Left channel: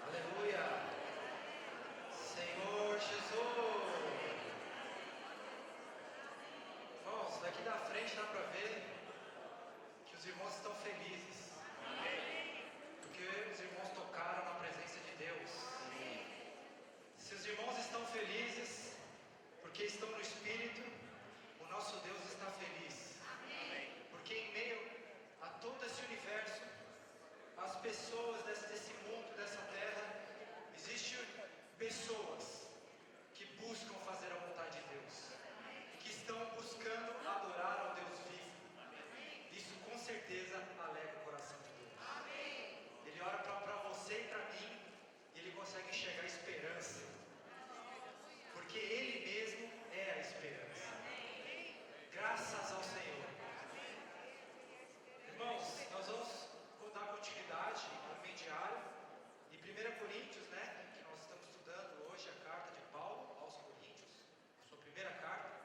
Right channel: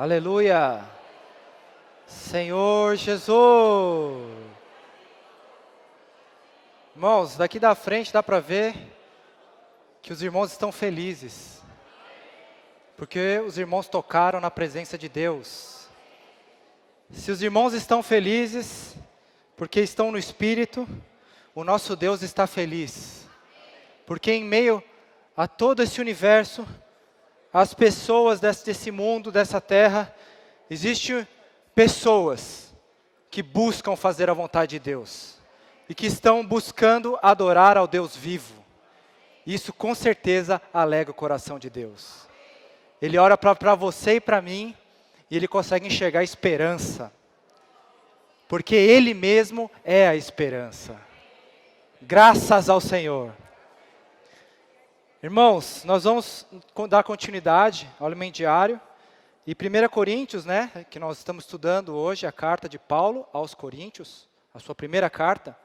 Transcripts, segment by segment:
Aleluia! Senhor Jesus! Irmãos, daqui da frente dá para ver que os irmãos estão felizes. Porque os irmãos tocaram na presença de Deus. Se os irmãos estão felizes, porque estão no Espírito, o nosso Deus está feliz. Porque em meio a todo esse universo, as pessoas desse mundo, dessa terra, existem pessoas que buscam fazer a vontade de Deus. E que estão buscando adorar ao Deus vivo. Isso com certeza alegra o coração de Deus. Ele ora para você e para mim, e Ele consegue enxergar esperança. Porque Ele mesmo é a esperança. Graças ao Senhor. Irmãos, nós vamos dar continuidade ao alimento diário. E 1 Coríntios, que nós estamos estudando hoje, a carta de Paulo aos Coríntios, a sua primeira carta,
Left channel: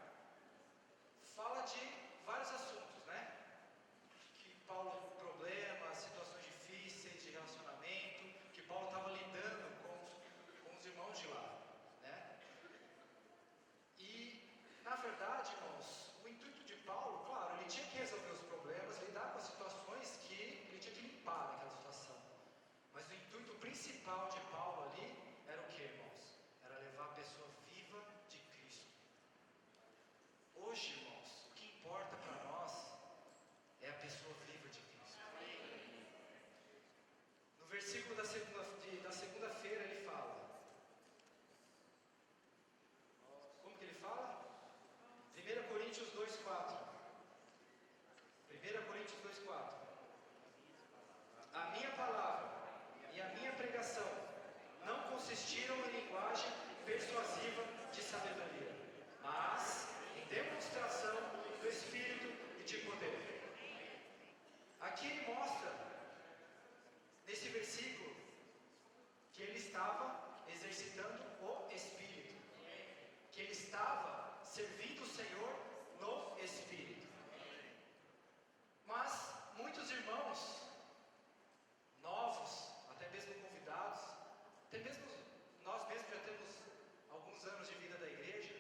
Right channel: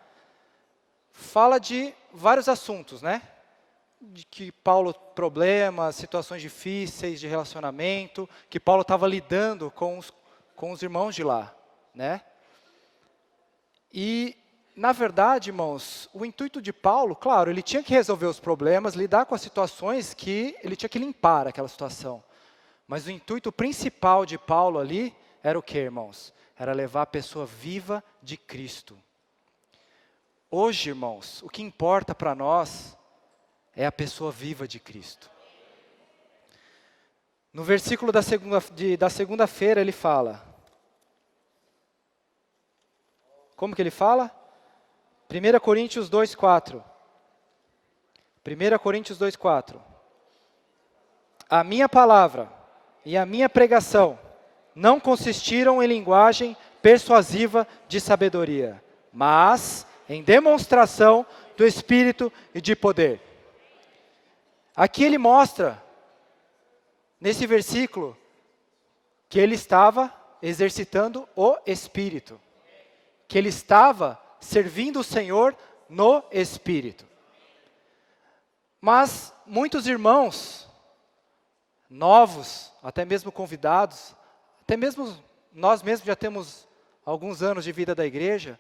fala de vários assuntos, de que Paulo, problemas, situações difíceis de relacionamento, que Paulo estava lidando com os irmãos de lá, E, na verdade, irmãos, o intuito de Paulo, claro, ele tinha que resolver os problemas, lidar com as situações que ele tinha que limpar aquela situação. Mas o intuito principal de Paulo ali era o que, irmãos? Era levar a pessoa viva de Cristo. Hoje, irmãos, o que importa para nós é a pessoa viva de Cristo. No versículo da segunda-feira ele fala. Como que ele fala? 1 Coríntios 2:4. 1 Coríntios 2:4. A minha palavra e a minha pregação não consistiram em linguagem persuasiva de sabedoria, mas em demonstração do Espírito e de poder. Aqui ele mostra, nesse versículo, que ele estava exercitando o Espírito. Que ele estava servindo o Senhor no Espírito. Mas muitos irmãos, novos, até mesmo convidados, até mesmo nós mesmos já temos alguns anos de vida da igreja,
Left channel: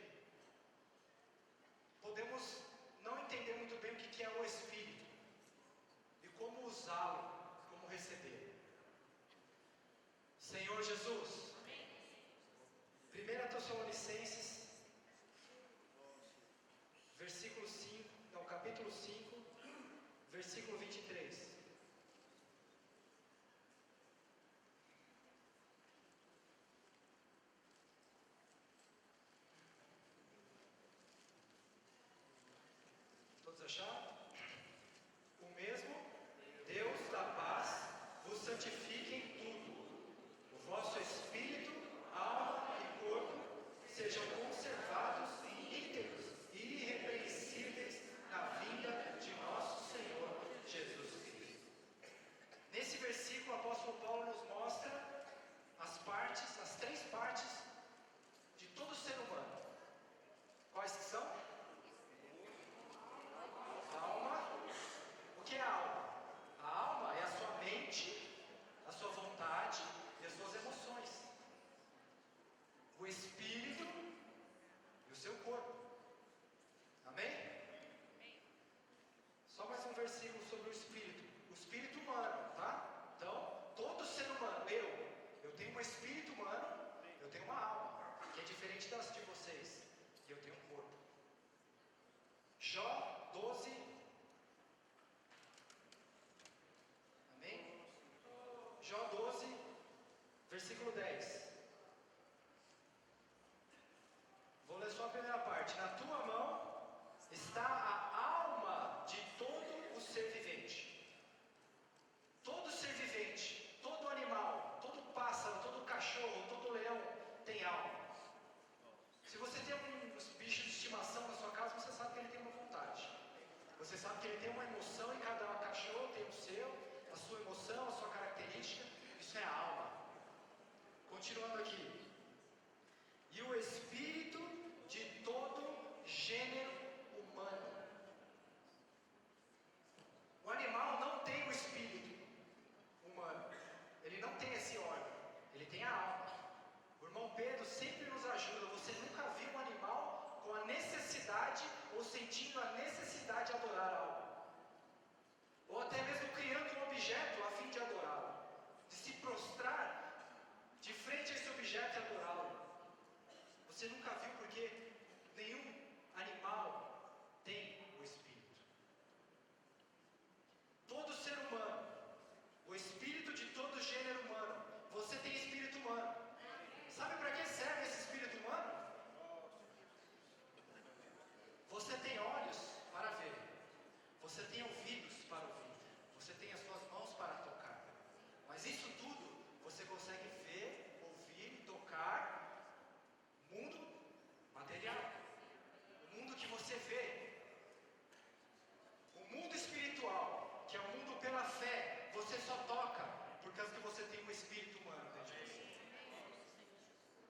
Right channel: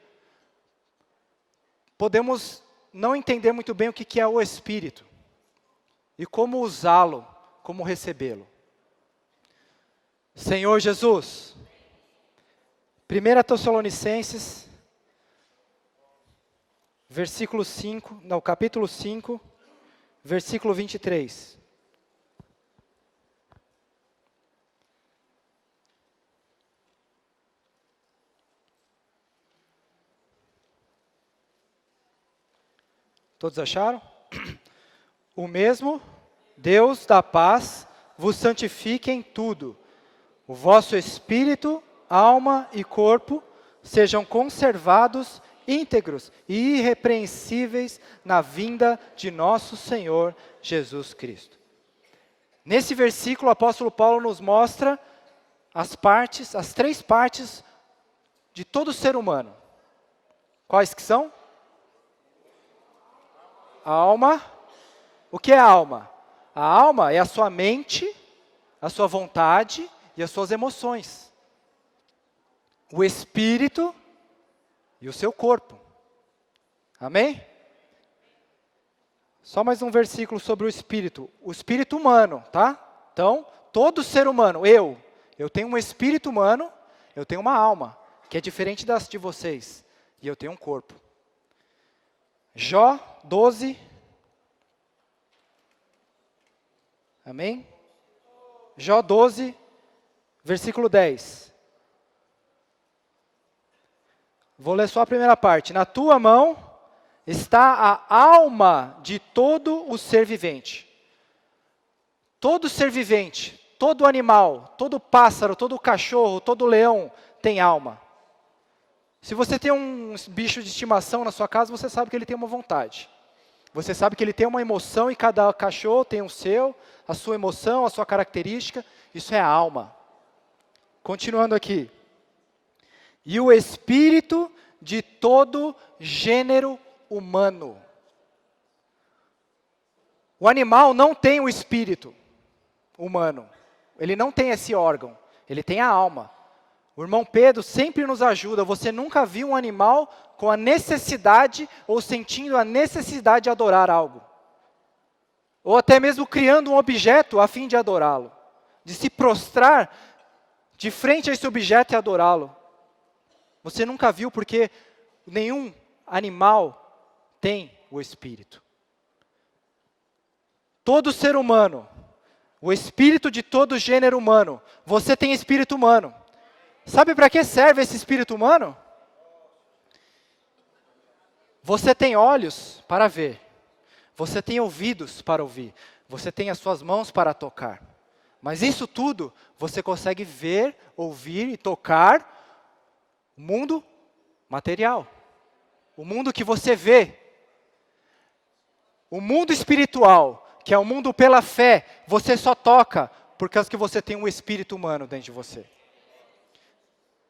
podemos não entender muito bem o que é o Espírito. E como usá-lo, como recebê-lo. Senhor Jesus, 1 Tessalonicenses, capítulo 5, versículo 23. Todos acharam? O mesmo Deus da paz vos santifique em tudo. O vosso espírito, alma e corpo sejam conservados íntegros e irrepreensíveis na vinda de nosso Senhor Jesus Cristo. Nesse versículo, o apóstolo Paulo nos mostra as três partes de todo ser humano. Quais que são? A alma. O que é a alma? A alma é a sua mente, a sua vontade e as suas emoções. O espírito e o seu corpo. Amém? Só mais um versículo sobre o espírito. O espírito humano, tá? Então, todo ser humano, eu tenho um espírito humano, eu tenho uma alma, que é diferente das de vocês. E eu tenho um corpo. Jó 12. Amém? Jó 12, versículo 10. Vou ler só a primeira parte. Na tua mão está a alma de todo o ser vivente. Todo ser vivente, todo animal, todo pássaro, todo cachorro, todo leão tem alma. Se você tem um bicho de estimação na sua casa, você sabe que ele tem uma vontade. Você sabe que ele tem uma emoção e cada cachorro tem a sua emoção, a sua característica. Isso é a alma. Continuando aqui. E o espírito de todo gênero humano. O animal não tem o espírito humano. Ele não tem esse órgão. ele tem a alma. O irmão Pedro sempre nos ajuda. Você nunca viu um animal com a necessidade ou sentindo a necessidade de adorar algo. Ou até mesmo criando um objeto a fim de adorá-lo. De se prostrar de frente a esse objeto e adorá-lo. Você nunca viu porque nenhum animal tem o Espírito. Todo ser humano, o espírito de todo gênero humano, você tem espírito humano. Sabe para que serve esse espírito humano? Você tem olhos para ver. Você tem ouvidos para ouvir. Você tem as suas mãos para tocar. Mas isso tudo, você consegue ver, ouvir e tocar o mundo material. O mundo que você vê. O mundo espiritual, que é o mundo pela fé, você só toca por causa que você tem um espírito humano dentro de você.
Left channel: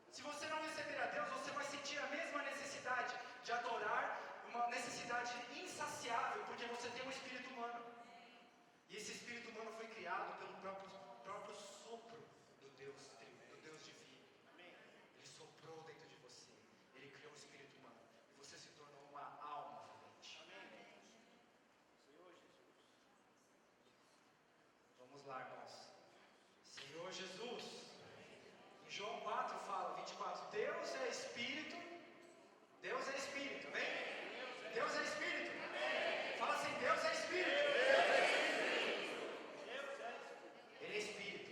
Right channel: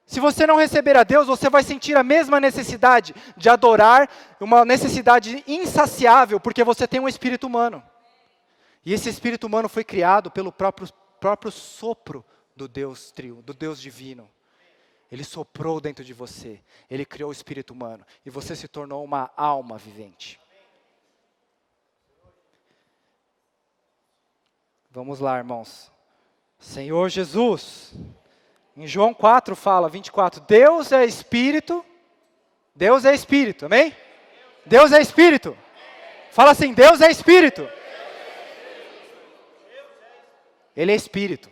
Se você não receber a Deus, você vai sentir a mesma necessidade de adorar, uma necessidade insaciável, porque você tem um espírito humano. E esse espírito humano foi criado pelo próprio sopro do Deus do Deus divino. Ele soprou dentro de você, ele criou o espírito humano, e você se tornou uma alma vivente. Vamos lá, irmãos. Senhor Jesus, em João 4 fala, 24, Deus é Espírito, amém? Deus é Espírito. Fala assim, Deus é Espírito. Ele é Espírito.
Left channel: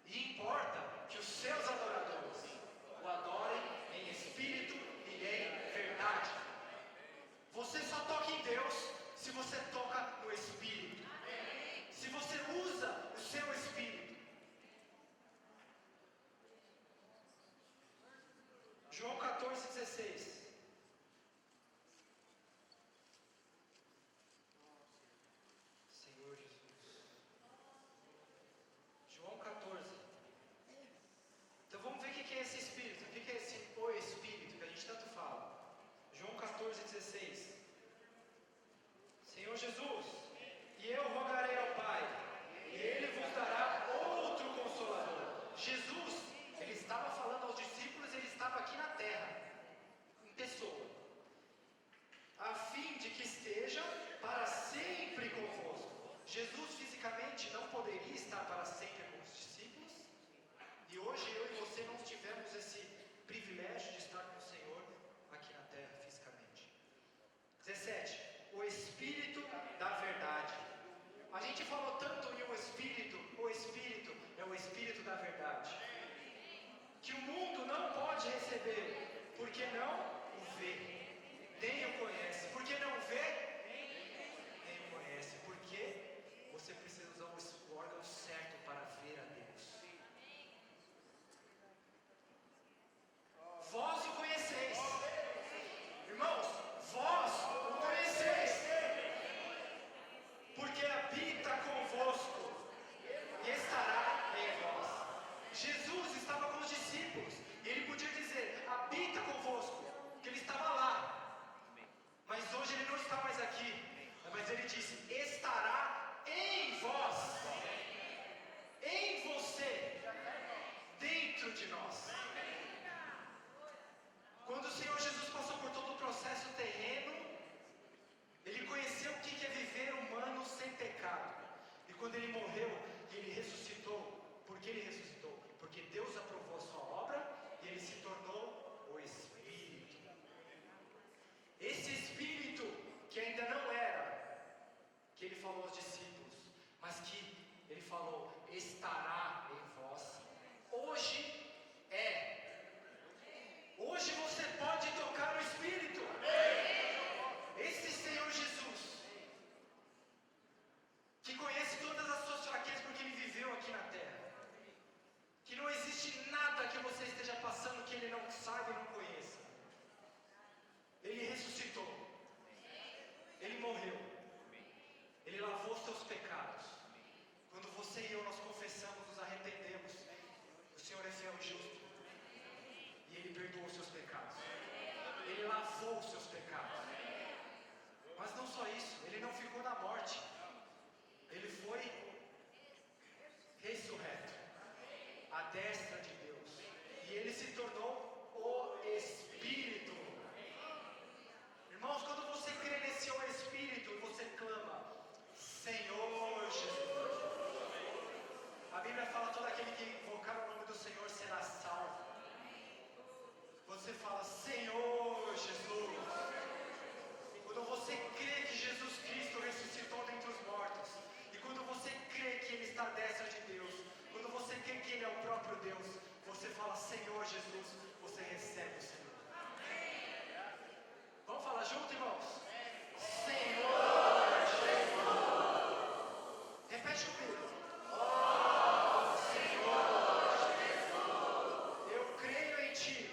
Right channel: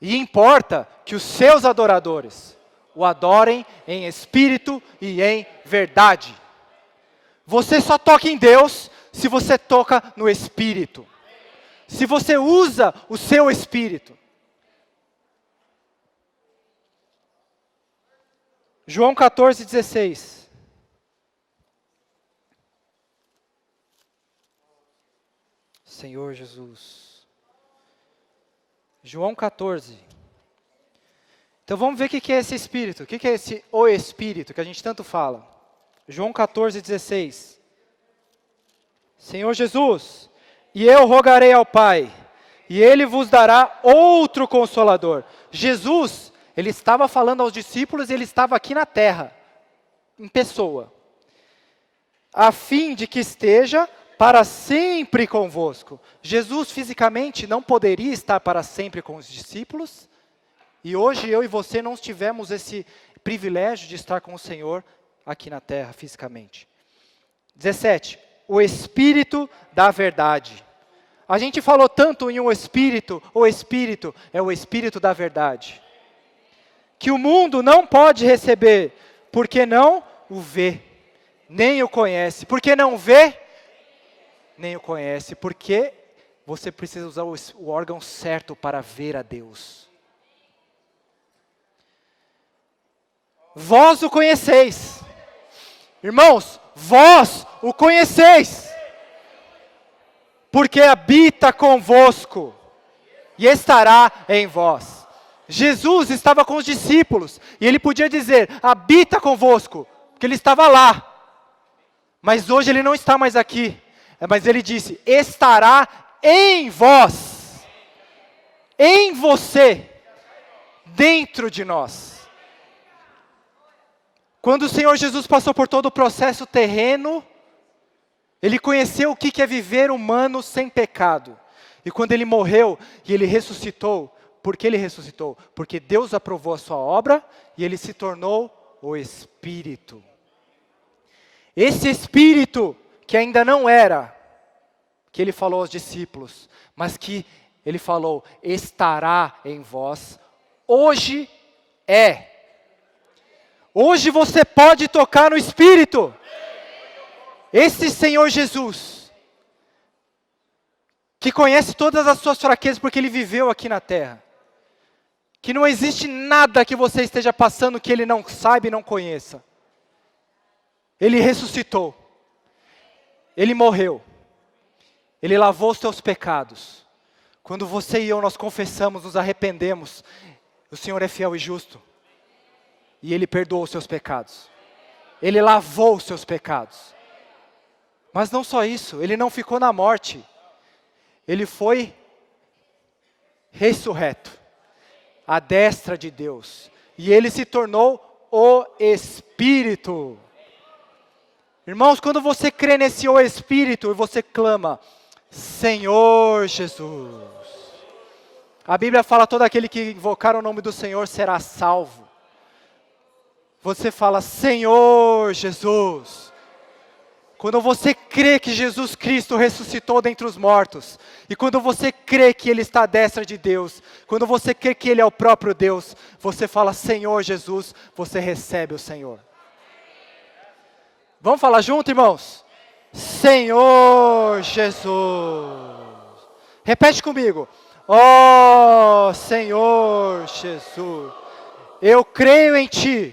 E importa que os seus adoradores o adorem em espírito e em verdade. Você só toca em Deus se você toca no Espírito. Se você usa o seu espírito. João 14, 16. Senhor Jesus. João 14. Então vamos ver o que é esse espírito. O que é esse o espírito que a gente tanto fala? João 14, 16. Senhor Jesus, e eu rogarei ao Pai, e Ele vos dará outro Consolador. Jesus, Ele estava falando aos discípulos e Ele estava aqui na terra, em pessoa. A fim de que esteja para sempre convosco. Jesus fisicamente não poderia estar para sempre com os discípulos, e hoje eu e você não tivemos esse privilégio de estar com o Senhor aqui na terra fisicamente. 17. O Espírito da verdade. A gente falou tanto em o Espírito é o Espírito da verdade. Que o mundo não pode receber, porque não o vê, nem o conhece. Porque não vê, nem o conhece. Porque você precisa usar o órgão certo para ver a Deus. Vós o conheceis. Irmãos, vós o conheceis. Porque habita convosco e estará em vós. Jesus estava com os discípulos e ele podia dizer, habita convosco, porque ele estava lá. Mas hoje ele não está mais aqui. Mas ele disse, estará em vós, em você, dentro de nós. Quando o Senhor Jesus passou por todo o processo terreno, Ele conheceu o que é viver humano sem pecado. E quando Ele morreu e Ele ressuscitou, por que Ele ressuscitou? Porque Deus aprovou a sua obra e Ele se tornou o Espírito. Esse Espírito que ainda não era, que Ele falou aos discípulos, mas que Ele falou, estará em vós, hoje é. Hoje você pode tocar no Espírito. Esse Senhor Jesus, que conhece todas as suas fraquezas porque Ele viveu aqui na terra. Que não existe nada que você esteja passando que Ele não saiba e não conheça. Ele ressuscitou. Ele morreu. Ele lavou os teus pecados. Quando você e eu nós confessamos, nos arrependemos, o Senhor é fiel e justo. E Ele perdoou os seus pecados. Ele lavou os seus pecados. Mas não só isso, Ele não ficou na morte. Ele foi ressurreto. à destra de Deus. E ele se tornou o Espírito. Irmãos, quando você crê nesse o Espírito e você clama, Senhor Jesus. A Bíblia fala, todo aquele que invocar o nome do Senhor será salvo. Você fala, Senhor Jesus. Quando você crê que Jesus Cristo ressuscitou dentre os mortos, e quando você crê que Ele está à destra de Deus, quando você crê que Ele é o próprio Deus, você fala, Senhor Jesus, você recebe o Senhor. Vamos falar junto, irmãos? Senhor Jesus. Repete comigo. Ó Senhor Jesus, eu creio em Ti,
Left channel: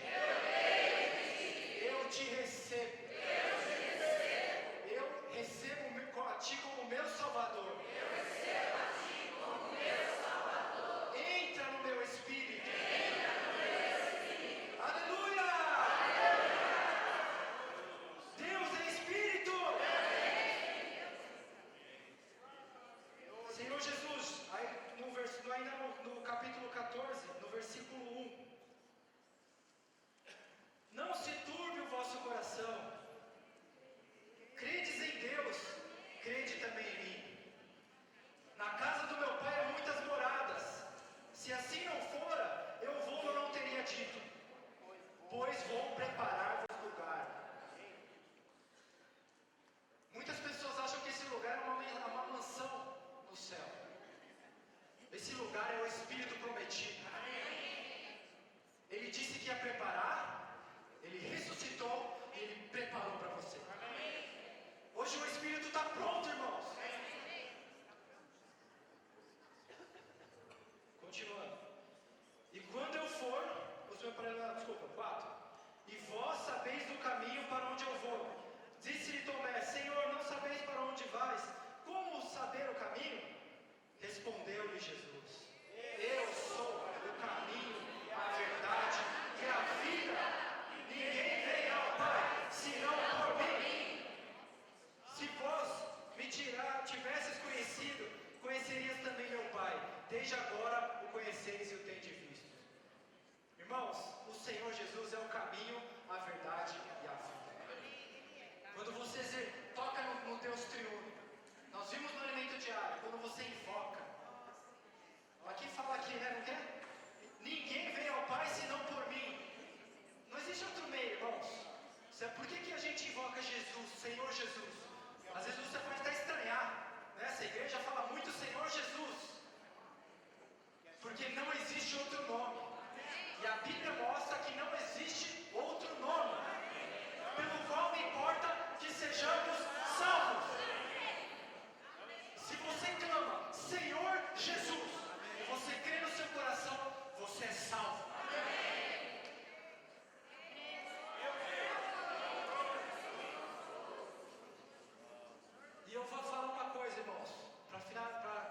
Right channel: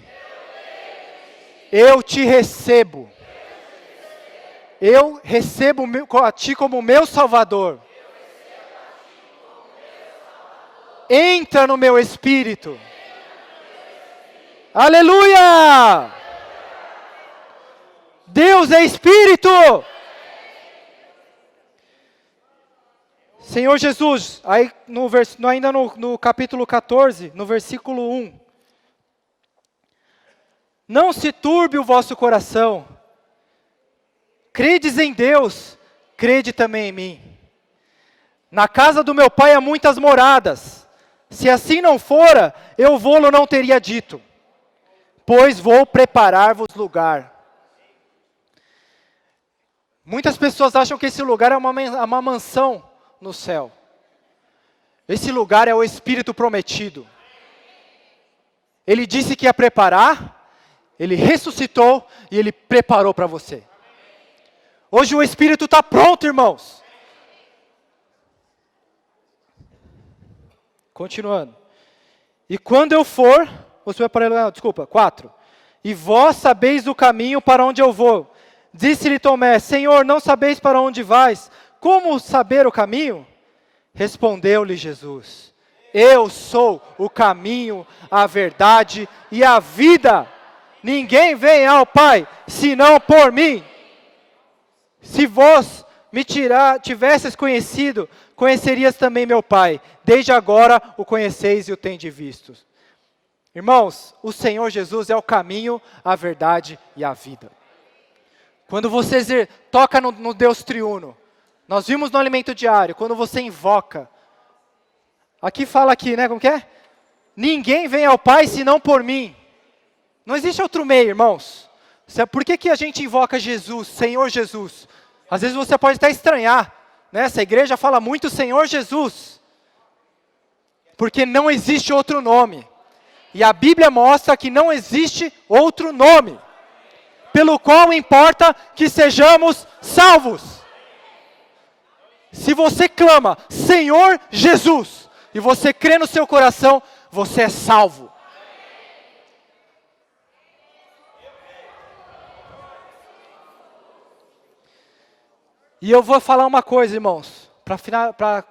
eu Te recebo. Eu recebo a Ti como meu Salvador. Entra no meu espírito. Aleluia! Deus é Espírito. Senhor Jesus, aí ainda no capítulo 14, no versículo 1. Não se turbe o vosso coração. Credes em Deus, crede também em mim. Na casa do meu Pai há muitas moradas. Se assim não fora, eu vou-lo não teria dito. Pois vou preparar-vos lugar. Muitas pessoas acham que esse lugar é uma mansão no céu. Esse lugar é o Espírito prometido. Ele disse que ia preparar, Ele ressuscitou e Ele preparou para você. Hoje o Espírito está pronto, irmãos. Continuando. E quando eu for, você vai para, desculpa, 4. E vós sabeis o caminho para onde eu vou. Disse-lhe Tomé, Senhor, não sabeis para onde vais? Como saber o caminho? Respondeu-lhe Jesus, eu sou o caminho, a verdade e a vida. Ninguém vem ao Pai, senão por mim. Se vós me tivesses conhecido, conhecerias também meu Pai. Desde agora o conheceis e o tendes visto. Irmãos, o Senhor Jesus é o caminho, a verdade e a vida. Quando você toca no Deus triuno, nós vimos no alimento diário, quando você invoca, aqui fala aqui, né, como que é? Ninguém vem ao Pai senão por mim. Não existe outro meio, irmãos. Por que a gente invoca Jesus, Senhor Jesus? Às vezes você pode até estranhar, né? Essa igreja fala muito Senhor Jesus, porque não existe outro nome. E a Bíblia mostra que não existe outro nome, pelo qual importa que sejamos salvos. Se você clama, Senhor Jesus, e você crê no seu coração, você é salvo. E eu vou falar uma coisa, irmãos, para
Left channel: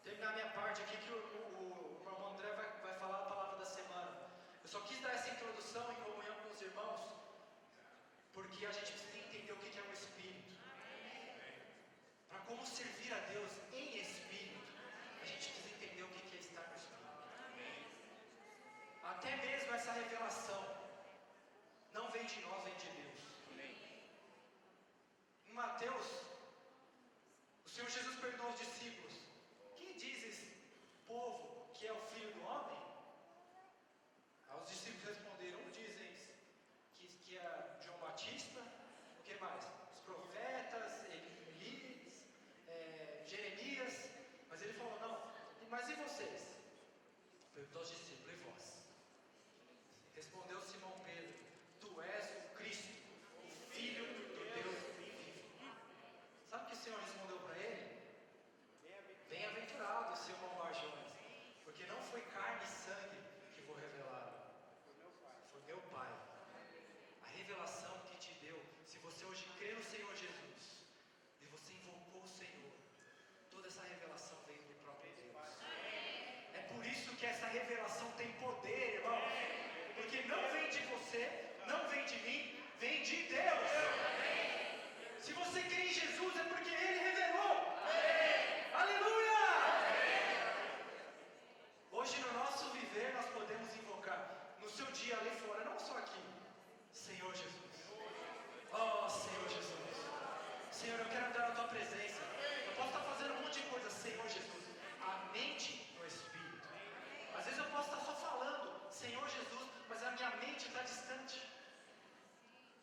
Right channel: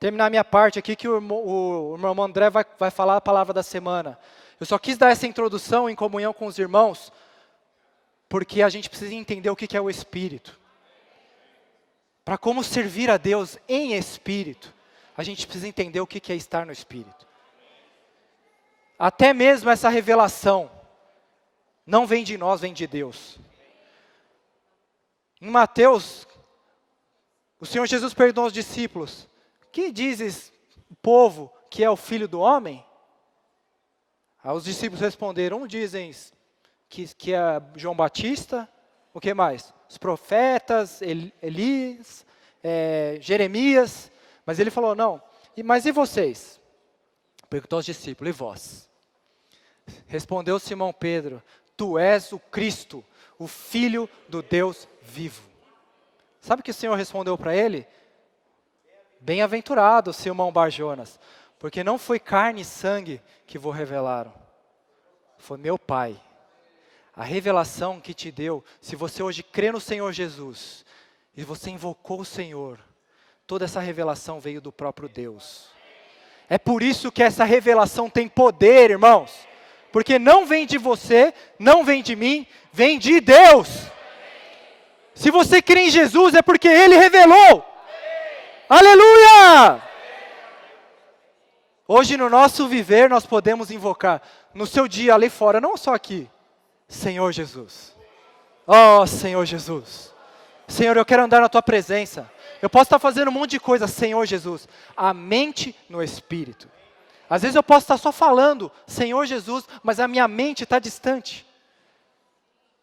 terminar a minha parte aqui, que o meu irmão André vai falar a palavra da semana. Eu só quis dar essa introdução em comunhão com os irmãos, porque a gente precisa entender o que é o Espírito. Para como servir a Deus em Espírito, a gente precisa entender o que é estar no Espírito. Até mesmo essa revelação não vem de nós, vem de Deus. Em Mateus, o Senhor Jesus perguntou aos discípulos, que dizes o povo que é o Filho do Homem? Aí os discípulos responderam, dizem que é João Batista, o que mais? Os profetas, Elias, Jeremias, mas ele falou, não, mas e vocês? Perguntou aos discípulos, e vós? Respondeu Simão Pedro, tu és o Cristo, o Filho do Deus vivo. Sabe o que o Senhor respondeu para ele? Bem-aventurado, Simão Bar-Jonas, porque não foi carne e sangue que vos revelaram, foi meu Pai. A revelação que te deu, se você hoje crê no Senhor Jesus, e você invocou o Senhor, toda essa revelação veio do próprio Deus. É por isso que essa revelação tem poder, irmãos, porque não vem de você, não vem de mim, vem de Deus. Se você crê em Jesus, é porque Ele revelou. Aleluia! Hoje no nosso viver nós podemos invocar, no seu dia ali fora, não só aqui, Senhor Jesus. Oh, Senhor Jesus. Senhor, eu quero andar na tua presença. Eu posso estar fazendo um monte de coisa, Senhor Jesus. A mente no Espírito. Às vezes eu posso estar só falando, Senhor Jesus, mas a minha mente está distante.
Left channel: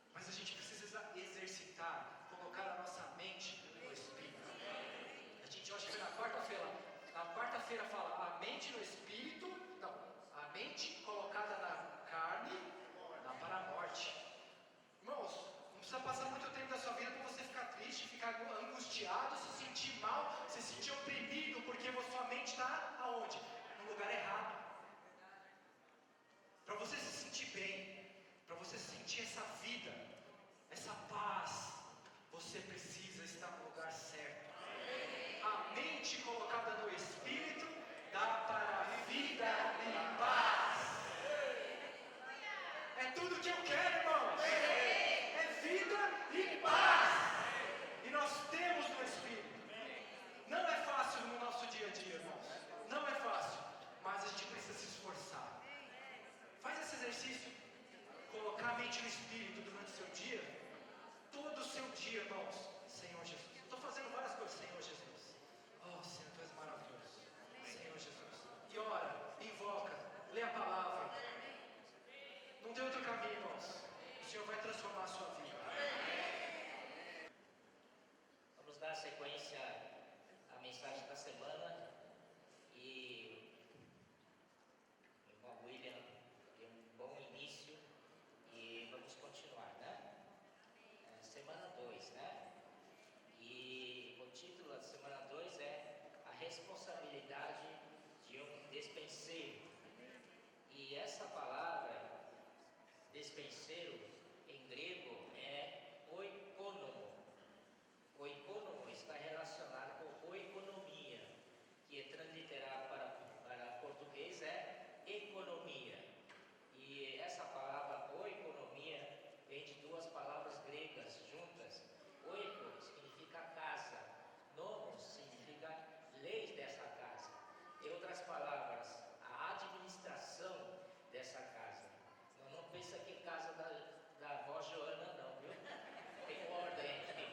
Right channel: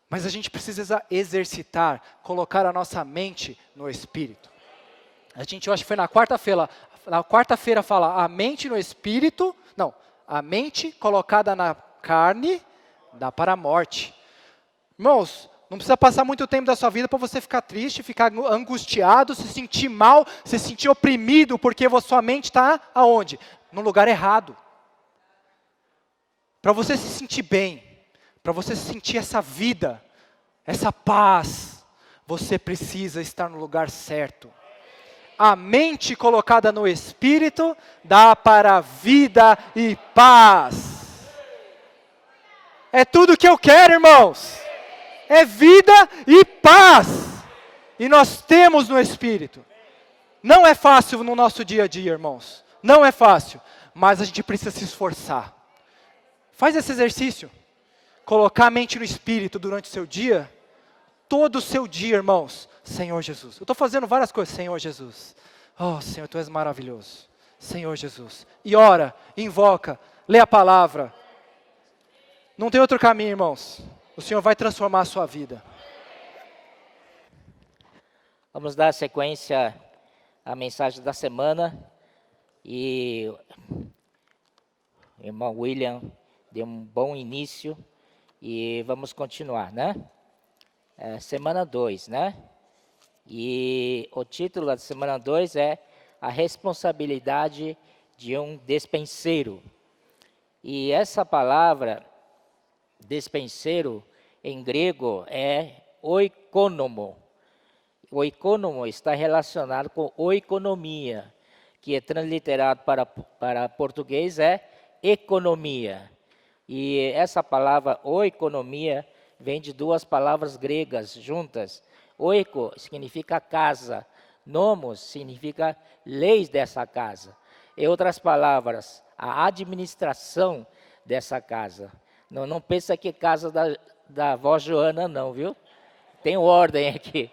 Mas a gente precisa exercitar, colocar a nossa mente no Espírito. Eu acho que foi na quarta-feira fala, a mente no Espírito, não, a mente colocada na carne dá para a morte. Irmãos, não precisa passar muito tempo da sua vida para você ficar triste, ficar angustiado, se sentir mal, se sentir oprimido, porque a sua mente está aonde? No lugar errado. Para você se sentir bem, para você sentir essa vida, essa paz, você precisa estar no lugar certo. A mente colocada no Espírito dá para vida e paz. É tudo que eu quero, irmãos. É vida e paz. E nós temos no Espírito. Não é fácil no nosso dia a dia, irmãos. Não é fácil. Mas a gente precisa se esforçar. Faz esse exercício. Colocar a mente no Espírito durante o seu dia. Todo o seu dia, irmãos. Senhor Jesus. Eu estou fazendo várias coisas. Senhor Jesus. Oh, Senhor, Tu és maravilhoso. Senhor Jesus. E ora, invoca, lê a palavra. Não tem outro caminho, irmãos. O Senhor vai transformar a sua vida. Vamos dar sequência à mensagem da semana. E o irmão William deu um bom início. E vamos continuar, né? Semana 2, né? E o título da semana 2 é A Responsabilidade de um Despenseiro. E essa palavra, despenseiro, em grego é oikonomo. O oikonomo está relacionado com oikonomia, que é transliterado para português é economia. E essa palavra oikonomia vem de duas palavras gregas juntas. Oiko significa casa, nomos significa leis dessa casa. Em outras palavras, a administração dessa casa. Não pensa que é casa da avó Joana não, viu? Tem ordem aqui,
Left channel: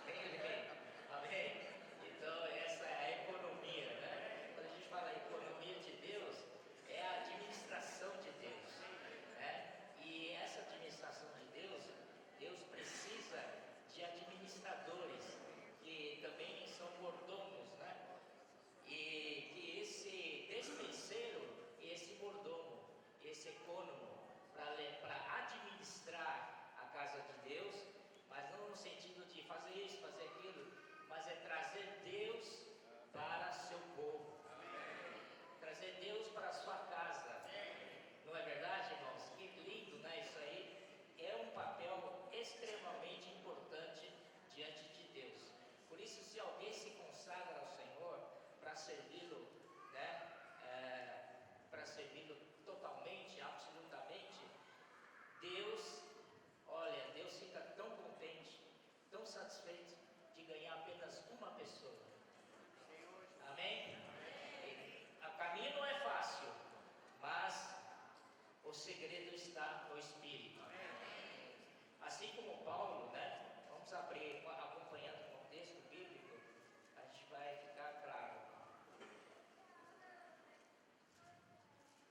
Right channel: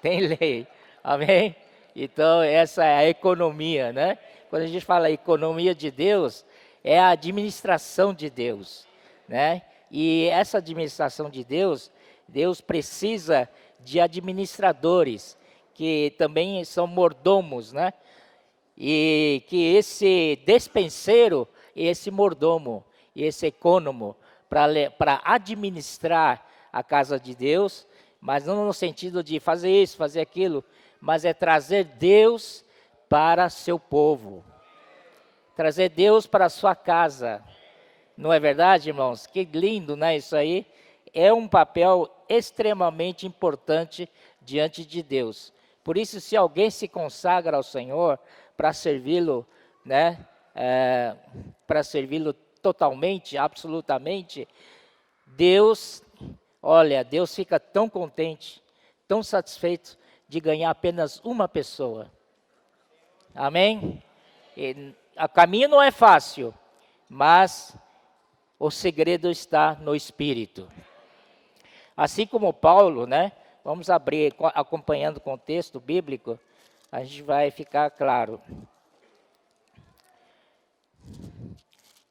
tem lei, amém? Então essa é a economia, né? Quando a gente fala economia de Deus, é a administração de Deus, né? E essa administração de Deus, Deus precisa de administradores, que também são mordomos, né? E que esse despenseiro, esse mordomo, esse econômico, para administrar a casa de Deus, mas não no sentido de fazer isso, fazer aquilo, mas é trazer Deus para seu povo, trazer Deus para a sua casa. Não é verdade, irmãos? Que lindo, né? Isso aí é um papel extremamente importante diante de Deus. Por isso, se alguém se consagra ao Senhor para servi-lo, né? Para servi-lo totalmente, absolutamente, Deus fica tão contente, tão satisfeito de ganhar apenas uma pessoa. Amém? O caminho não é fácil, mas o segredo está no Espírito. Assim como Paulo, né? Vamos abrir, acompanhando o contexto bíblico, a gente vai ficar claro.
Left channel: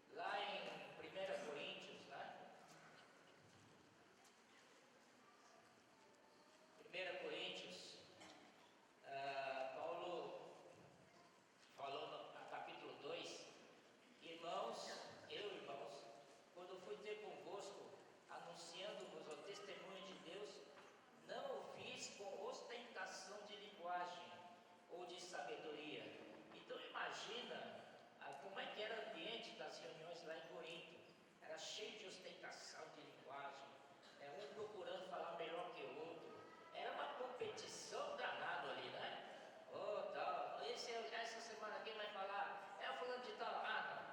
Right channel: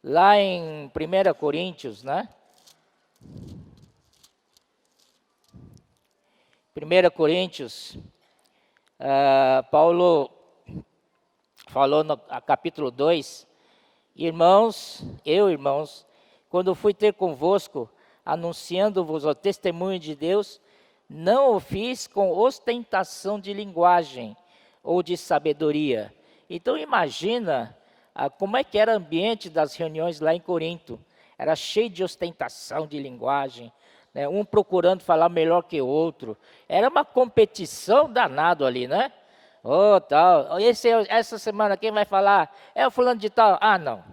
Lá em 1 Coríntios, né? 1 Coríntios, Paulo falou no capítulo 2, irmãos, quando fui ter convosco, anunciando-vos o testemunho de Deus, não o fiz com ostentação de linguagem ou de sabedoria. Então imagina como é que era o ambiente das reuniões lá em Corinto. Era cheio de ostentação de linguagem, né? Um procurando falar melhor que o outro. Era uma competição danada ali, né? Tal. Essa semana quem vai falar? É o fulano de tal. Ah, não.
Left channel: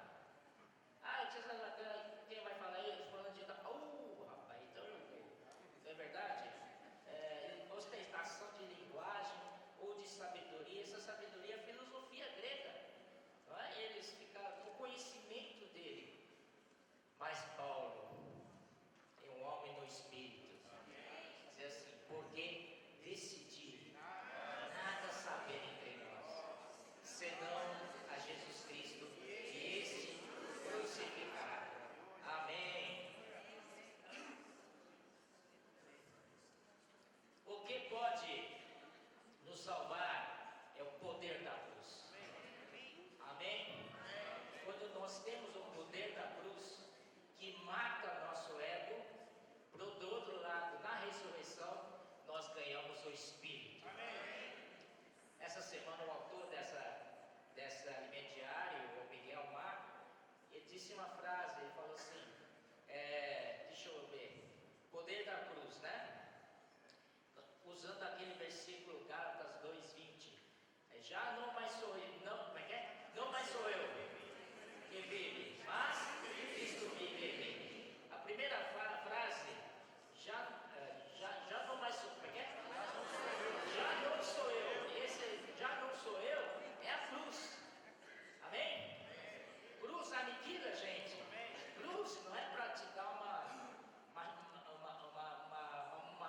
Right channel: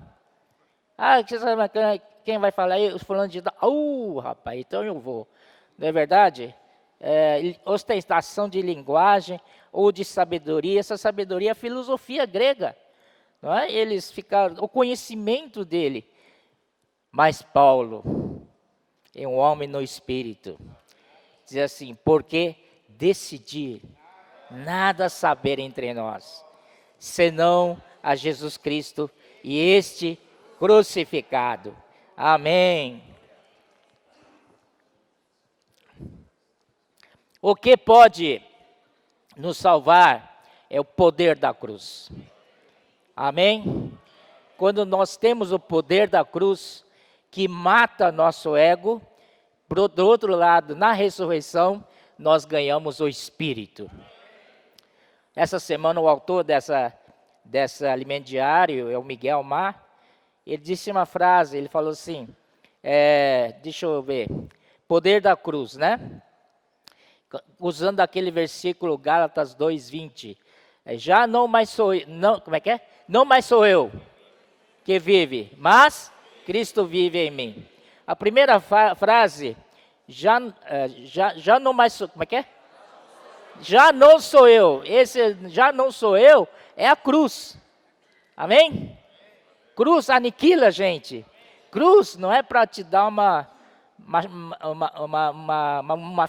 Quem vai falar aí? O fulano de tal. Rapaz, então eu vou. Não é verdade? Ostentação de linguagem ou de sabedoria. Essa sabedoria é filosofia grega. não é? Eles ficaram, o conhecimento dele. Mas Paulo é um homem no espírito. Diz assim, porque decidi nada saber entre nós, senão a Jesus Cristo e este crucificado. Amém. O que pode nos salvar é o poder da cruz. Amém? Quando nós temos o poder da cruz, que mata nosso ego, do outro lado, na ressurreição, nós ganhamos o Espírito. Essa semana, o autor dessa alimento diário, é o Miguel Mar, ele disse uma frase, ele falou assim, deixa eu ver, poder da cruz, né? Usando aquele versículo Gálatas 2:20, já não mais sou eu, não, como é que é? Não mais sou eu que vive, mas Cristo vive em mim. A primeira frase, já não mais sou, como é que é? Já não sou eu, esse já não sou eu, é a cruz, amém? Cruz aniquila, gente. Cruz não é para te dar uma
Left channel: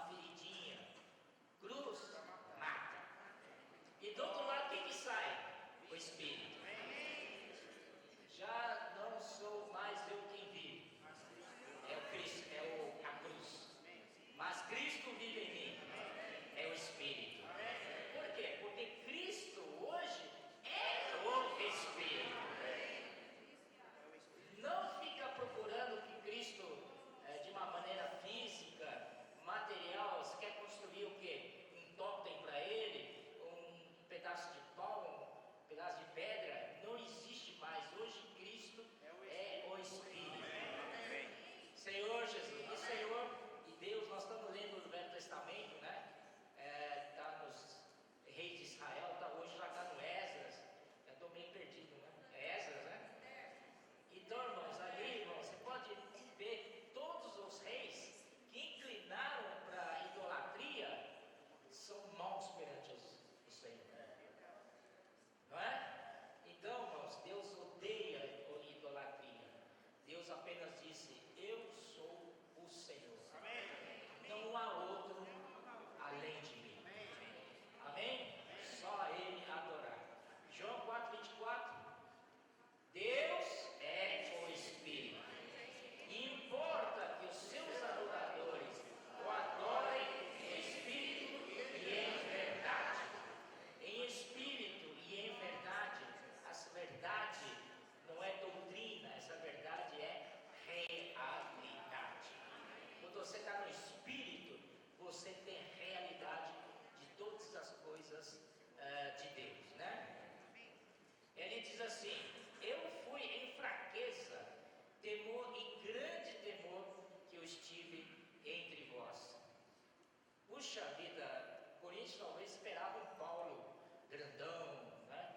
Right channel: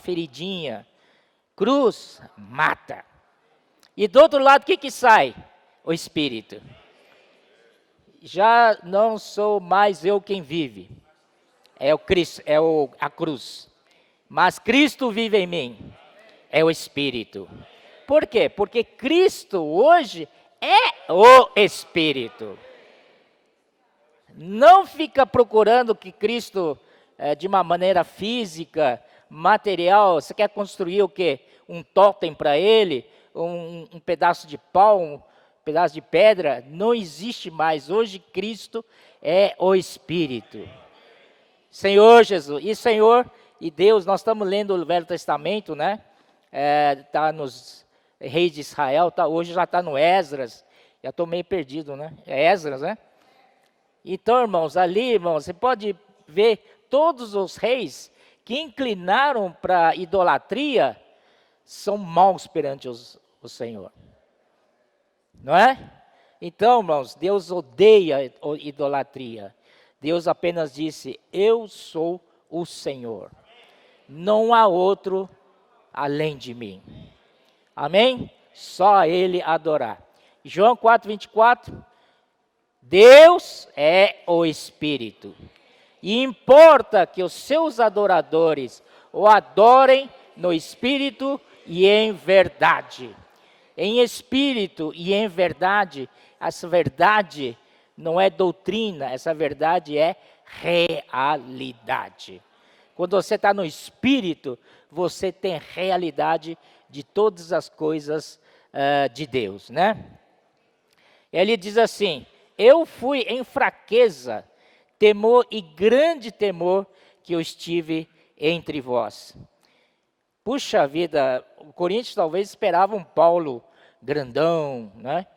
feridinha. Cruz mata. E do outro lado, o que sai? O Espírito. Já não sou mais eu quem vive. É o Cristo, a cruz. Mas Cristo vive em mim. É o Espírito. Por quê? Porque Cristo hoje é o Espírito. Não fica procurando que Cristo, de uma maneira física, material, você quer construir o quê? Um totem para ele, um pedaço de pau, um pedaço de pedra, não existe mais. Hoje Cristo é o Espírito. Senhor Jesus, e Senhor e Deus, nós estamos lendo o Velho Testamento, né? Está nos Reis de Israel, hoje já está no Esdras, já estou meio perdido, né? É Esdras, né? Então, irmãos, ali, irmãos, você pode ver todos os reis que inclinaram para a idolatria são maus perante o Senhor. Não é? Então, irmãos, Deus odeia a idolatria. Deus apenas disse, eu sou o Senhor. Não há outro além de mim. Amém? Só a Ele adorar. João 4:24, Deus é o Espírito. E importa que os seus adoradores o adorem no Espírito e em verdade. Em Espírito e em verdade, essa verdade não é doutrina, essa verdade é realidade. Quando você está no Espírito, você tem realidade de todas as coisas de Deus, né? Ele diz assim, eu fui em fraqueza, temor e grande temor que eu estive entre vós. Puxa vida, o Coríntios talvez esperava um Paulo grandão, né?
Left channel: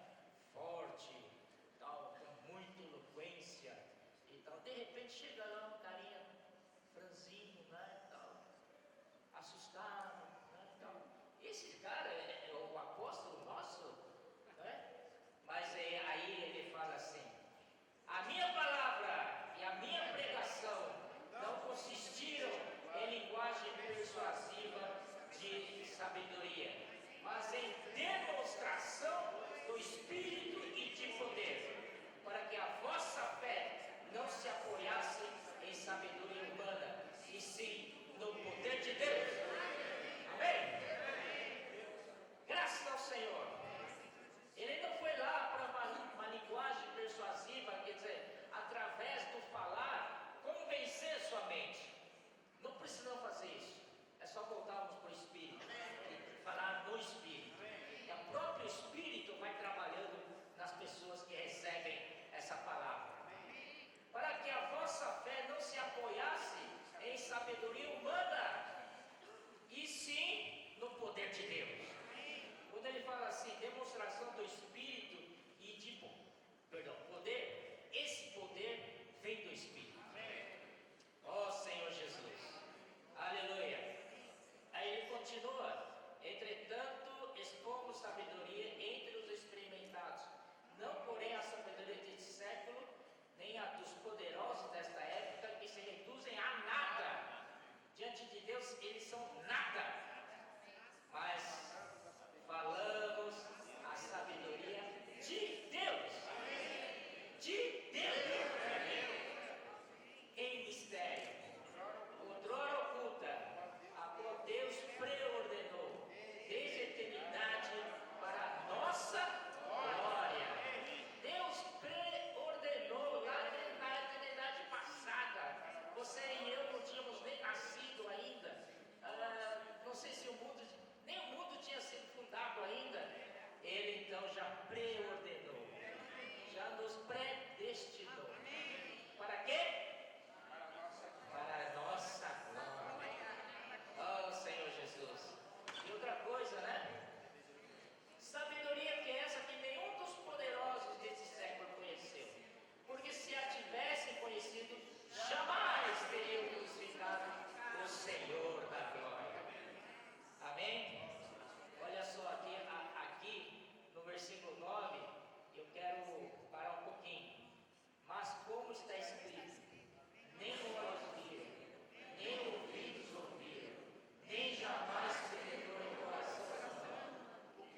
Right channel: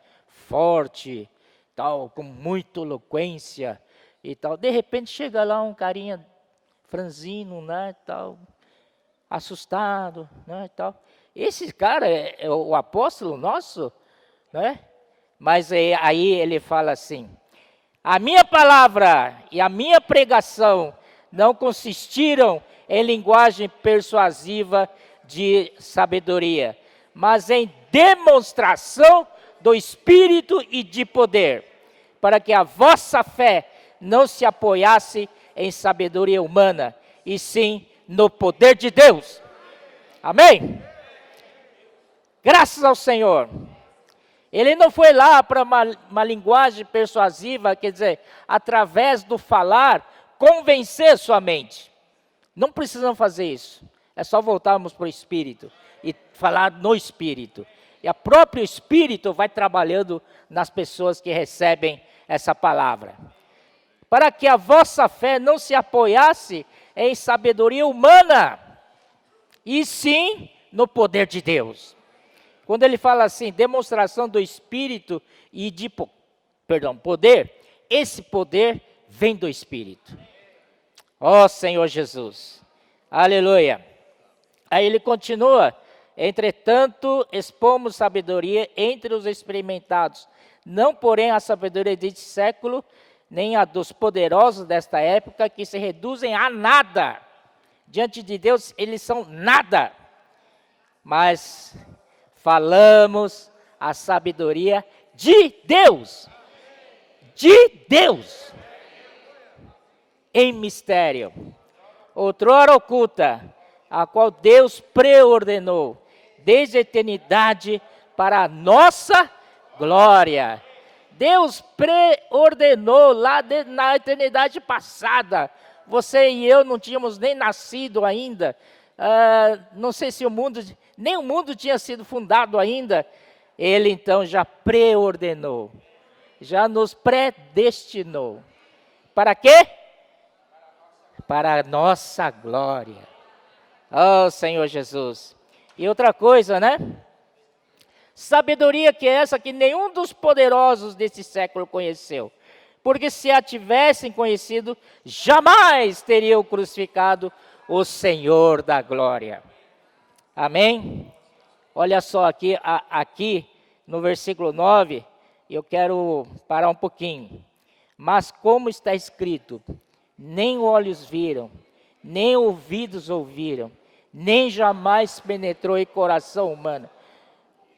Forte, tal, com muita eloquência e tal. De repente chega lá um carinha franzino, né, tal, assustado, né, tal. Esse cara é o apóstolo nosso, né? Mas aí ele fala assim, a minha palavra e a minha pregação não consistiram em linguagem persuasiva de sabedoria, mas em demonstração do Espírito e de poder, para que a vossa fé não se apoiasse em sabedoria humana, e sim no poder de Deus. Amém? Graças ao Senhor. Ele não foi lá para uma linguagem persuasiva, quer dizer, através do falar, convencer sua mente. Não precisamos fazer isso. É só voltarmos para o Espírito e falar no Espírito. E o próprio Espírito vai trabalhando nas pessoas que recebem essa palavra. Para que a vossa fé não se apoiasse em sabedoria humana, e sim no poder de Deus. Quando ele fala assim, demonstração do Espírito e de poder, esse poder vem do Espírito. Ó Senhor Jesus, aleluia. Aí ele continua, entretanto, expomos sabedoria entre os experimentados, não porém a sabedoria deste século, nem a dos poderosos desta época, que se reduzem a nada. Diante de Deus, eles são nada. Mas falamos a sabedoria de Deus. De Deus. Em mistério. Outrora oculta, a qual Deus preordenou desde a eternidade para a nossa glória. Deus preordenou lá na eternidade passada. Você e eu não tínhamos nem nascido ainda. Não sei se nem o mundo tinha sido fundado ainda. Ele então já preordenou, já nos predestinou. Para quê? Para a nossa glória. Oh, Senhor Jesus. E outra coisa, né? Sabedoria que é essa que nenhum dos poderosos desse século conheceu. Porque se a tivessem conhecido, jamais teriam crucificado o Senhor da glória. Amém? Olha só aqui no versículo 9, eu quero parar um pouquinho. Mas como está escrito, nem olhos viram, nem ouvidos ouviram, nem jamais penetrou em coração humano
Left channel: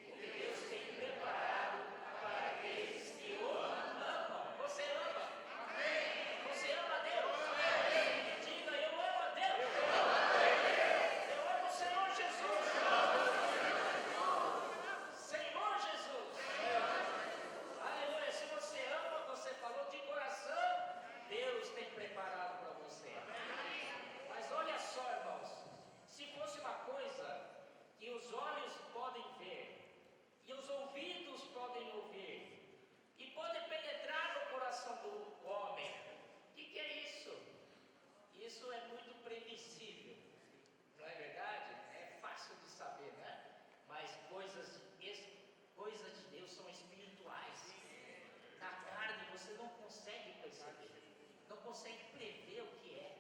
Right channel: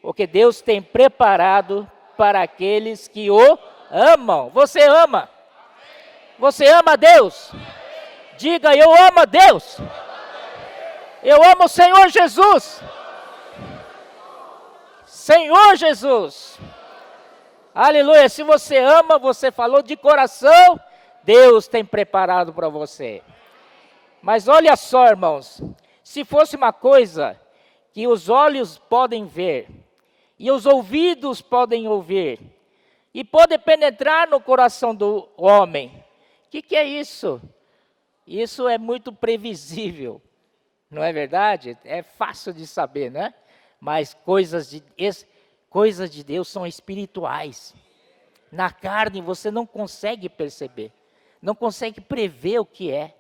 o que Deus tem preparado para aqueles que o amam. Você ama? Você ama Deus? Diga, eu amo a Deus. Eu amo o Senhor Jesus. Senhor Jesus. Aleluia. Se você ama, você falou de coração, Deus tem preparado para você. Mas olha só, irmãos, se fosse uma coisa que os olhos podem ver, e os ouvidos podem ouvir, e pode penetrar no coração do homem, o que é isso? Isso é muito previsível, não é verdade? É fácil de saber, né? Mas coisas de Deus são espirituais. Na carne você não consegue perceber, não consegue prever o que é,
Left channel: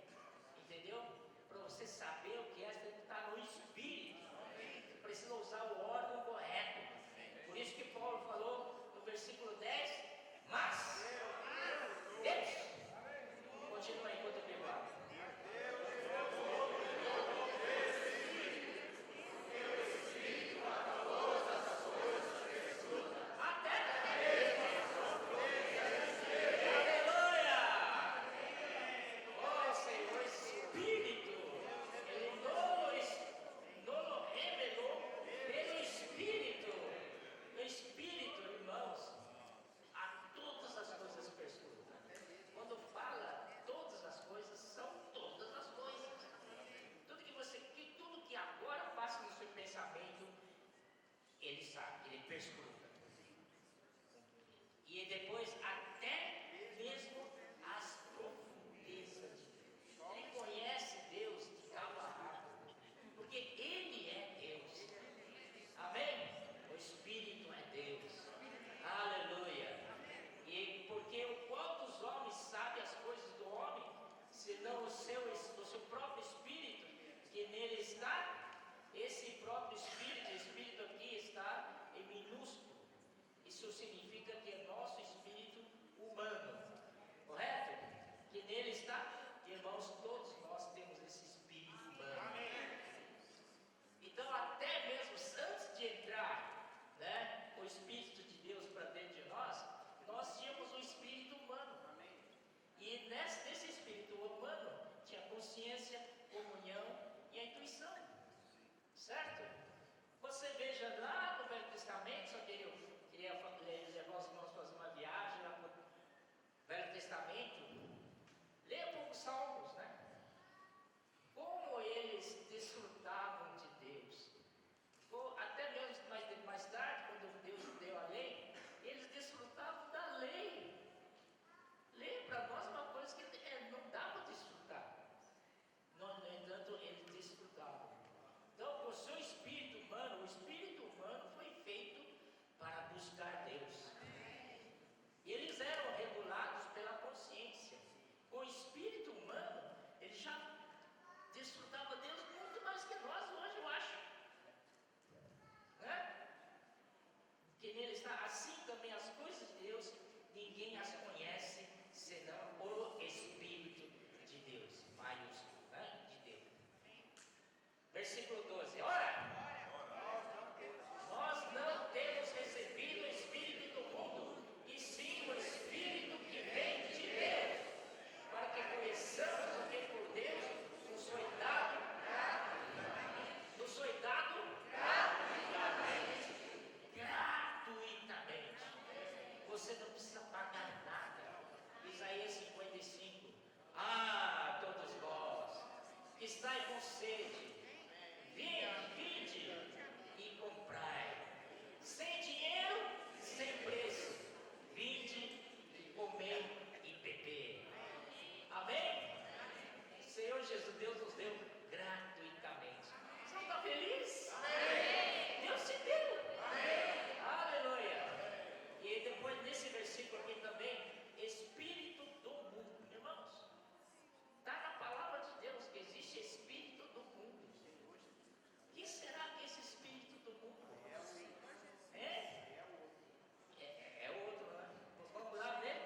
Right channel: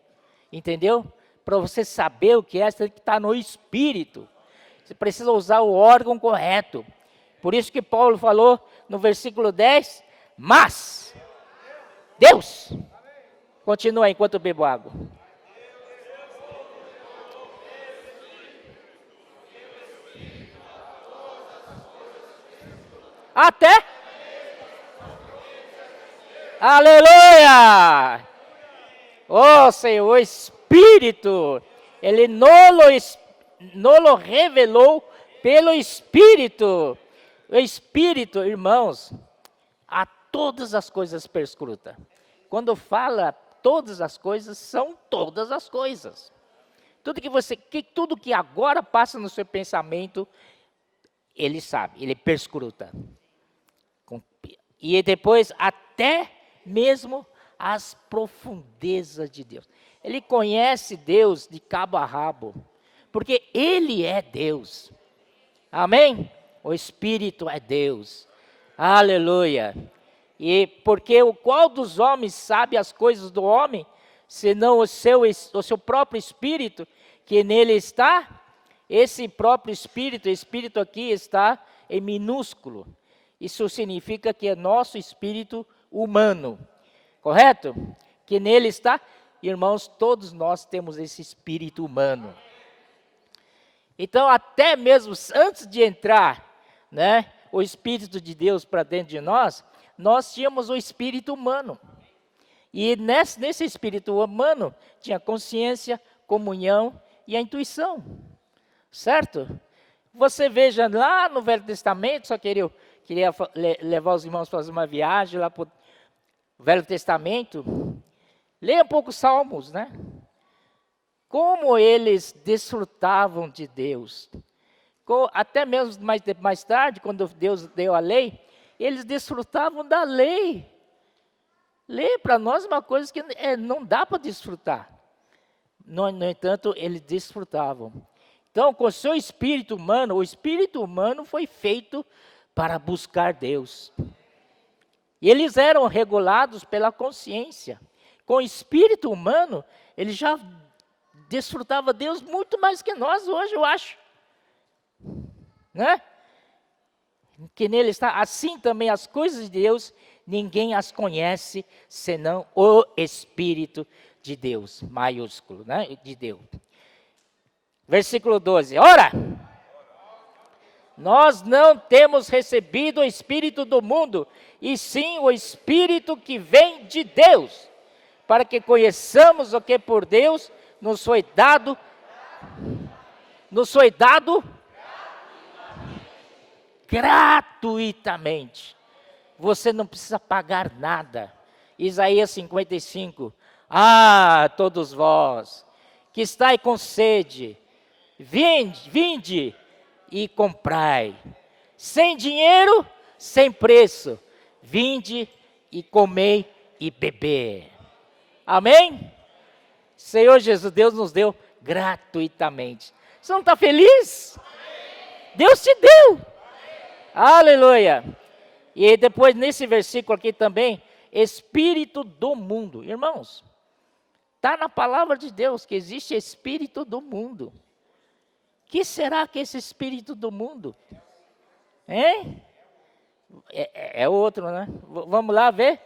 entendeu? Para você saber o que é, você tem que estar no espírito. Você precisa usar o órgão correto. Por isso que Paulo falou no versículo 10, mas Deus, continua enquanto eu bebo água. Até? Aleluia! Oh Senhor, o Espírito, Ele nolo revelou pelo Espírito. O Espírito, irmãos, a todas as coisas perscruta. Quando fala todas as coisas, são todas as coisas. Tudo que agora passa no seu pensamento, ele sabe, ele perscruta. E depois até mesmo as profundezas de Deus. Ele conhece Deus de cabo a rabo, porque Ele é Deus. Amém? O Espírito é Deus. Aleluia. E porque o qual dos homens sabe as coisas do homem, senão o seu próprio Espírito, que nele está? Esse próprio Espírito aqui está em minúsculo. Isso significa que é nosso espírito humano. Correto? Que nele está, irmãos, todos nós temos esse espírito humano. Então, até mesmo antes de entrar, né, o Espírito de Deus para dentro de nós tínhamos o espírito humano. E nesse espírito humano tinha consciência, comunhão e a intuição. Certo? Você veja lá no Velho Testamento, só queria levar os irmãos para fazer uma viagem lá para o Velho Testamento. Leia um pouco os Salmos, né? Como eles desfrutavam de Deus. Até mesmo mais tarde, quando Deus deu a lei, eles desfrutavam da lei. Lei para nós é uma coisa que não dá para desfrutar. No entanto, eles desfrutavam. Então, com o seu espírito humano, o espírito humano foi feito para buscar Deus. E eles eram regulados pela consciência. Com o espírito humano, ele já desfrutava Deus muito mais que nós hoje, eu acho. Né? que nele está, assim também as coisas de Deus, ninguém as conhece, senão o Espírito de Deus, maiúsculo, né? De Deus. Versículo 12, ora, nós não temos recebido o Espírito do mundo, e sim o Espírito que vem de Deus, para que conheçamos o que por Deus nos foi dado gratuitamente. Você não precisa pagar nada. Isaías 55, todos vós que estáis com sede, vinde e comprai, sem dinheiro, sem preço, vinde e comei e beber. Amém? Senhor Jesus, Deus nos deu gratuitamente. Você não está feliz? Deus te deu. Aleluia. E depois nesse versículo aqui também, espírito do mundo. Irmãos, está na palavra de Deus que existe espírito do mundo. Que será que esse espírito do mundo? Hein? É outro, né? Vamos lá ver?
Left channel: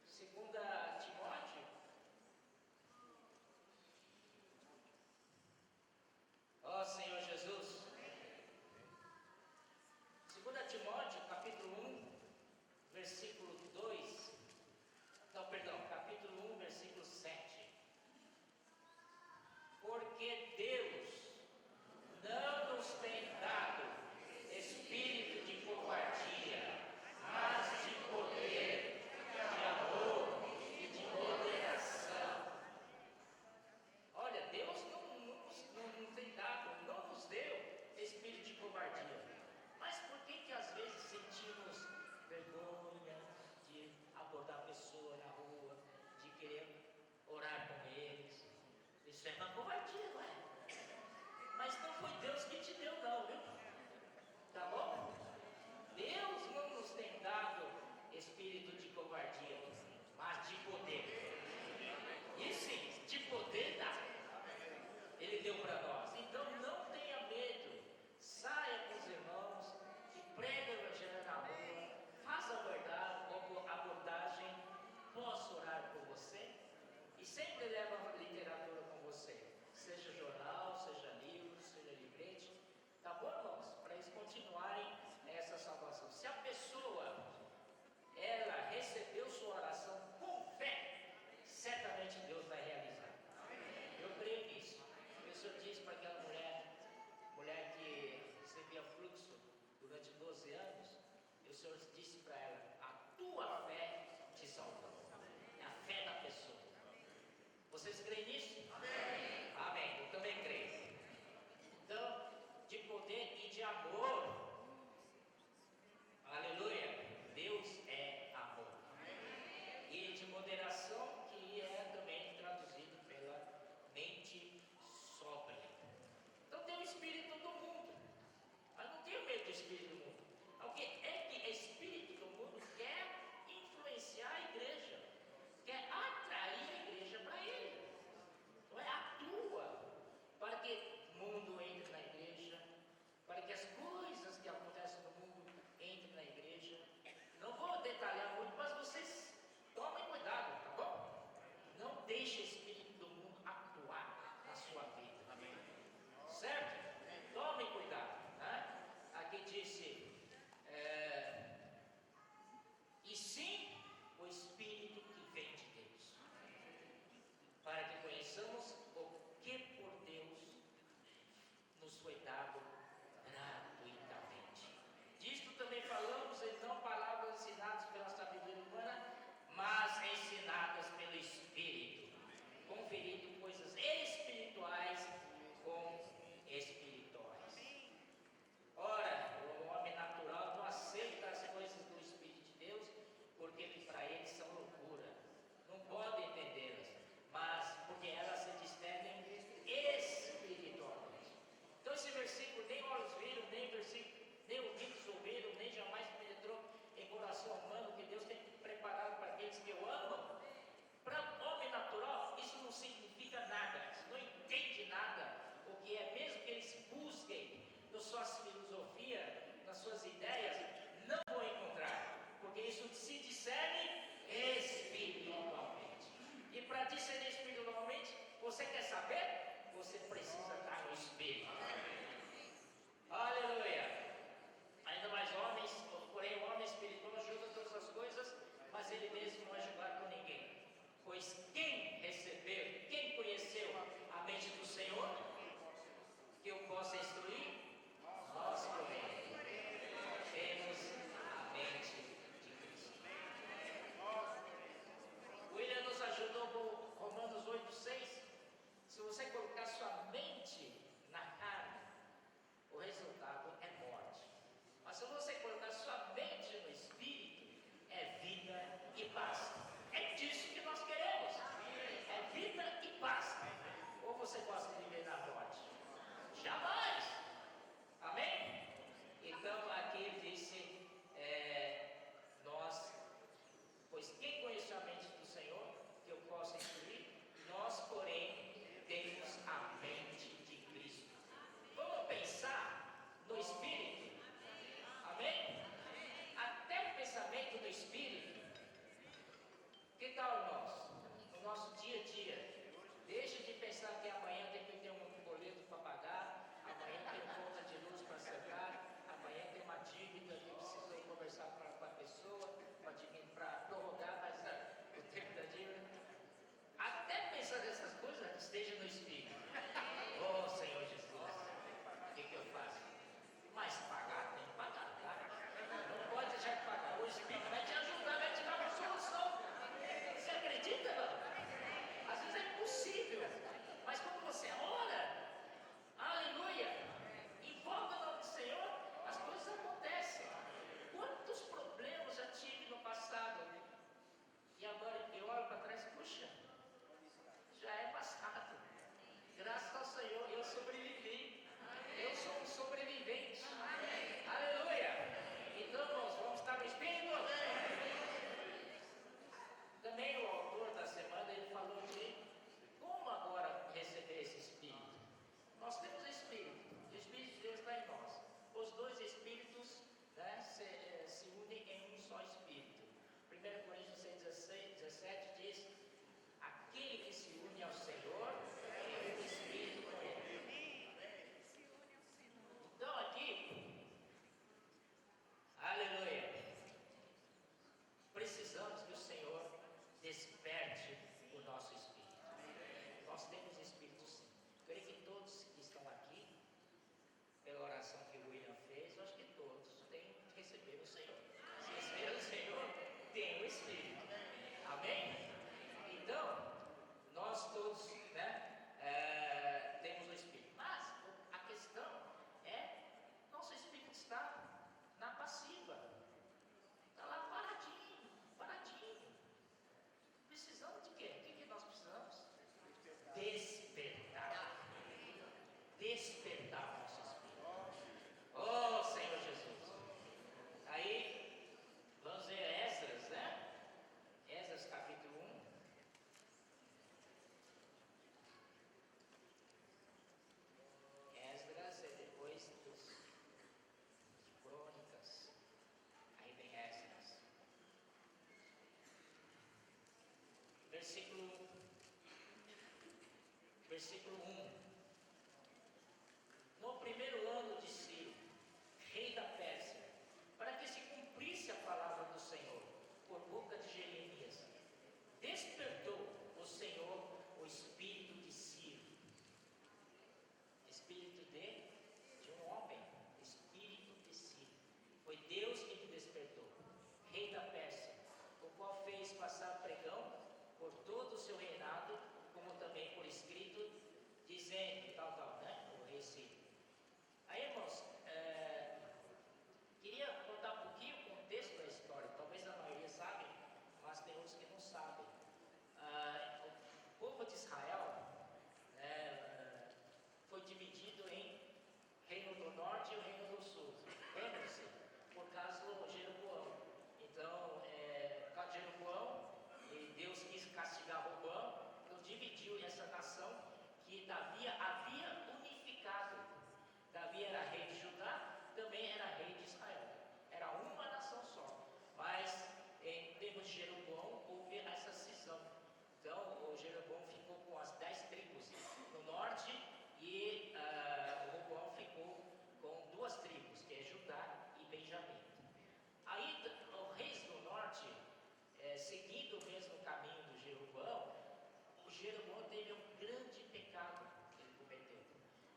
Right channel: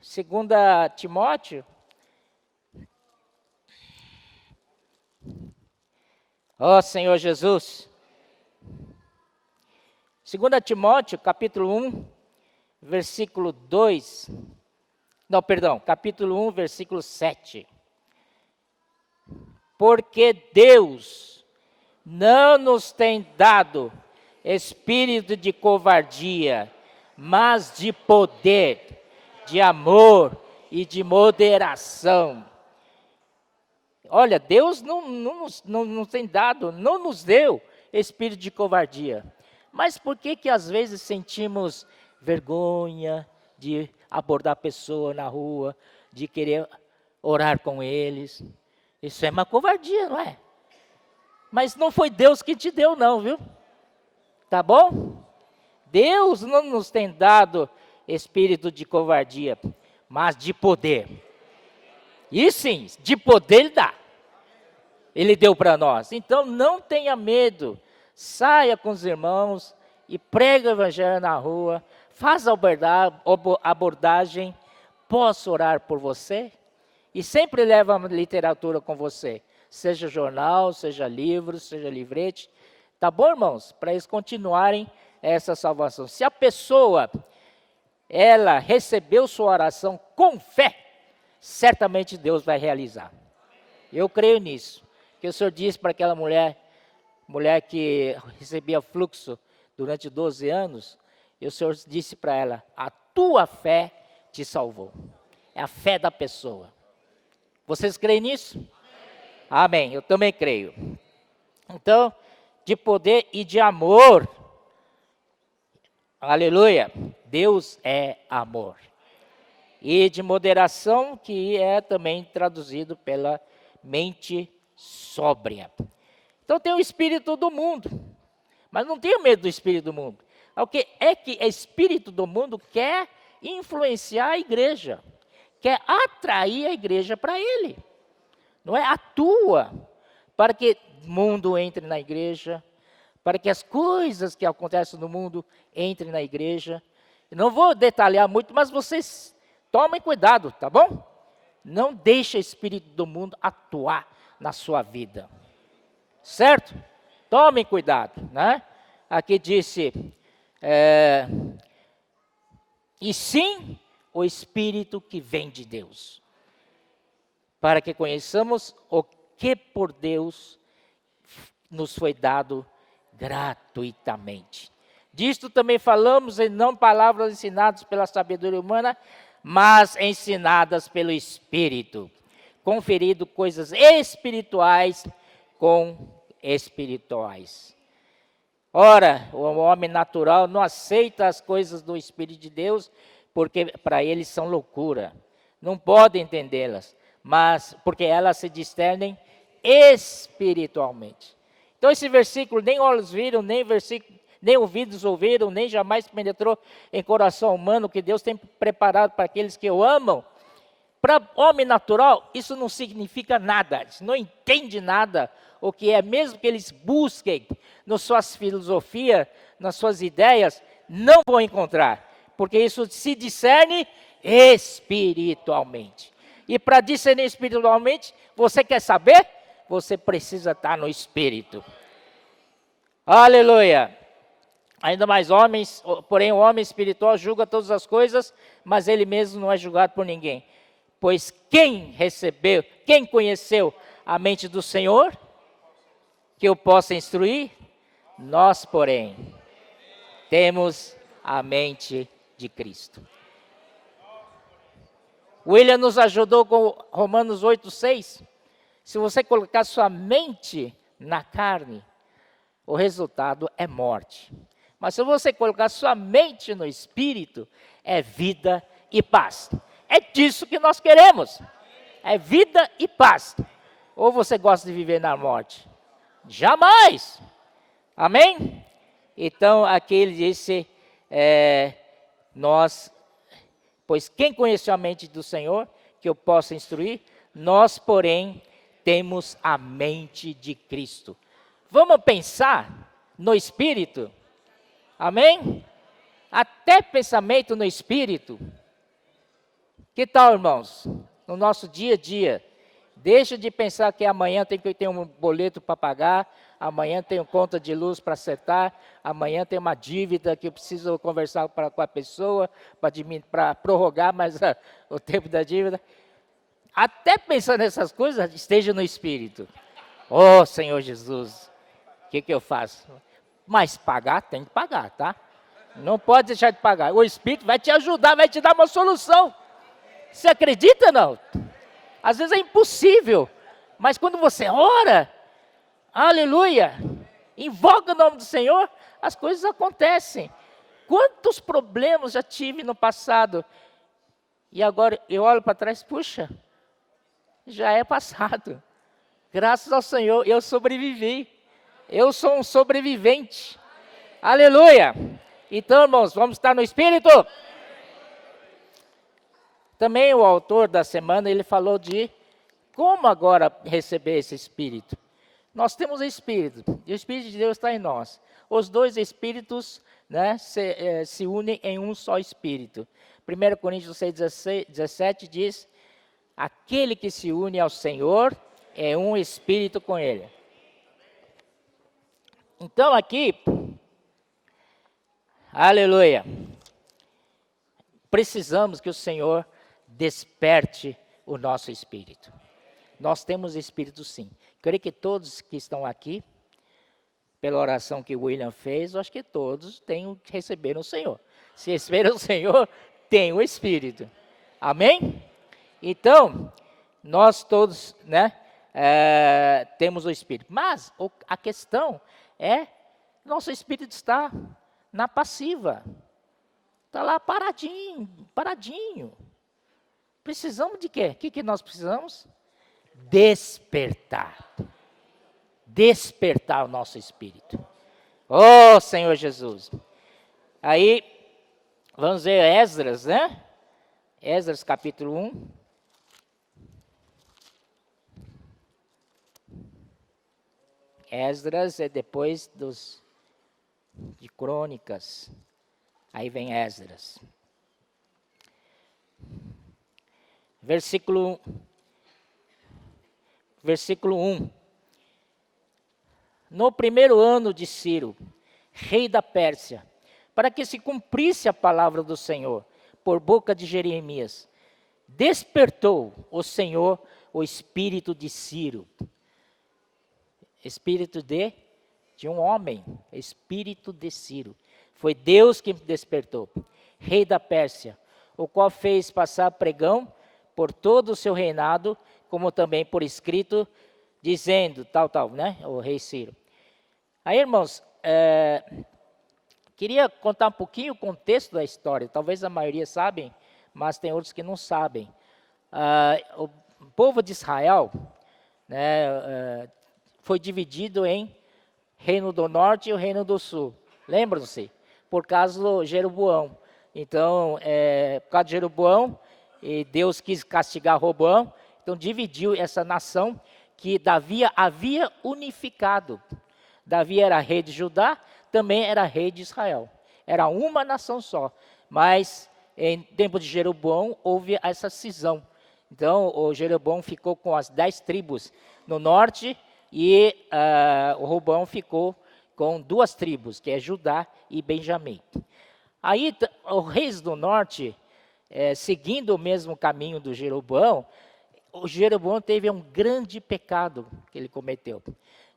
2 Timóteo. Ó Senhor Jesus. 2 Timóteo, capítulo 1, versículo 2. Não, perdão, capítulo 1, versículo 7. Porque Deus não nos tem dado espírito de covardia, mas de poder, de amor e de moderação. Olha, Deus não nos tem dado, não nos deu espírito de covardia. Mas por que às vezes sentimos vergonha de abordar a pessoa na rua, de querer orar com eles? Isso é uma covardia, não é? Mas não foi Deus que te deu não, viu? Tá bom? Deus não nos tem dado espírito de covardia, mas de poder. E sim, de poder Ele dá. Ele deu para nós. Então não tenha medo. Saia com os irmãos e prega o evangelho na rua. Faça a abordagem. Posso orar por você? E sempre leva a literatura com você. Seja jornal, seja livro, seja livrete. Tá bom, irmãos? Para eles continuarem essa salvação. Se a pessoa, ela recebeu sua oração com fé, certamente Deus vai realizar. Eu creio nisso. Que o Senhor disse para aquela mulher que recebia fluxo durante 12 anos, e o Senhor disse para ela, a tua fé te salvou. É a fé da pessoa. Vocês creem nisso? Amém, eu também creio. Então, de poder e de amor, aleluia, Deus é amor. E de moderação, que é também traduzido pela mente sóbria. Então tem o espírito do mundo, mas não tenha medo do espírito do mundo. O que é que o espírito do mundo quer influenciar a igreja, quer atrair a igreja para ele. Não é? Atua para que o mundo entre na igreja, para que as coisas que acontecem no mundo entrem na igreja. Não vou detalhar muito, mas vocês tomem cuidado, tá bom? Não deixe o espírito do mundo atuar na sua vida. Certo? Tomem cuidado, né? Aqui disse, e sim o Espírito que vem de Deus, para que conheçamos o que por Deus nos foi dado gratuitamente. Disto também falamos em não palavras ensinadas pela sabedoria humana, mas ensinadas pelo Espírito, conferido coisas espirituais com espirituais. Ora, o homem natural não aceita as coisas do Espírito de Deus, porque para eles são loucura. Não pode entendê-las, mas porque elas se discernem espiritualmente. Então esse versículo, nem olhos viram, nem ouvidos ouviram, nem jamais penetrou em coração humano, que Deus tem preparado para aqueles que o amam. Para homem natural, isso não significa nada, eles não entendem nada, o que é, mesmo que eles busquem nas suas filosofias, nas suas ideias, não vão encontrar, porque isso se discerne espiritualmente. E para discernir espiritualmente, você quer saber? Você precisa estar no Espírito. Aleluia! Ainda mais homens, porém o homem espiritual julga todas as coisas, mas ele mesmo não é julgado por ninguém. Pois quem conheceu a mente do Senhor, que eu possa instruir? Nós, porém, temos a mente de Cristo. William nos ajudou com Romanos 8:6. Se você colocar sua mente na carne, o resultado é morte. Mas se você colocar sua mente no Espírito, é vida e paz. É disso que nós queremos. É vida e paz. Ou você gosta de viver na morte? Jamais. Amém? Então, aqui ele disse, pois quem conheceu a mente do Senhor, que eu possa instruir? Nós, porém, temos a mente de Cristo. Vamos pensar no Espírito? Amém? Até pensamento no Espírito. Que tal, irmãos? No nosso dia a dia. Deixa de pensar que amanhã tem que ter um boleto para pagar, amanhã tem uma conta de luz para acertar, amanhã tem uma dívida que eu preciso conversar com a pessoa para prorrogar mais o tempo da dívida. Até pensar nessas coisas, esteja no Espírito. Oh, Senhor Jesus, o que eu faço? Mas pagar, tem que pagar, tá? Não pode deixar de pagar. O Espírito vai te ajudar, vai te dar uma solução. Você acredita, não? Às vezes é impossível, mas quando você ora, aleluia, invoca o nome do Senhor, as coisas acontecem. Quantos problemas já tive no passado, e agora eu olho para trás, puxa, já é passado. Graças ao Senhor, eu sobrevivi. Eu sou um sobrevivente. Aleluia. Então, irmãos, vamos estar no Espírito? Também o autor da semana, ele falou de como agora receber esse Espírito. Nós temos o Espírito, e o Espírito de Deus está em nós. Os dois Espíritos, né, se unem em um só Espírito. 1 Coríntios 6:17 diz, aquele que se une ao Senhor é um Espírito com Ele. Então aqui, aleluia, precisamos que o Senhor desperte o nosso espírito. Nós temos espírito sim. Creio que todos que estão aqui, pela oração que o William fez, eu acho que todos receberam o Senhor. Se receberam o Senhor, tem o Espírito. Amém? Então, nós todos, né, temos o Espírito. Mas a questão é, nosso Espírito está na passiva. Está lá paradinho. Precisamos de quê? O que nós precisamos? Despertar. Despertar o nosso espírito. Oh, Senhor Jesus. Aí, vamos ver Esdras, né? Esdras capítulo 1. Esdras é depois de Crônicas. Aí vem Esdras. Versículo 1. No primeiro ano de Ciro, rei da Pérsia, para que se cumprisse a palavra do Senhor, por boca de Jeremias, despertou o Senhor o espírito de Ciro. Espírito de um homem, espírito de Ciro. Foi Deus que despertou, rei da Pérsia, o qual fez passar pregão por todo o seu reinado, como também por escrito, dizendo, tal, né, o rei Ciro. Aí, irmãos, queria contar um pouquinho o contexto da história, talvez a maioria sabem, mas tem outros que não sabem. O povo de Israel, né, foi dividido em Reino do Norte e o Reino do Sul, lembram-se? Por causa do Jeroboão. Então, por causa de Jeroboão, e Deus quis castigar Roboão, então dividiu essa nação que Davi havia unificado. Davi era rei de Judá, também era rei de Israel. Era uma nação só, mas em tempo de Jeroboão houve essa cisão. Então, o Jeroboão ficou com as 10 tribos no norte e o Roboão ficou com 2 tribos, que é Judá e Benjamim. Aí, os reis do norte, seguindo o mesmo caminho do Jeroboão, o Jeroboão teve um grande pecado que ele cometeu.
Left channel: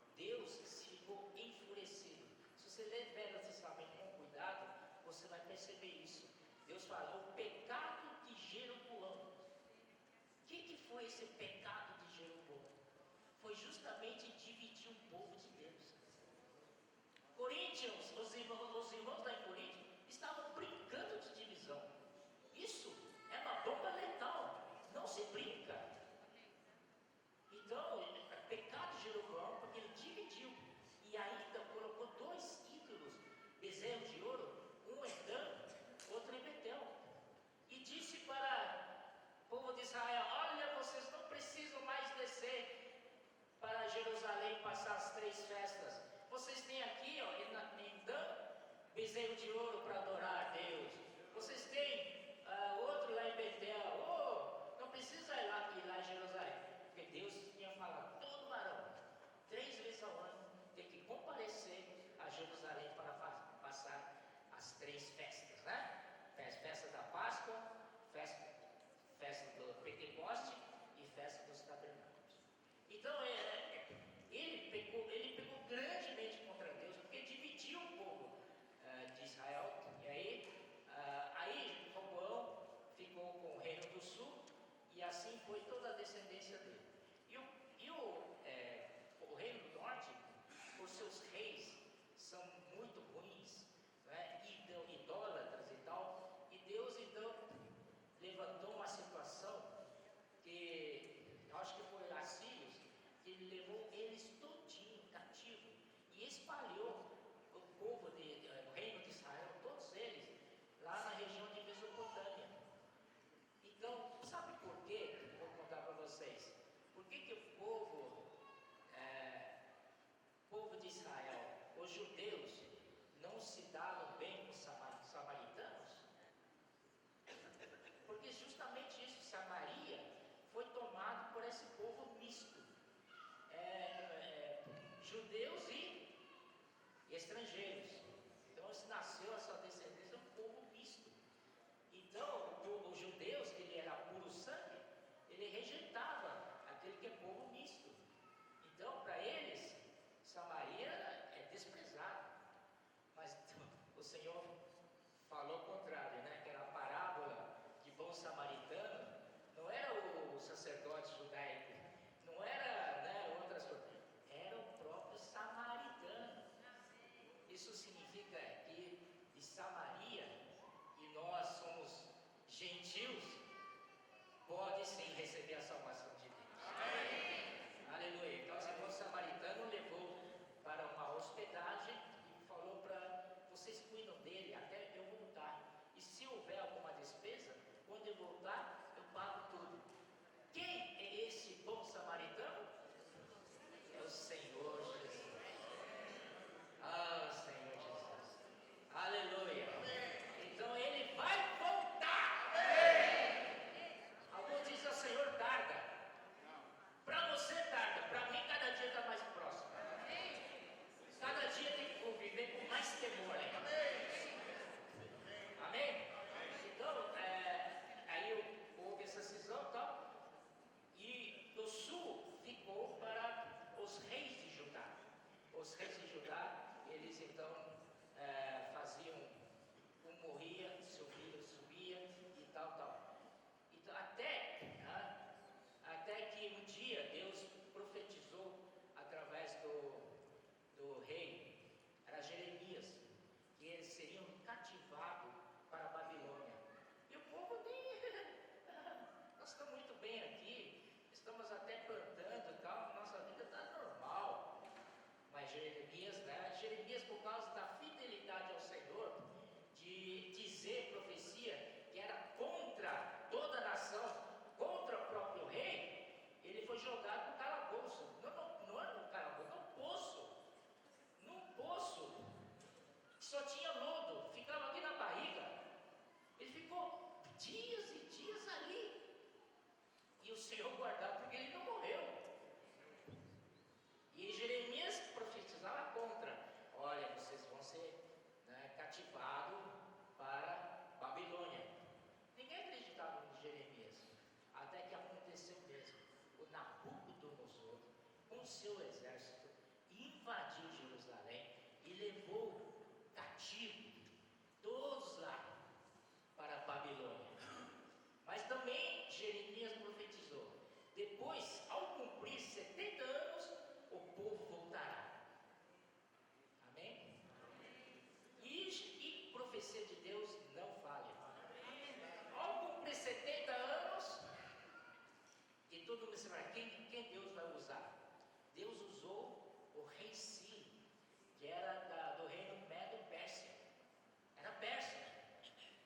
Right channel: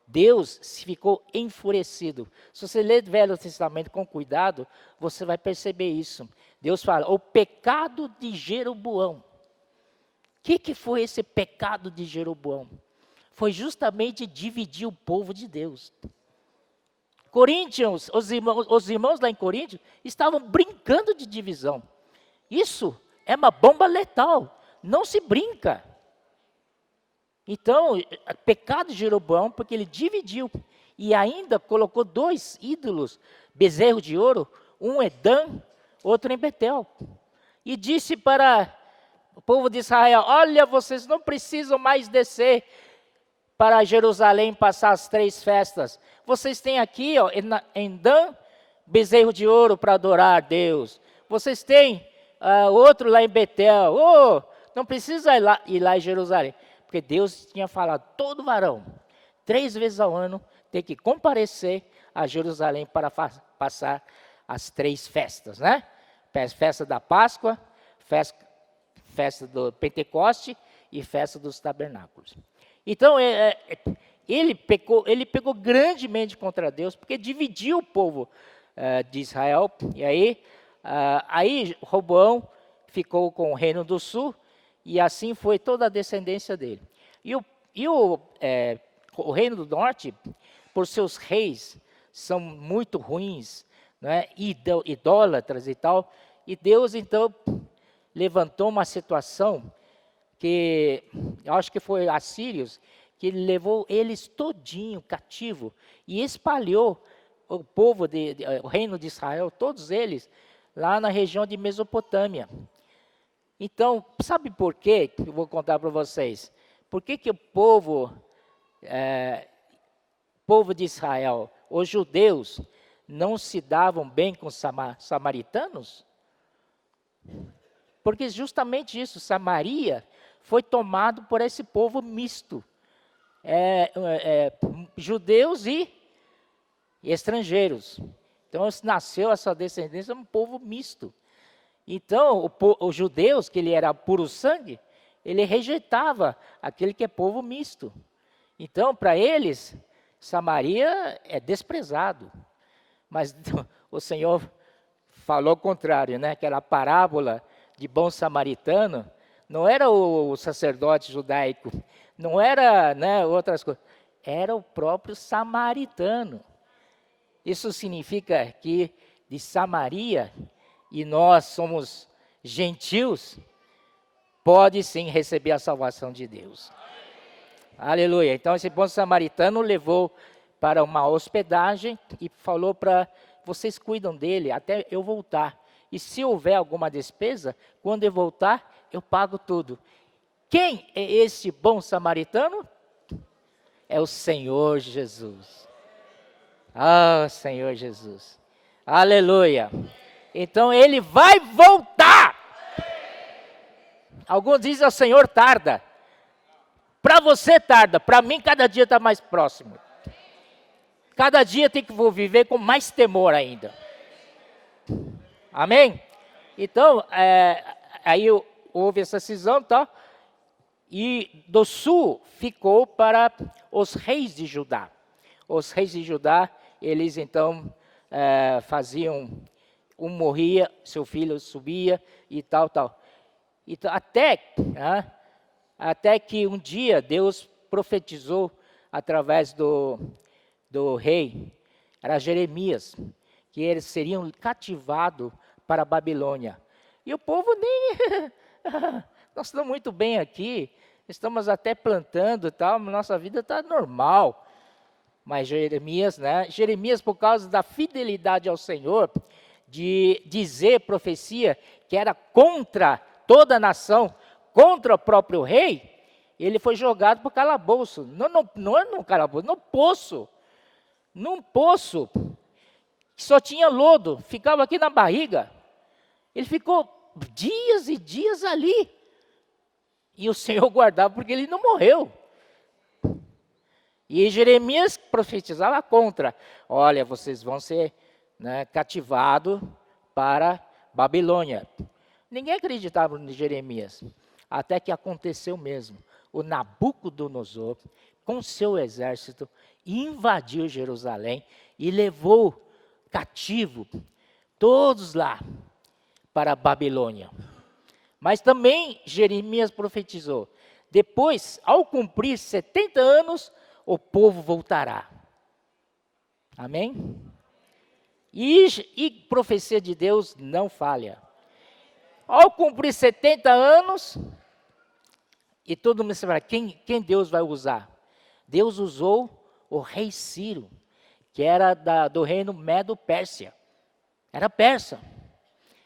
Deus ficou enfurecido. Se você ler o Velho Testamento com cuidado, você vai perceber isso. Deus fala, o pecado de Jeroboão. O que foi esse pecado de Jeroboão? Foi justamente dividir o povo de Deus. Coríntios, os irmãos lá em Coríntios estavam brincando de divisão. Isso é uma bomba letal, não se brinca. Então, pecado de Jeroboão, porque ele dividiu e ainda colocou 2 ídolos, bezerro de ouro, um em Dan, outro em Betel. E disse para o povo de Israel, olha, vocês não precisam mais descer para Jerusalém passar as 3 festas. Vocês têm aqui, ó, em Dan, bezerro de ouro para adorar a Deus. Vocês têm outro lá em Betel. Oh, não precisa ir lá em Jerusalém. Porque Deus tinha falado, todo varão, 3 vezes ao ano, tem que comparecer a Jerusalém para passar as 3 festas, né? Festa da Páscoa, festa do Pentecoste e festa dos tabernáculos. Então, ele pecou grandemente contra Deus, porque dividiu o povo de Israel. E aí Roboão ficou com o reino do sul, e assim foi toda a descendência dele. E o reino do norte, por seus reis, são muito ruins, né, idólatras e tal. E Deus, então, levantou uma situação que, eu acho que foi assírios, que ele levou eles todinho cativo e espalhou o povo, o reino de Israel, todos eles, lá na região de Mesopotâmia. Então, sabe por quê? Eu vou contar para vocês. Por que o povo de Israel, os judeus, não se davam bem com os samaritanos? Porque justamente isso, Samaria foi tomado por esse povo misto. Judeus e estrangeiros. Então, nasceu essa descendência de um povo misto. Então, os judeus, que ele era puro sangue, ele rejeitava aquele que é povo misto. Então, para eles, Samaria é desprezado. Mas o Senhor falou o contrário, né? Aquela parábola de bom samaritano, não era o sacerdote judaico, não era, né, outras coisas, era o próprio samaritano. Isso significa que de Samaria, e nós somos gentios, pode sim receber a salvação de Deus. Aleluia. Então esse bom samaritano levou para uma hospedagem e falou para vocês cuidam dele até eu voltar. E se houver alguma despesa, quando eu voltar, eu pago tudo. Quem é esse bom samaritano? É o Senhor Jesus. Ah, Senhor Jesus. Aleluia. Então ele vai voltar. Alguns dizem o Senhor tarda. Para você tarda, para mim cada dia está mais próximo. Cada dia tem que vou viver com mais temor ainda. Amém? Então, aí houve essa cisão, tá? E do sul ficou para os reis de Judá. Os reis de Judá, eles então faziam, um morria, seu filho subia e tal. Então, até que um dia Deus profetizou através do rei, era Jeremias, que eles seriam cativados para a Babilônia. E o povo nem... nós estamos muito bem aqui, estamos até plantando e tal, nossa vida está normal. Mas Jeremias, né? Jeremias, por causa da fidelidade ao Senhor, de dizer profecia que era contra toda a nação, contra o próprio rei, ele foi jogado para o calabouço. Não é no calabouço, no poço. Num poço. que só tinha lodo, ficava aqui na barriga. Ele ficou dias e dias ali. E o Senhor guardava porque ele não morreu. E Jeremias profetizava contra. Olha, vocês vão ser, né, cativados para Babilônia. Ninguém acreditava em Jeremias. Até que aconteceu mesmo. O Nabucodonosor, com seu exército, invadiu Jerusalém e levou cativo todos lá para a Babilônia. Mas também Jeremias profetizou: depois, ao cumprir 70 anos, o povo voltará. Amém? E profecia de Deus não falha. Ao cumprir 70 anos, e todo mundo sabe quem Deus vai usar? Deus usou o rei Ciro, que era do reino Medo-Pérsia. Era persa.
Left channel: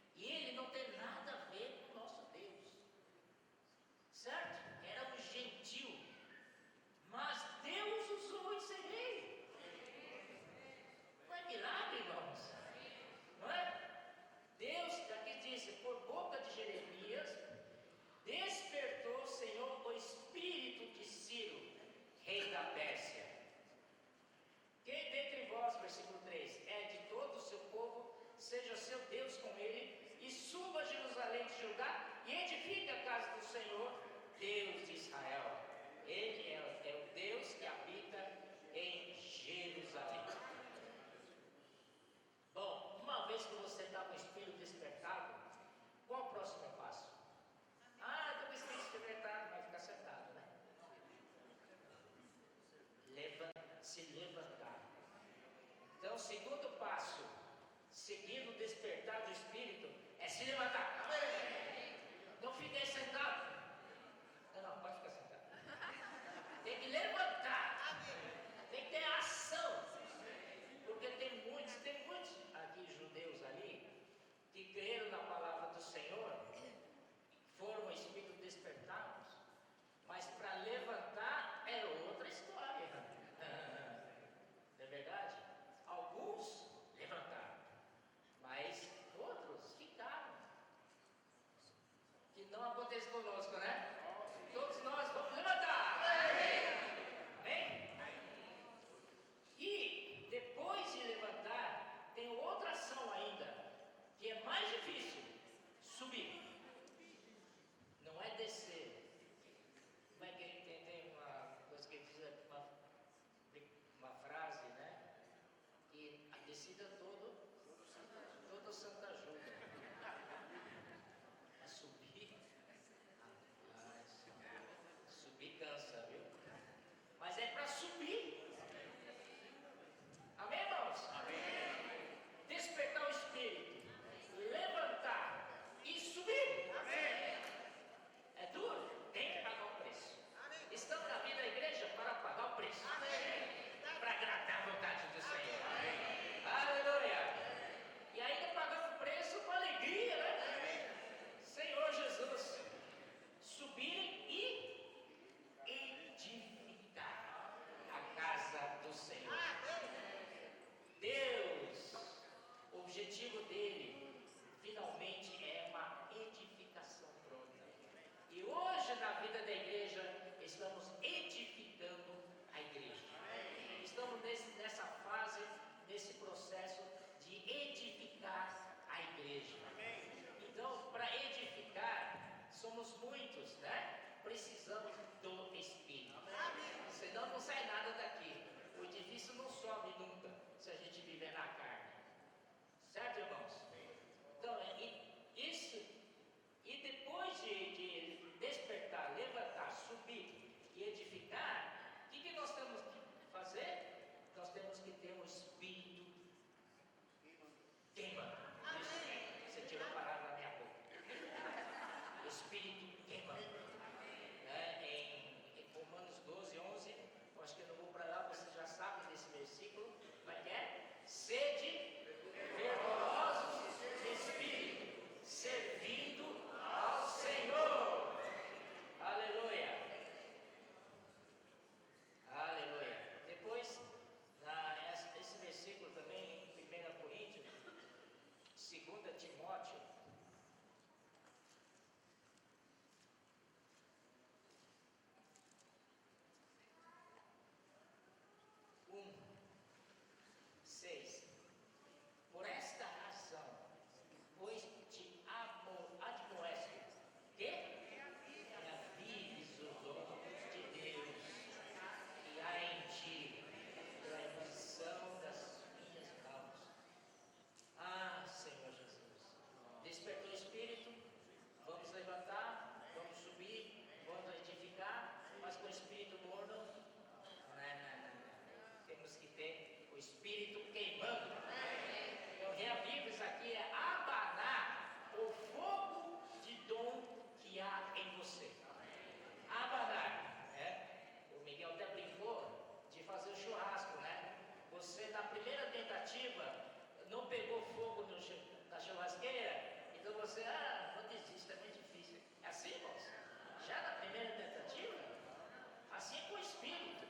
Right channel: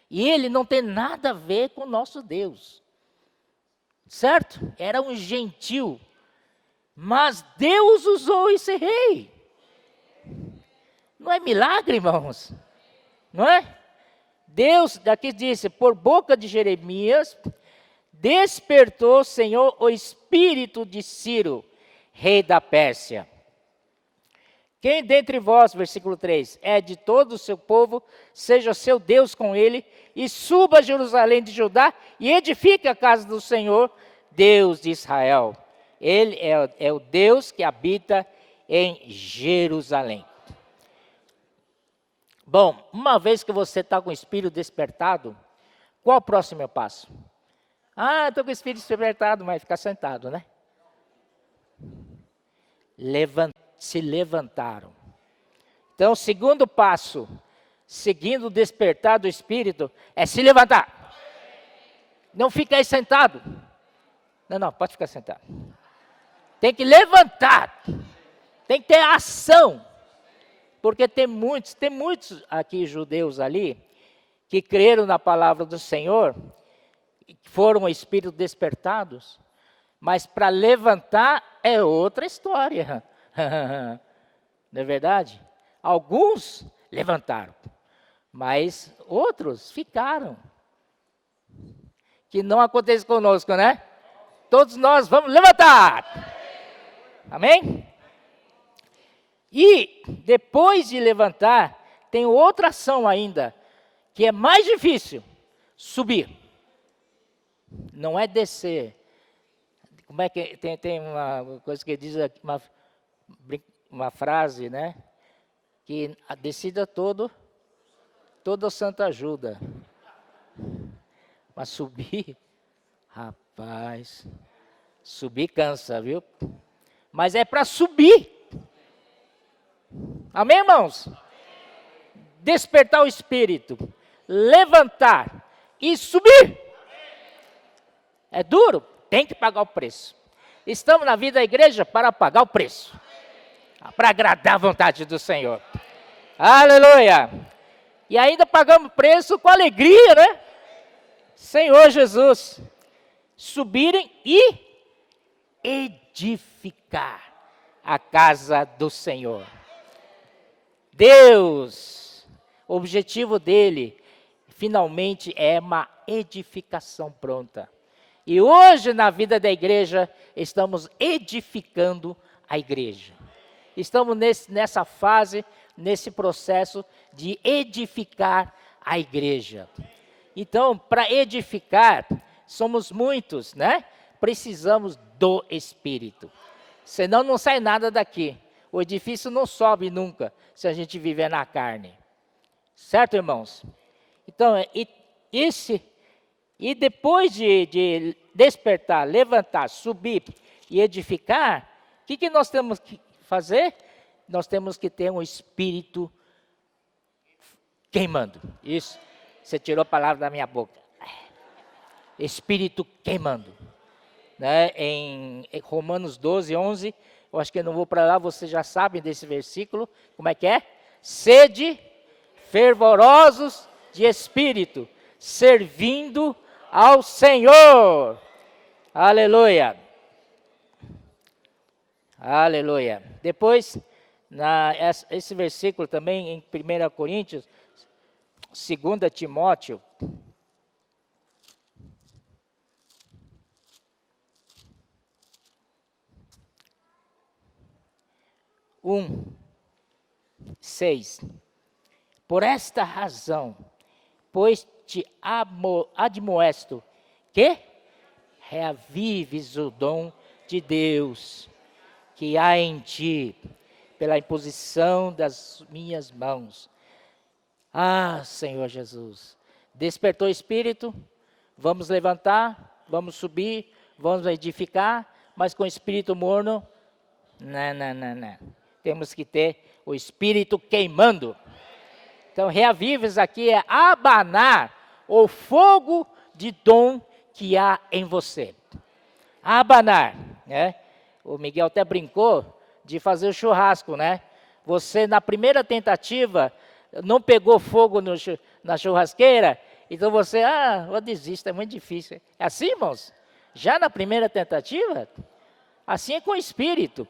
E ele não tem nada a ver com o nosso Deus. Certo? Era um gentil. Mas Deus usou esse rei. Não é milagre, irmãos? Não é? Deus, daqui disse, por boca de Jeremias, despertou, Senhor, o espírito de Ciro, rei da Pérsia. Quem dentre vós, versículo 3, é de todo o seu povo, seja seu Deus com ele, e suba a Jerusalém de Judá, e edifique a casa do Senhor, Deus de Israel. Ele é o Deus que habita em Jerusalém. Bom, uma vez que você está com o espírito despertado, qual o próximo passo? Estou com o espírito despertado, mas ficar sentado, né? Se levantaram. Então, o segundo passo, seguindo o despertar do espírito, é se levantar. Não fica aí sentado. Não, pode ficar sentado. Tem que levantar. Tem que ter ação. Porque tem muitos aqui judeus ali, que creram na palavra do Senhor, foram espíritos despertados, mas para levantar é outra história. Não é verdade? Alguns levantaram, mas outros ficaram. Que não acontece conosco, né? Todos nós vamos levantar. Amém? E depois de levantar, tem outra ação ainda, que é mais difícil: subir. Não é descer. Como é que tem uma coisa que diz aqui, uma frase, né? Que a descida toda santa ajuda. Mas subir, rapaz, subir cansa, viu? Mas é para subir. Amém, irmãos? Amém. Despertar o espírito, levantar e subir. Amém. É duro? Tem que pagar o preço. Estamos na vida da igreja para pagar o preço. Para agradar a vontade do Senhor. Aleluia! E ainda pagamos preço com alegria, né? Senhor Jesus. Subirem e edificar a casa do Senhor. Deus, o objetivo dele, finalmente, é uma edificação pronta. E hoje, na vida da igreja, estamos edificando a igreja. Estamos nessa fase, nesse processo de edificar a igreja. Então, para edificar, somos muitos, né? Precisamos do Espírito. Senão não sai nada daqui. O edifício não sobe nunca, se a gente viver na carne. Certo, irmãos? Então, e depois de despertar, levantar, subir e edificar, o que nós temos que fazer? Nós temos que ter um espírito queimando. Isso, você tirou a palavra da minha boca. Espírito queimando. Né? Em Romanos 12, 11, eu acho que eu não vou para lá, vocês já sabem desse versículo. Como é que é? Sede fervorosos de espírito, servindo ao Senhor. Aleluia. Aleluia. Depois Esse versículo também em 1 Coríntios, 2 Timóteo, um, 6. Por esta razão, pois te admoesto, que reavives o dom de Deus que há em ti, pela imposição das minhas mãos. Ah, Senhor Jesus, despertou o espírito, vamos levantar, vamos subir, vamos edificar, mas com espírito morno, não. Temos que ter o espírito queimando. Então, reavives aqui é abanar o fogo de dom que há em você. Abanar, né? O Miguel até brincou de fazer o churrasco, né? Você, na primeira tentativa, não pegou fogo na churrasqueira, então você, eu desisto, é muito difícil. É assim, irmãos? Já na primeira tentativa? Assim é com o espírito.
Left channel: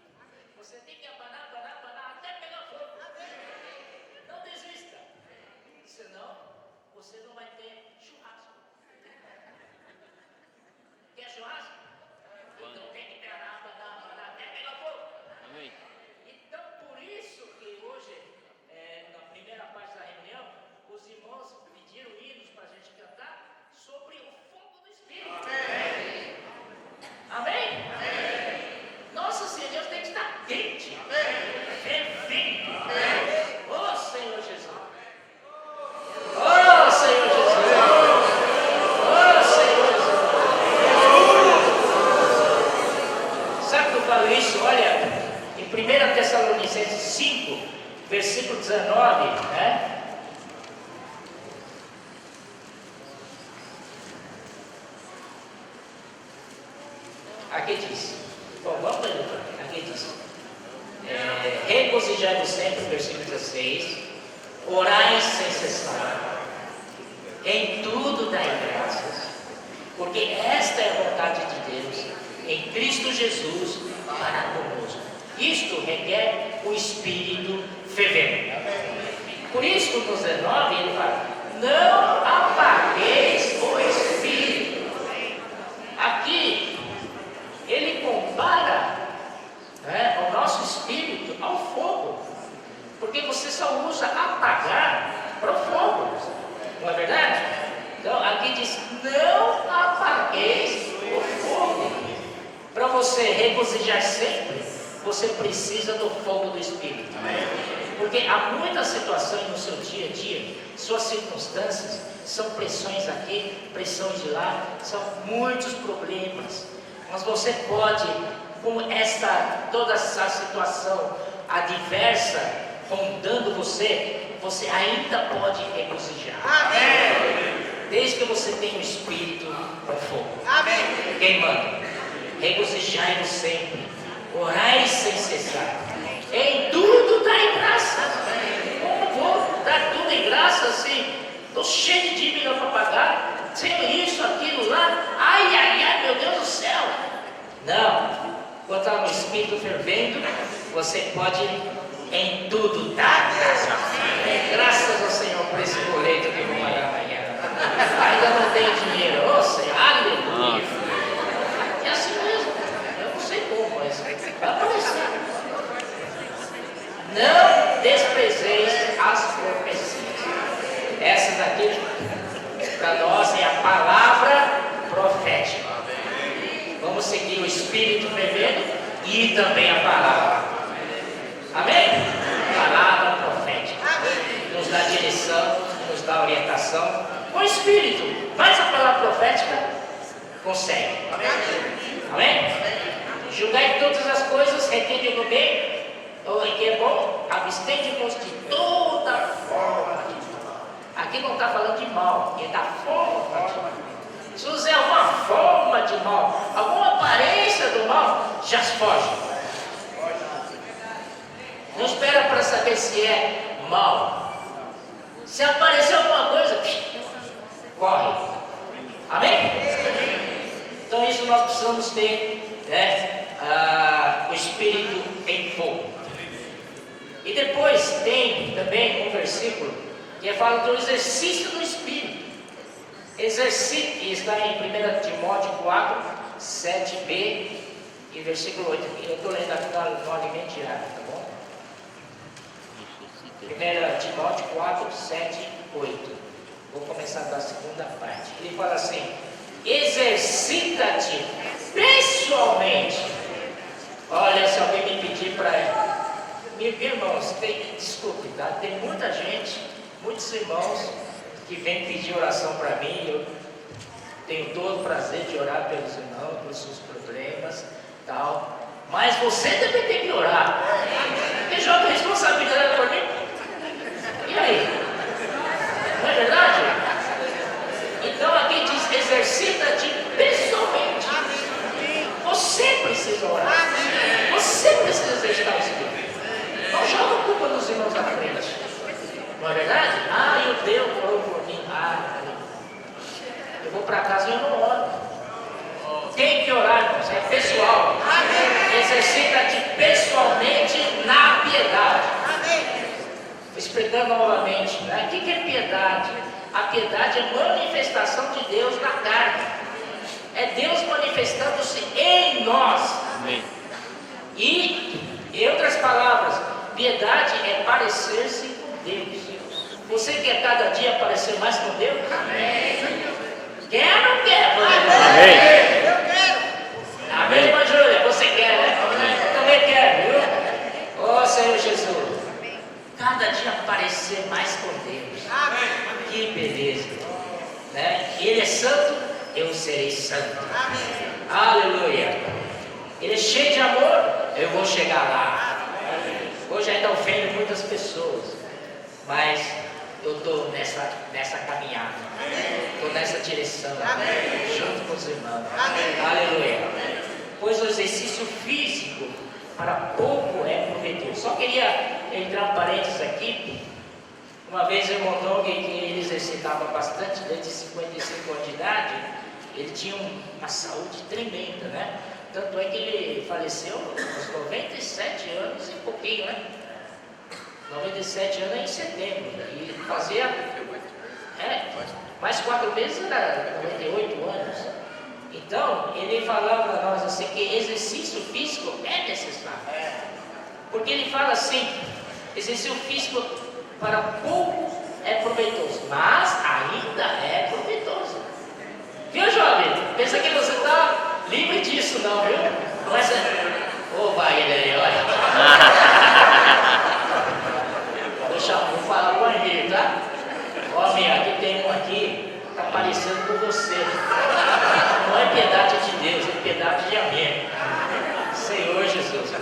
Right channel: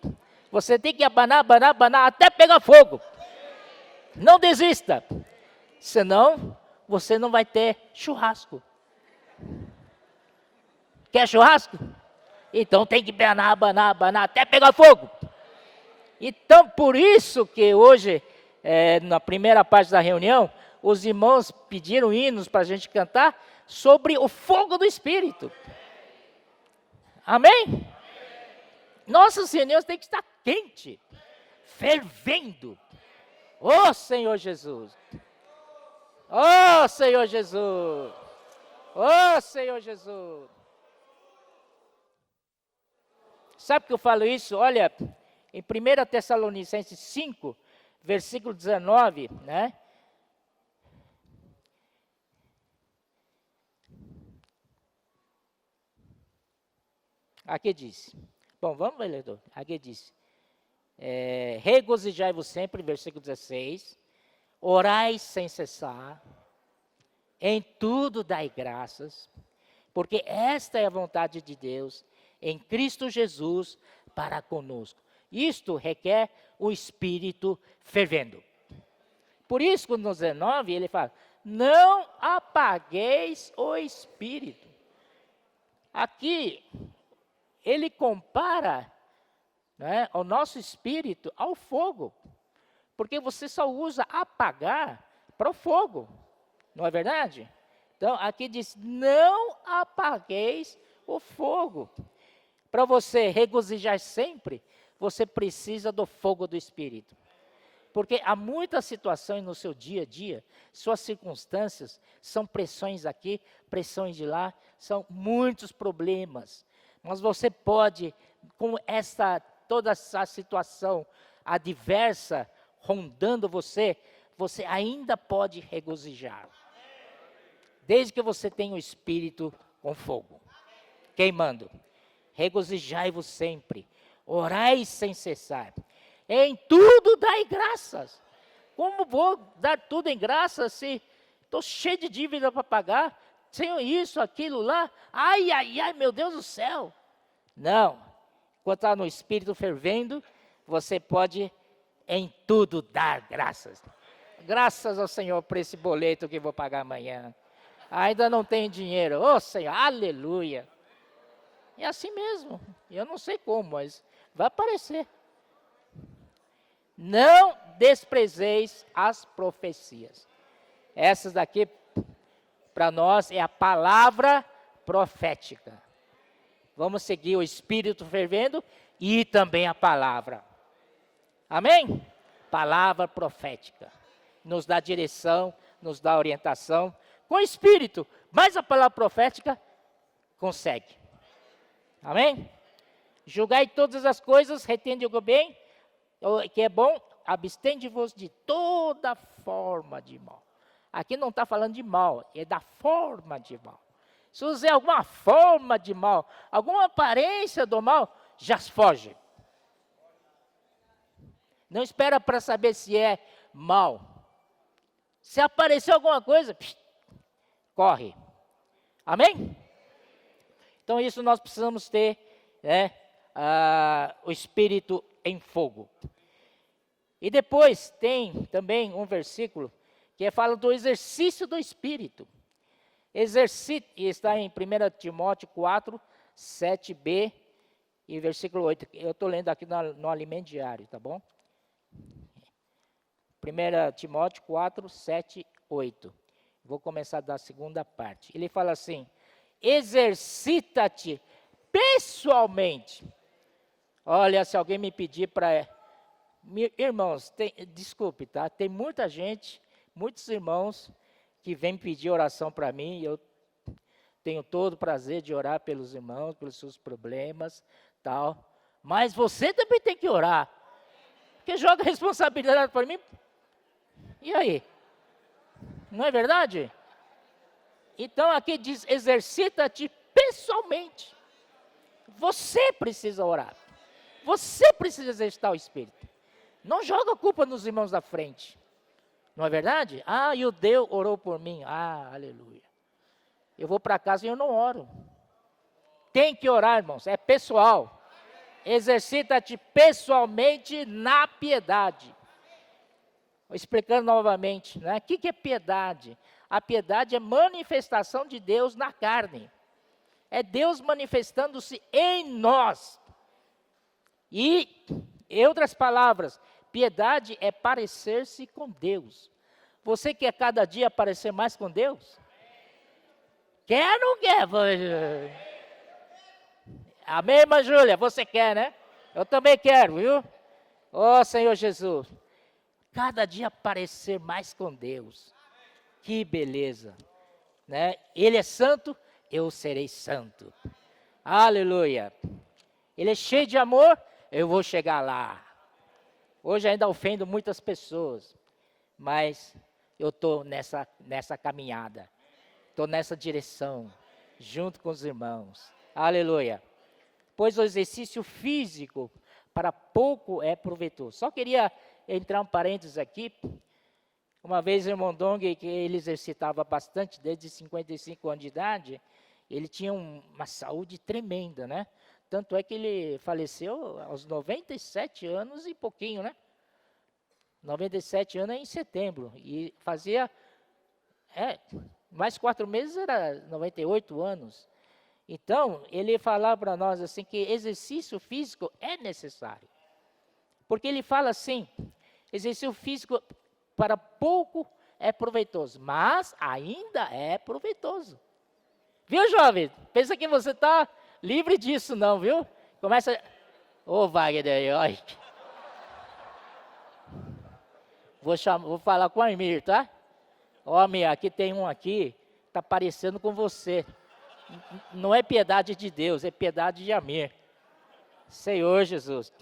Você tem que abanar, até pegar fogo. Não desista, senão você não vai ter churrasco. Quer churrasco? Então tem que abanar, até pegar fogo. Então, por isso que hoje, na primeira parte da reunião, os irmãos pediram hinos para a gente cantar sobre o fogo do Espírito. Amém? Nossas reuniões têm que estar quente, fervendo. Oh, Senhor Jesus. Oh, Senhor Jesus. Oh, Senhor Jesus. Sabe que eu falo isso? Olha, em 1 Tessalonicenses 5, versículo 19, né? Aqui diz, bom, vamos para ele, aqui diz, regozijai-vos sempre, versículo 16, orai sem cessar, em tudo dai graças, porque esta é a vontade de Deus, em Cristo Jesus, para conosco. Isto requer o Espírito fervendo. Por isso, no 19, ele fala, não apagueis o Espírito. Aqui, ele compara, né, o nosso espírito ao fogo, porque você só usa apagar para o fogo, não é verdade? Então aqui diz, não apagueis o fogo. Para você regozijar sempre, você precisa do fogo do Espírito. Porque há muitas situações no seu dia a dia, suas circunstâncias, são pressões aqui, pressões de lá, são muitos problemas. Mas você pode, com toda essa situação adversa rondando você ainda pode regozijar. Amém. Desde que você tenha o Espírito no fogo. Amém. Queimando. Regozijai-vos sempre. Orai sem cessar. Em tudo dai graças. Como vou dar tudo em graça assim? Estou cheio de dívida para pagar. Tenho isso, aquilo lá. Ai, meu Deus do céu. Não. Quando está no Espírito fervendo, você pode em tudo dar graças. Graças ao Senhor por esse boleto que eu vou pagar amanhã. Ainda não tenho dinheiro. Ô Senhor, aleluia. É assim mesmo. Eu não sei como, mas vai aparecer. Não desprezeis as profecias. Essa daqui, para nós, é a palavra profética. Vamos seguir o Espírito fervendo e também a palavra. Amém? Palavra profética. Nos dá direção, nos dá orientação. Com o Espírito, mas a palavra profética consegue. Amém? Julgai todas as coisas, retende o bem, o que é bom, abstende-vos de toda forma de mal. Aqui não está falando de mal, ele está forma de mal. Se você alguma forma de mal, alguma aparência do mal, já foge. Não espera para saber se é mal. Se aparecer alguma coisa, corre. Amém? Então isso nós precisamos ter, né, o Espírito em fogo. E depois tem também um versículo que é falando do exercício do Espírito. Exercício, que está em 1 Timóteo 4, 7b e versículo 8. Eu estou lendo aqui na ordem diária, tá bom? 1 Timóteo 4, 7, 8. Vou começar da segunda parte. Ele fala assim: exercita-te pessoalmente. Olha, se alguém me pedir para... Irmãos, desculpe, tá? Tem muita gente, muitos irmãos que vêm pedir oração para mim. Eu tenho todo o prazer de orar pelos irmãos, pelos seus problemas, tal. Mas você também tem que orar. Porque joga responsabilidade por mim. E aí? Não é verdade? Então aqui diz: exercita-te pessoalmente. Você precisa orar. Você precisa exercitar o Espírito. Não joga a culpa dos irmãos à frente. Não é verdade? Ah, e o Deus orou por mim. Eu vou para casa e eu não oro. Tem que orar, irmãos. É pessoal. Exercita-te pessoalmente na piedade. Explicando novamente, né? O que é piedade? A piedade é manifestação de Deus na carne. É Deus manifestando-se em nós. Amém. E, em outras palavras, piedade é parecer-se com Deus. Você quer cada dia parecer mais com Deus? Amém. Quer ou não quer? Amém. Eu quero. Amém, irmã Júlia? Você quer, né? Eu também quero, viu? Ó Senhor Jesus. Cada dia parecer mais com Deus. Que beleza, né? Ele é santo, eu serei santo. Aleluia. Ele é cheio de amor, eu vou chegar lá. Hoje ainda ofende muitas pessoas, mas eu estou nessa caminhada, estou nessa direção, junto com os irmãos. Aleluia. Pois o exercício físico para pouco é proveitoso. Só queria entrar um parênteses aqui. Uma vez o irmão Dong, que ele exercitava bastante, desde 55 anos de idade, ele tinha uma saúde tremenda, né? Tanto é que ele faleceu aos 97 anos e pouquinho, né? 97 anos em setembro. E fazia mais 4 meses, era 98 anos. Então, ele falava para nós assim, que exercício físico é necessário. Porque ele fala assim: exercício físico para pouco é proveitoso, mas ainda é proveitoso. Viu, jovem? Pensa que você está livre disso, não, viu? Começa. Opa, ele aí, olha. Vou falar com ele, tá? Ó, minha, aqui tem um aqui, está parecendo com você. Não é piedade de Deus, é piedade de amém. Senhor Jesus.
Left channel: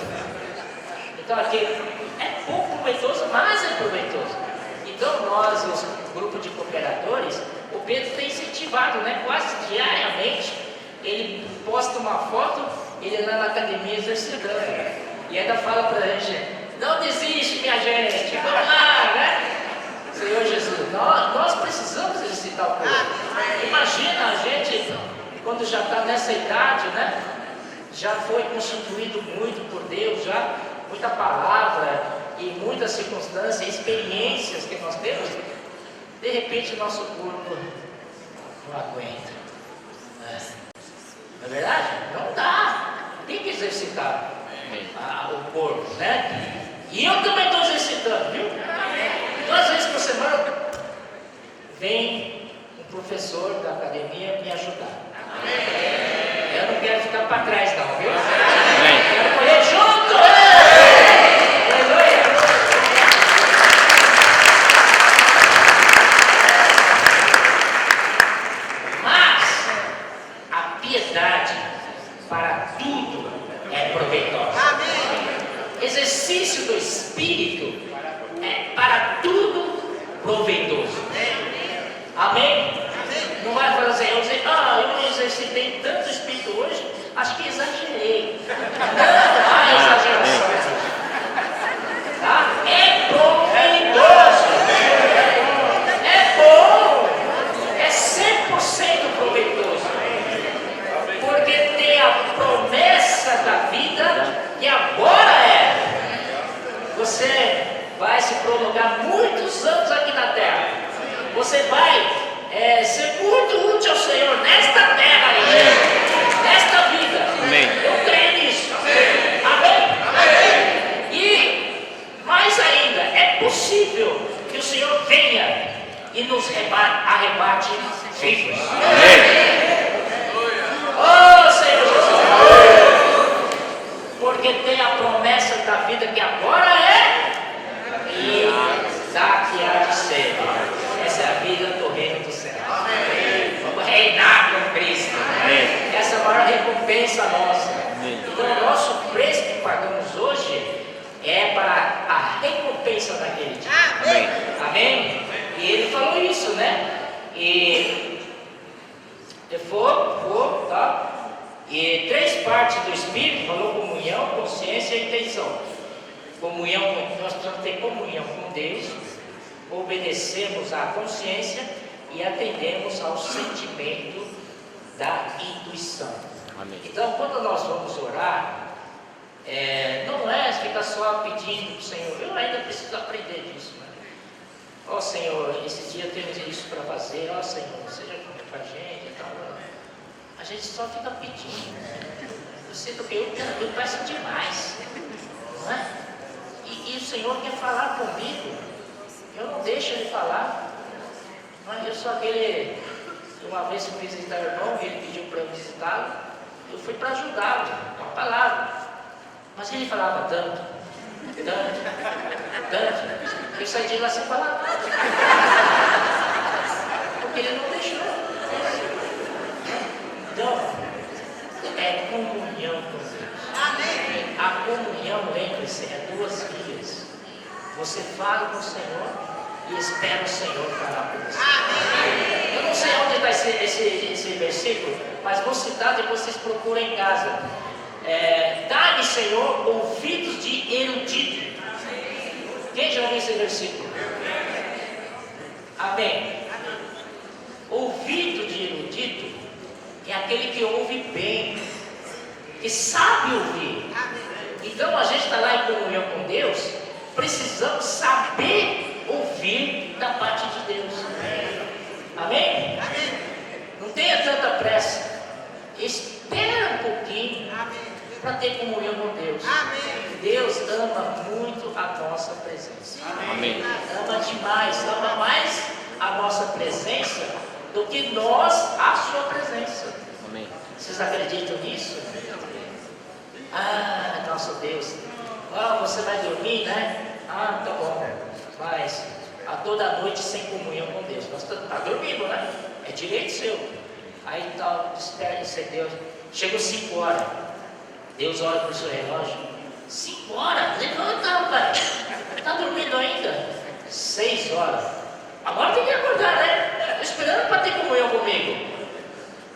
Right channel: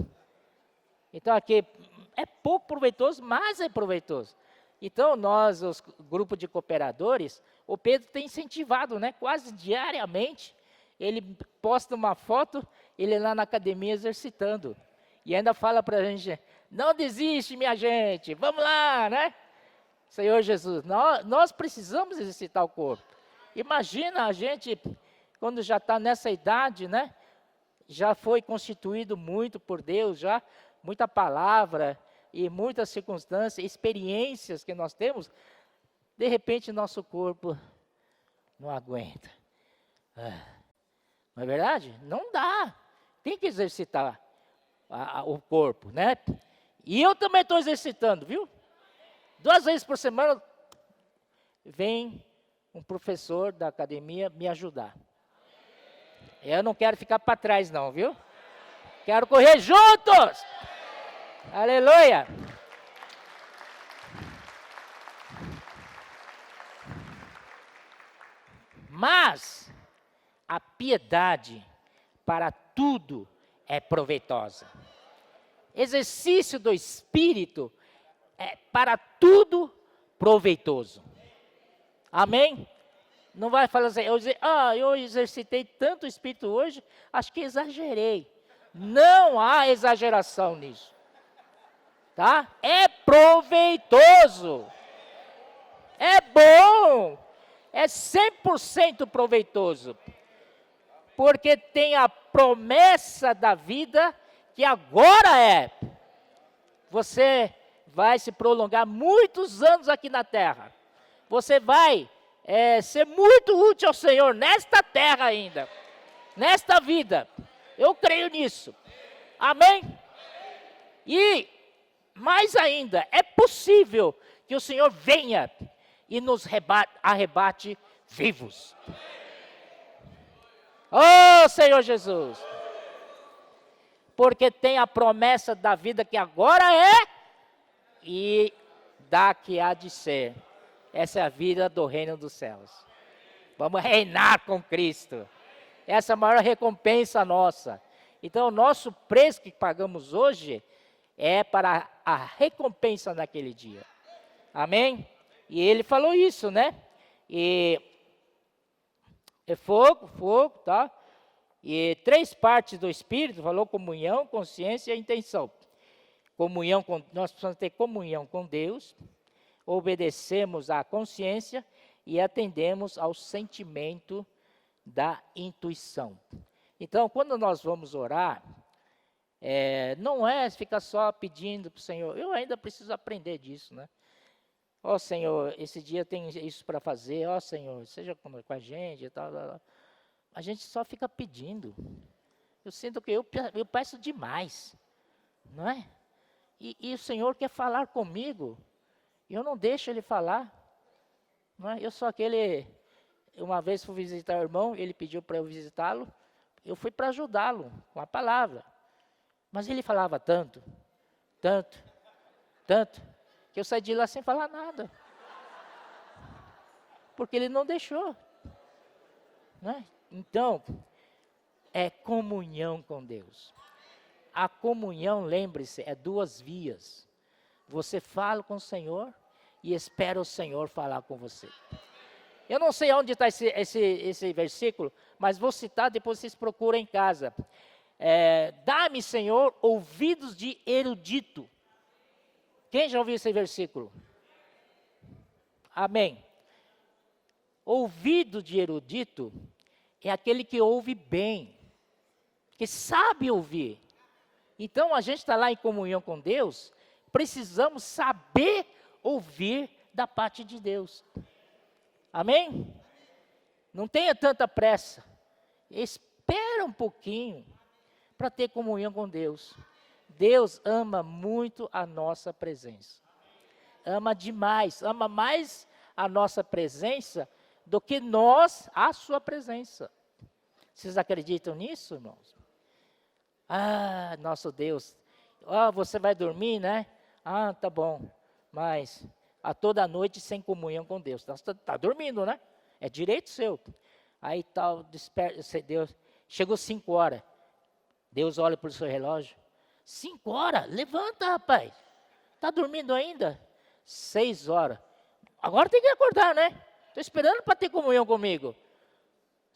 Então aqui é pouco proveitoso, mas é proveitoso. Então nós, os grupos de cooperadores, o Pedro tem incentivado, né? Quase diariamente, ele posta uma foto e ele lá na academia exercitando. E ainda fala pra gente: não desiste, minha gente, vamos lá, né? Senhor Jesus, nós precisamos exercitar o corpo. Imagina a gente, quando já está nessa idade, né? Já foi constituído muito por Deus, já muita palavra e muitas circunstâncias, experiências que nós temos. De repente nosso corpo não aguenta. Não é verdade? Não dá. Tem que exercitar o corpo, né? E eu também estou exercitando, viu? 2 vezes por semana vem um professor da academia me ajudar. Eu não quero ficar para trás não, viu? Quero correr junto! Aleluia! Mas a piedade para tudo é proveitosa. Exercício do Espírito é para tudo proveitoso. Amém? Não vai falar assim, eu exercitei tanto o Espírito hoje, acho que exagerei. Não há exageração. Tá? É proveitoso. É bom. É 100% proveitoso. Porque tem a promessa da vida e agora é. Você vai se prolongar muitos anos aqui na terra. Você vai ser muito útil ao Senhor nesta terra aí, nesta vida. Amém. Eu creio nisso. Amém? E mais ainda, é possível que o Senhor venha e nos arrebate vivos. Oh Senhor Jesus! Porque tem a promessa da vida que agora é e da que há de ser. Essa é a vida do reino do céu. Vamos reinar com Cristo. Essa é a maior recompensa nossa. Então o nosso preço que pagamos hoje é para a recompensa daquele dia. Amém? E ele falou isso, né? E fogo, tá? E 3 partes do Espírito, falou comunhão, consciência e intenção. Comunhão, nós precisamos ter comunhão com Deus, obedecemos à consciência e atendemos ao sentimento da intuição. Amém. Então, quando nós vamos orar, não é ficar só pedindo para o Senhor. Eu ainda preciso aprender disso, né? Ó Senhor, esses dias temos isso para fazer. Ó Senhor, seja com a gente e tal. A gente só fica pedindo. Eu sinto que eu peço demais, não é? E o Senhor quer falar comigo. Eu não deixo Ele falar. Não é? Eu sou aquele. Uma vez fui visitar o irmão e ele pediu para eu visitá-lo. Eu fui para ajudá-lo, com a palavra. Mas ele falava tanto. Eu saí de lá sem falar nada. Porque ele não deixou. Então, é comunhão com Deus. A comunhão, lembre-se, é 2 vias. Você fala com o Senhor e espera o Senhor falar com você. Eu não sei onde está esse versículo, mas vou citar e vocês procuram em casa. Dá-me, Senhor, ouvidos de erudito. Quem já ouviu esse versículo? Amém. Ouvido de erudito é aquele que ouve bem, que sabe ouvir. Então a gente está lá em comunhão com Deus, precisamos saber ouvir da parte de Deus. Amém? Não tenha tanta pressa. Espera um pouquinho para ter comunhão com Deus. Deus ama muito a nossa presença. Amém. Ama demais, ama mais a nossa presença do que nós a sua presença. Amém. Vocês acreditam nisso? Ah, nosso Deus. Você vai dormir, né? Ah, tá bom. Mas a toda noite sem comunhão com Deus. Nós estamos dormindo, né? É direito seu. Aí tal, espera, isso é Deus. Chegou 5 horas. Deus olha para o seu relógio. 5 horas? Levanta, rapaz. Está dormindo ainda? 6 horas. Agora tem que acordar, né? Estou esperando para ter comunhão comigo.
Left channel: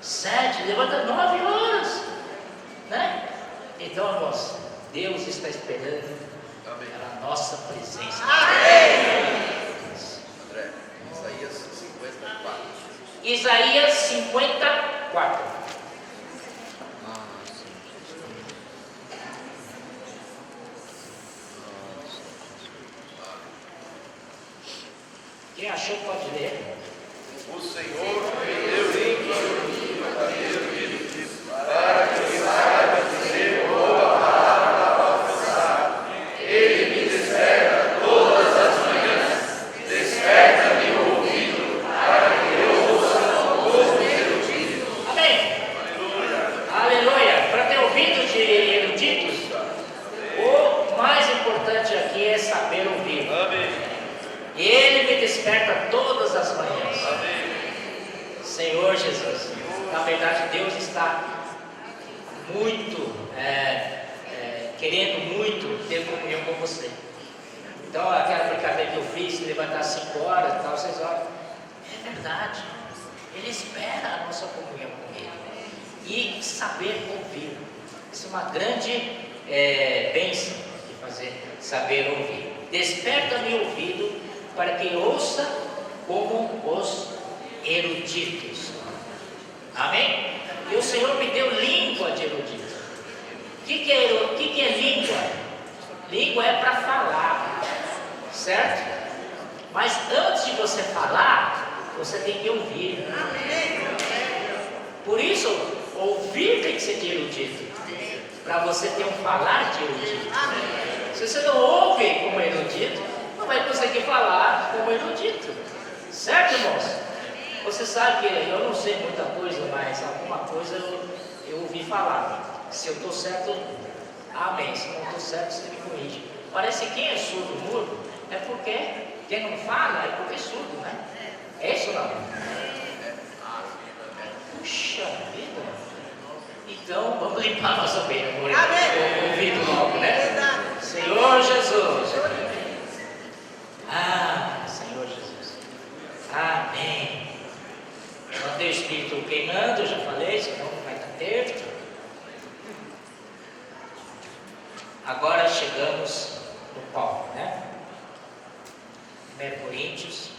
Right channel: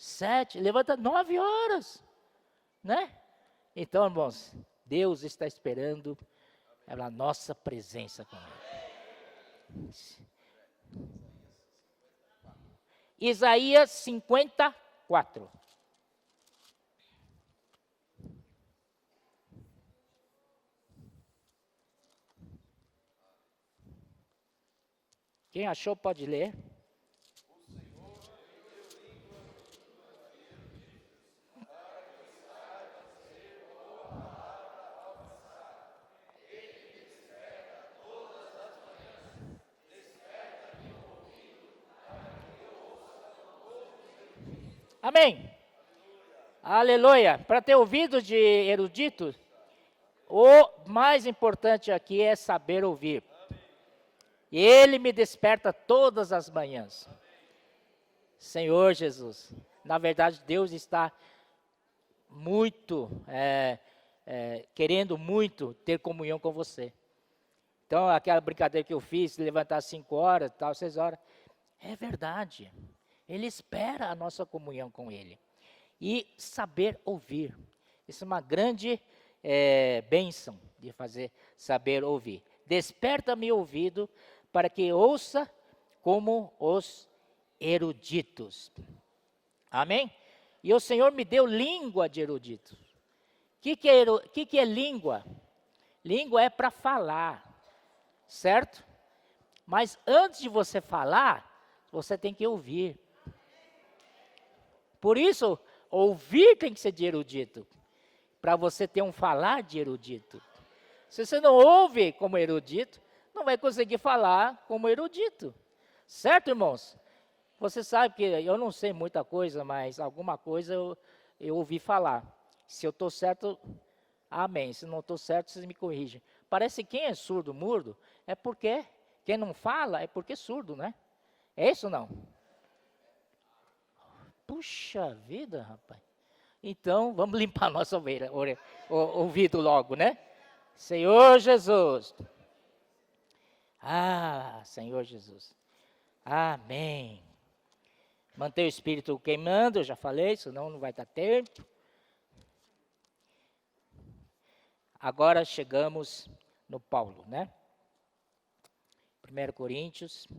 7, levanta 9 horas. Né? Então, irmãos, Deus está esperando pela nossa presença. André, Isaías 54. Isaías 54. Quem achou pode ler. O Senhor me deu língua para ter ouvido, para que saiba dizer boa palavra ao alcançar. Ele me desperta todas as manhãs, desperta-me o ouvido, para que eu ouça como erudito. Amém. Aleluia. Para ter ouvido de eruditos, o mais importante aqui é saber ouvir. Amém. E Ele me desperta todas as manhãs. Senhor Jesus, na verdade Deus está muito, querendo muito ter comunhão com você. Então aquela brincadeira que eu fiz, se levantar 5 horas, tal, 6 horas, é verdade. Ele espera a nossa comunhão com Ele. E saber ouvir. Isso é uma grande bênção de fazer, saber ouvir. Desperta-me o ouvido para que ouça como os eruditos. Amém? E o Senhor me deu língua de erudito. O que é língua? Língua é para falar, certo? Mas antes de você falar, você tem que ouvir. Por isso, ouvir tem que ser de erudito, para você ter um falar de erudito. Se você não ouve como erudito, não vai conseguir falar como erudito. Certo, irmãos? Você sabe que eu não sei muita coisa, mas alguma coisa eu ouvi falar. Se eu estou certo, amém. Se não estou certo, você me corrige. Parece que quem é surdo, mudo, é porque quem não fala é porque é surdo, né? É isso ou não? Puxa vida! Então, vamos limpar nossa vida com o ouvido logo, né? Senhor Jesus! Ah, Senhor Jesus! Amém! Manter o espírito queimando, eu já falei, senão não vai ter. Agora chegamos no Paulo, né? 1 Coríntios.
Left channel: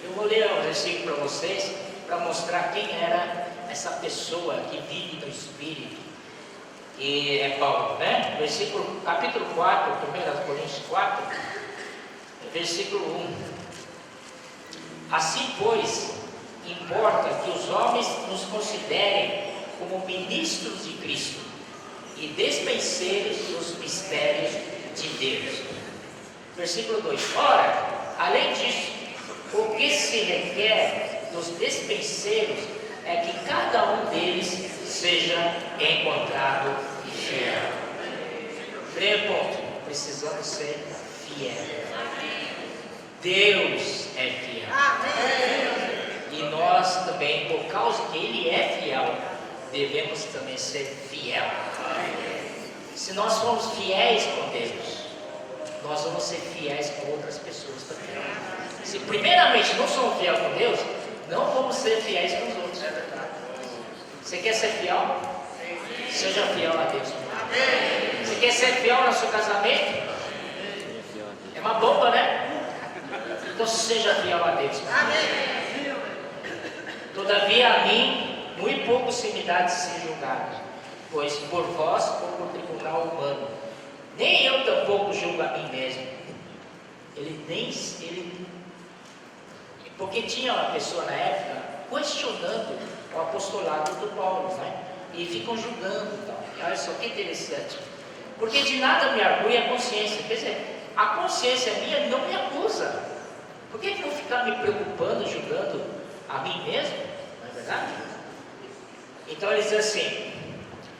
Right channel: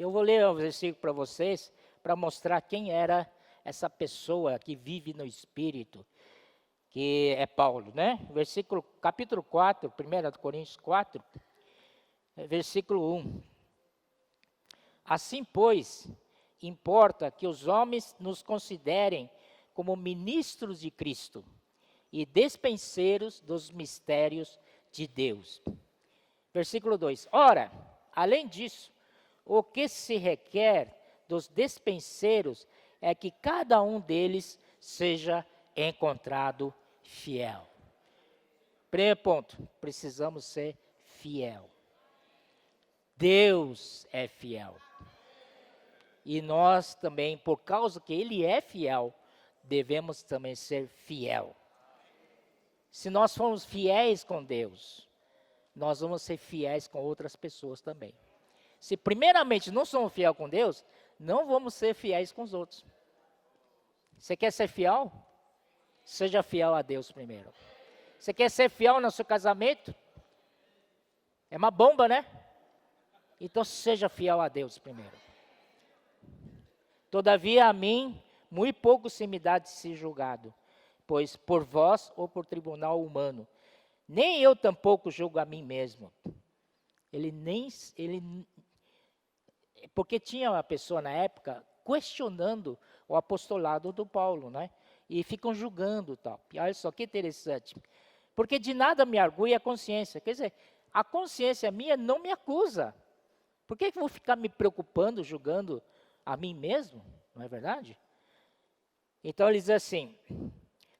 Eu vou ler um versículo para vocês, para mostrar quem era essa pessoa que vive no Espírito, que é Paulo, né? Capítulo 4, 1 Coríntios 4, versículo 1. Assim, pois, importa que os homens nos considerem como ministros de Cristo e despenseiros dos mistérios de Deus. Versículo 2. Ora, além disso, o que se requer dos despenseiros é que cada um deles seja encontrado fiel. Primeiro ponto, precisamos ser fiéis. Deus é fiel. E nós também, por causa que Ele é fiel, devemos também ser fiel. Se nós formos fiéis com Deus, nós vamos ser fiéis com outras pessoas também. Se primeiramente não somos fiéis com Deus, não vamos ser fiéis com os outros. Você quer ser fiel? Seja fiel a Deus. Você quer ser fiel no seu casamento? É uma bomba, né? Então seja fiel a Deus. Todavia a mim, muito pouco se me dá de ser julgado, pois por vós ou por tribunal humano. Nem eu tampouco julgo a mim mesmo. Porque tinha uma pessoa na época questionando o apostolado do Paulo, né? E ficam julgando e tal. E olha só que interessante. Porque de nada me argui a consciência. Quer dizer, a consciência minha não me acusa. Por que eu vou ficar me preocupando, julgando a mim mesmo? Não é verdade? Então ele diz assim:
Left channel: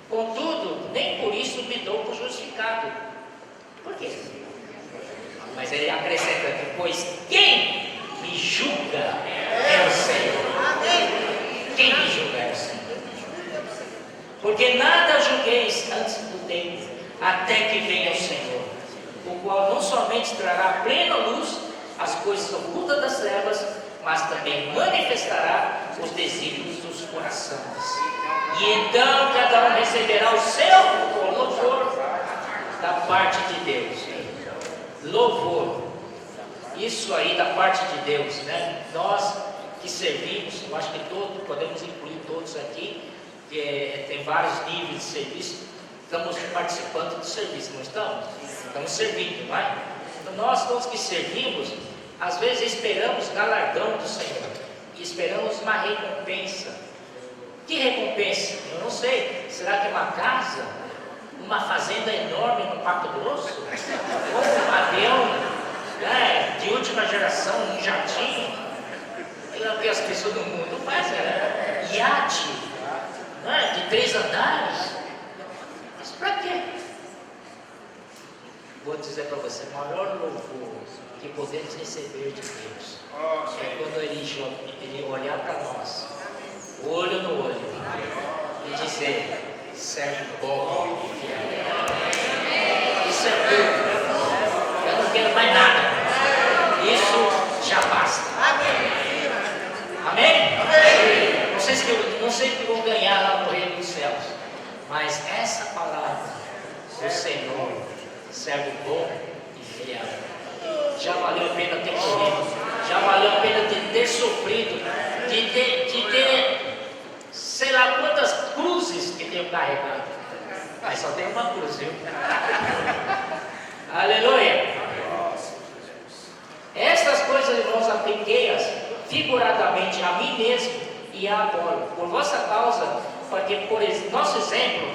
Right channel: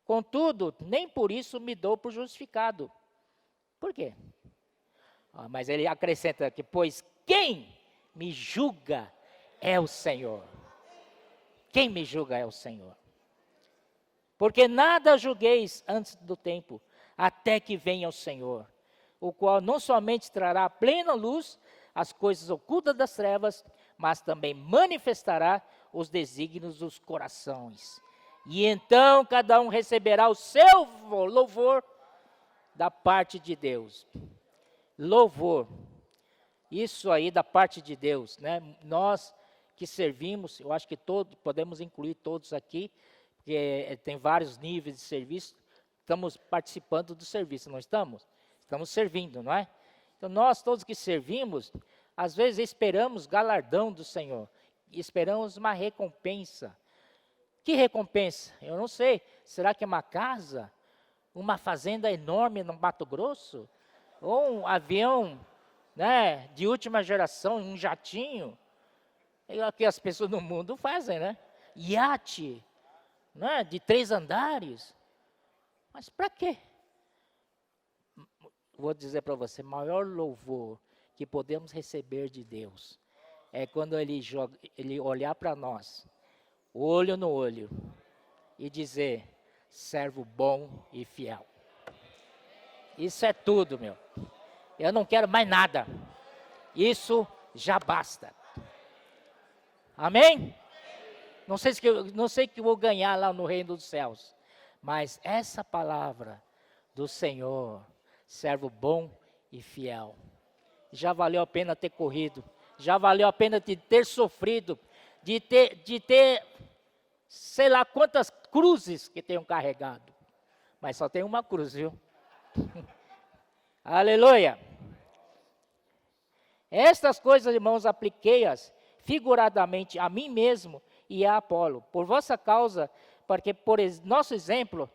contudo, nem por isso me dou por justificado. Por quê? Mas ele acrescenta aqui: pois quem me julga é o Senhor. Quem me julga é o Senhor. Porque nada julgueis antes do tempo, até que venha o Senhor, o qual não somente trará plena luz as coisas ocultas das trevas, mas também manifestará os desígnios dos corações. E então cada um receberá o seu louvor da parte de Deus. Louvor. Isso aí da parte de Deus, né? Nós que servimos, eu acho que todos, podemos incluir todos aqui, que tem vários níveis de serviço, estamos participando do serviço, não estamos? Estamos servindo, não é? Então nós todos que servimos, às vezes esperamos galardão do Senhor, esperamos uma recompensa. Que recompensa? Eu não sei. Será que é uma casa? Uma fazenda enorme no Mato Grosso? Ou um avião, né, de última geração, um jatinho? É o que as pessoas do mundo fazem, né? Iate, né, de 3 andares. Mas para quê? Vou dizer para você, o maior louvor que podemos receber de Deus é quando Ele olhar para nós, olho no olho, e dizer: servo bom e fiel. Isso é tudo. Eu não quero mais nada. Isso já basta. Amém? Não sei que vou ganhar lá no reino dos céus, mas essa palavra do Senhor, servo bom e fiel, já valeu a pena ter corrido, já valeu a pena ter sofrido, de ter, sei lá quantas cruzes que tenho carregado. Mas só tem uma cruz, viu? Aleluia! Estas coisas, irmãos, apliquei-as figuradamente a mim mesmo e a Apolo, por vossa causa, porque por nosso exemplo,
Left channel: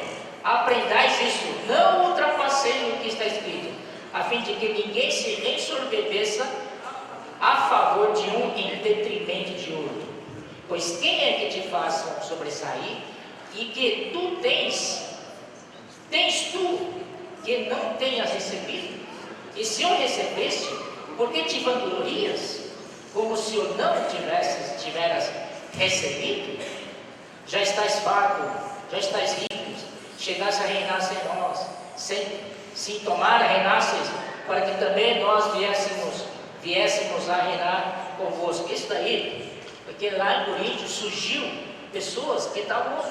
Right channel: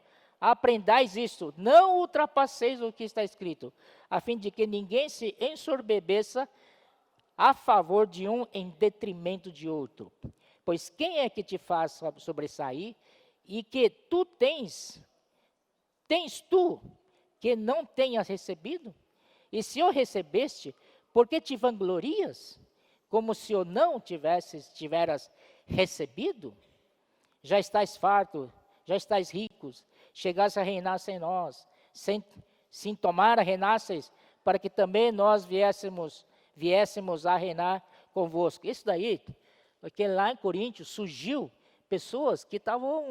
aprendais isto, não ultrapasseis o que está escrito, a fim de que ninguém se ensorbebeça a favor de um em detrimento de outro. Pois quem é que te faz sobressair e que tu tens tu que não tenhas recebido? E se eu recebeste, por que te vanglorias, como se eu não tiveras recebido? Já estás farto, já estás rico, chegaste a reinar sem nós, sem tomar reinasses, para que também nós viéssemos a reinar convosco. Isso daí, porque lá em Corinto surgiu pessoas que estavam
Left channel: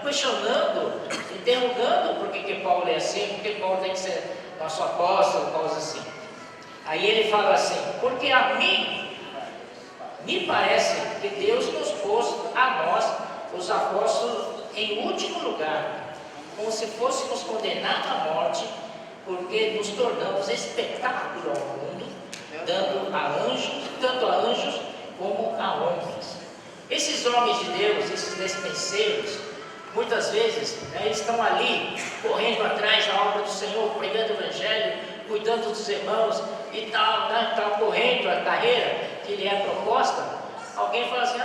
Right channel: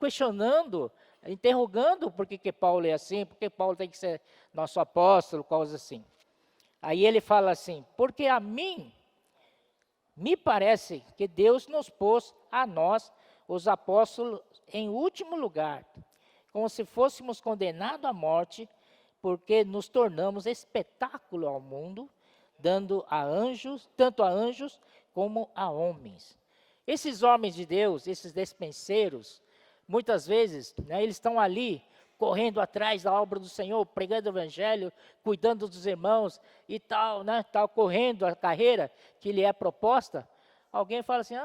questionando, interrogando por que Paulo é assim, por que Paulo tem que ser nosso apóstolo, coisas assim. Aí ele fala assim, porque a mim me parece que Deus nos pôs a nós, os apóstolos, em último lugar, como se fôssemos condenados à morte, porque nos tornamos espetáculo ao mundo, dando a anjos, tanto a anjos como a homens. Esses homens de Deus, esses despenseiros, muitas vezes, eles estão ali, correndo atrás da obra do Senhor, pregando o Evangelho, cuidando dos irmãos e tal, tal, correndo a carreira que lhe é proposta. Alguém fala assim,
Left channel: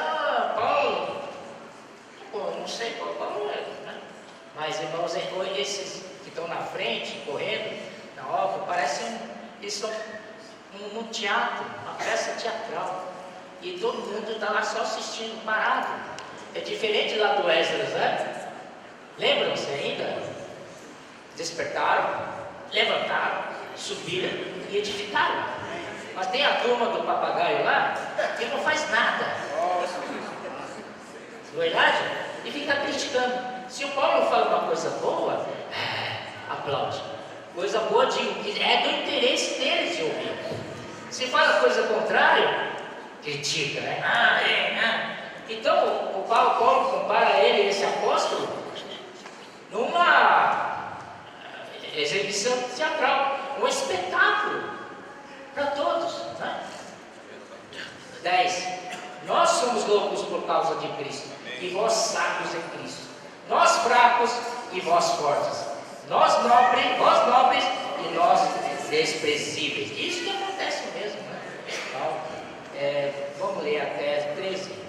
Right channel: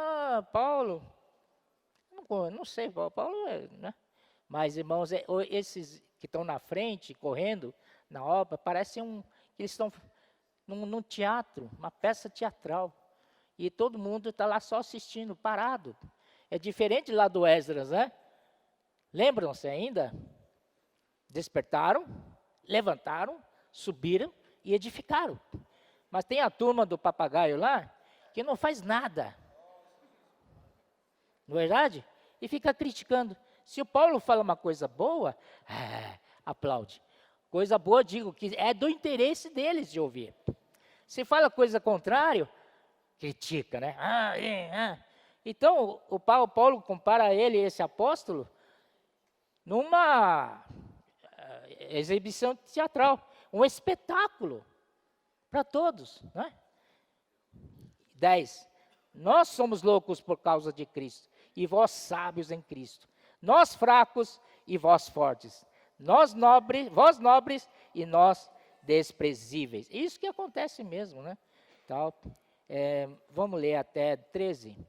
Paulo, pô, não sei qual Paulo é, né? Mas, irmãos, esses que estão na frente, correndo na obra, eles estão num teatro, uma peça teatral, e todo mundo está lá só assistindo, parado. É diferente lá do Esdras, né? Lembram-se ainda? Despertaram, levantaram, subiram e edificaram. Mas tem a turma do papagaio lá que não faz nada. Verdade? E fica criticando. Se o Paulo fala uma coisa boa, aplaude. Coisa boa, digo que é do interesse deles de ouvir. Se fala coisa contrária, critica, né? Então, o Paulo compara ele, esse apóstolo, numa exibição teatral, um espetáculo para todos. Né? 10. Nós somos loucos por causa de Cristo, e vós sábios em Cristo. Nós fracos e vós fortes. Vós nobres e nós desprezíveis. Isso que acontece mesmo. Né? Então, vamos ler até 13.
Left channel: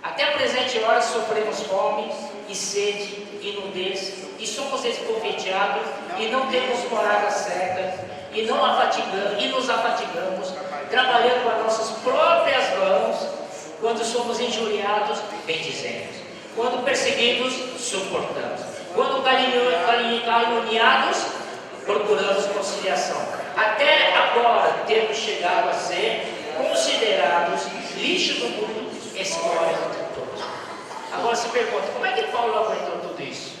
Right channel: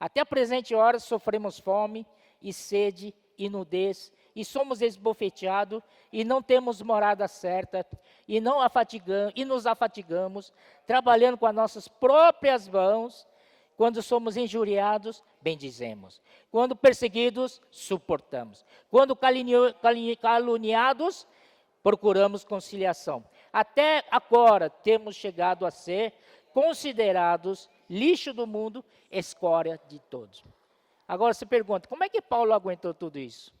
Até a presente hora sofremos fome e sede e nudez, e somos esbofeteados, e não temos morada certa, e nos afatigamos, trabalhando com as nossas próprias mãos. Quando somos injuriados, bendizemos. Quando perseguidos, suportamos. Quando caluniados, procuramos conciliação. Até agora temos chegado a ser considerados lixo do mundo, escória de todos. Agora se pergunta, como é que Paulo aguentou tudo isso?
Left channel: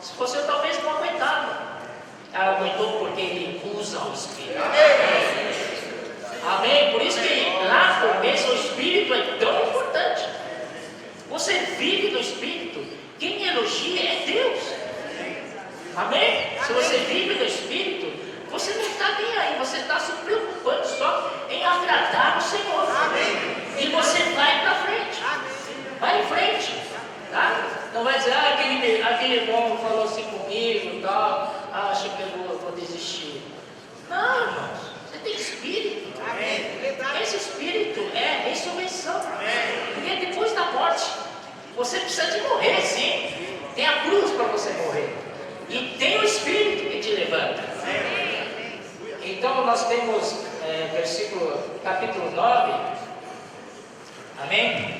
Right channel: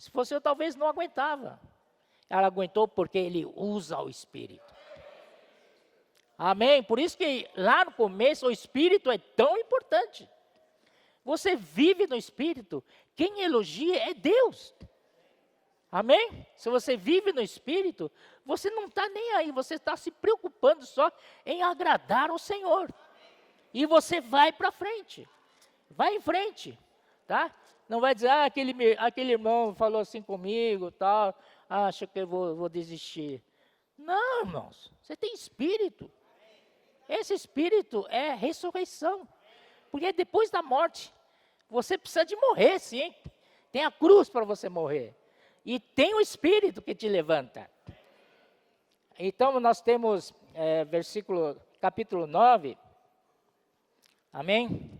Se fosse eu, talvez não aguentava. Aguentou porque ele usa o Espírito. Amém? Por isso que lá no começo o Espírito é tão importante. Você vive do Espírito. Quem elogia é Deus. Amém? Se você vive do Espírito, você não está nem aí. Você está se preocupando só em agradar o Senhor. Amém. E você vai para frente. Vai em frente. Tá? Não vai dizer, aquele irmão falou assim comigo e tal. Acho que eu vou desistir. Não, irmãos. Você tem Espírito. Amém. Esse Espírito é ressurreição. Amém. Porque depois da morte, você precisa de morrer, sim. Tem a cruz para você morrer. E tem o Espírito que te levanta. Amém. Então nós temos capítulo 9. Amém?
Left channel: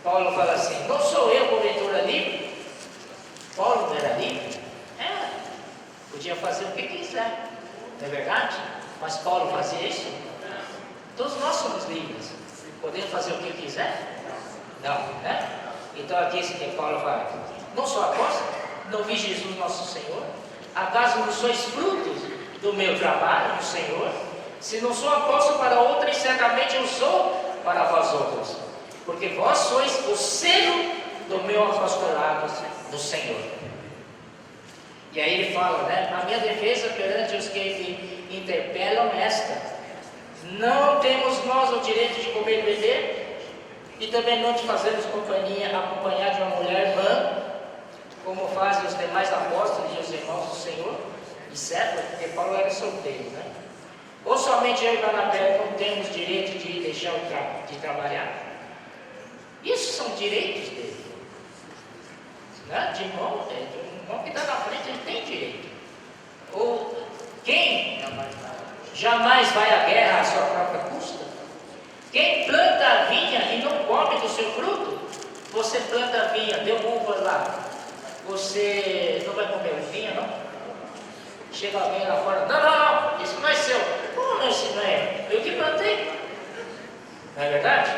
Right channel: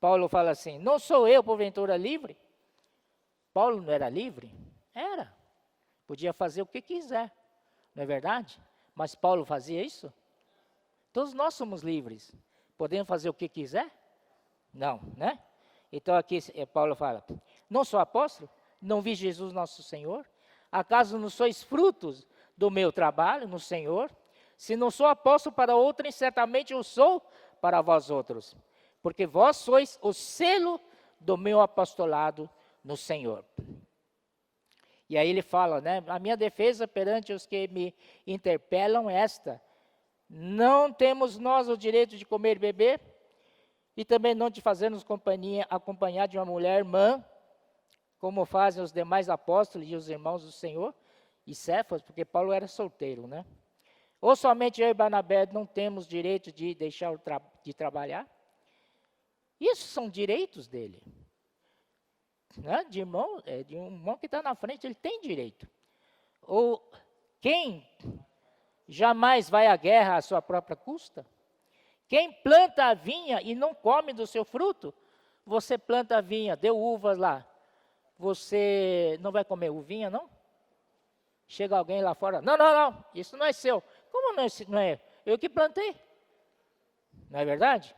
Paulo fala assim, não sou eu porventura livre? Paulo não era livre? Era. Podia fazer o que quiser. Não é verdade? Mas Paulo fazia isso? Todos nós somos livres. Podemos fazer o que quiser? Não, né? Então aqui esse que Paulo fala, não sou apóstolo? Não vi Jesus nosso Senhor? Acaso não sois frutos do meu trabalho no Senhor? Se não sou apóstolo para outrem, certamente eu sou para vós outros, porque vós sois o selo do meu apostolado no Senhor. E aí ele fala, né? A minha defesa perante os que me interpelam é esta: não temos nós o direito de comer e beber, e também não de fazermos acompanhar de uma mulher irmã, como fazem os demais apóstolos e os irmãos do Senhor, e certo, porque Paulo era solteiro, né? Ou somente eu e Barnabé não temos direito de deixar de trabalhar? Isso são direitos dele. Né? De irmão que está na frente, ele tem direito. Ou quem jamais vai à guerra à sua própria custa? Quem planta a vinha e não come do seu fruto? Você planta a vinha, deu uvas lá, você não vai comer a vinha, não? Chega alguém lá fora, não, isso não é seu. Como isso não é? Eu que plantei. Não é verdade?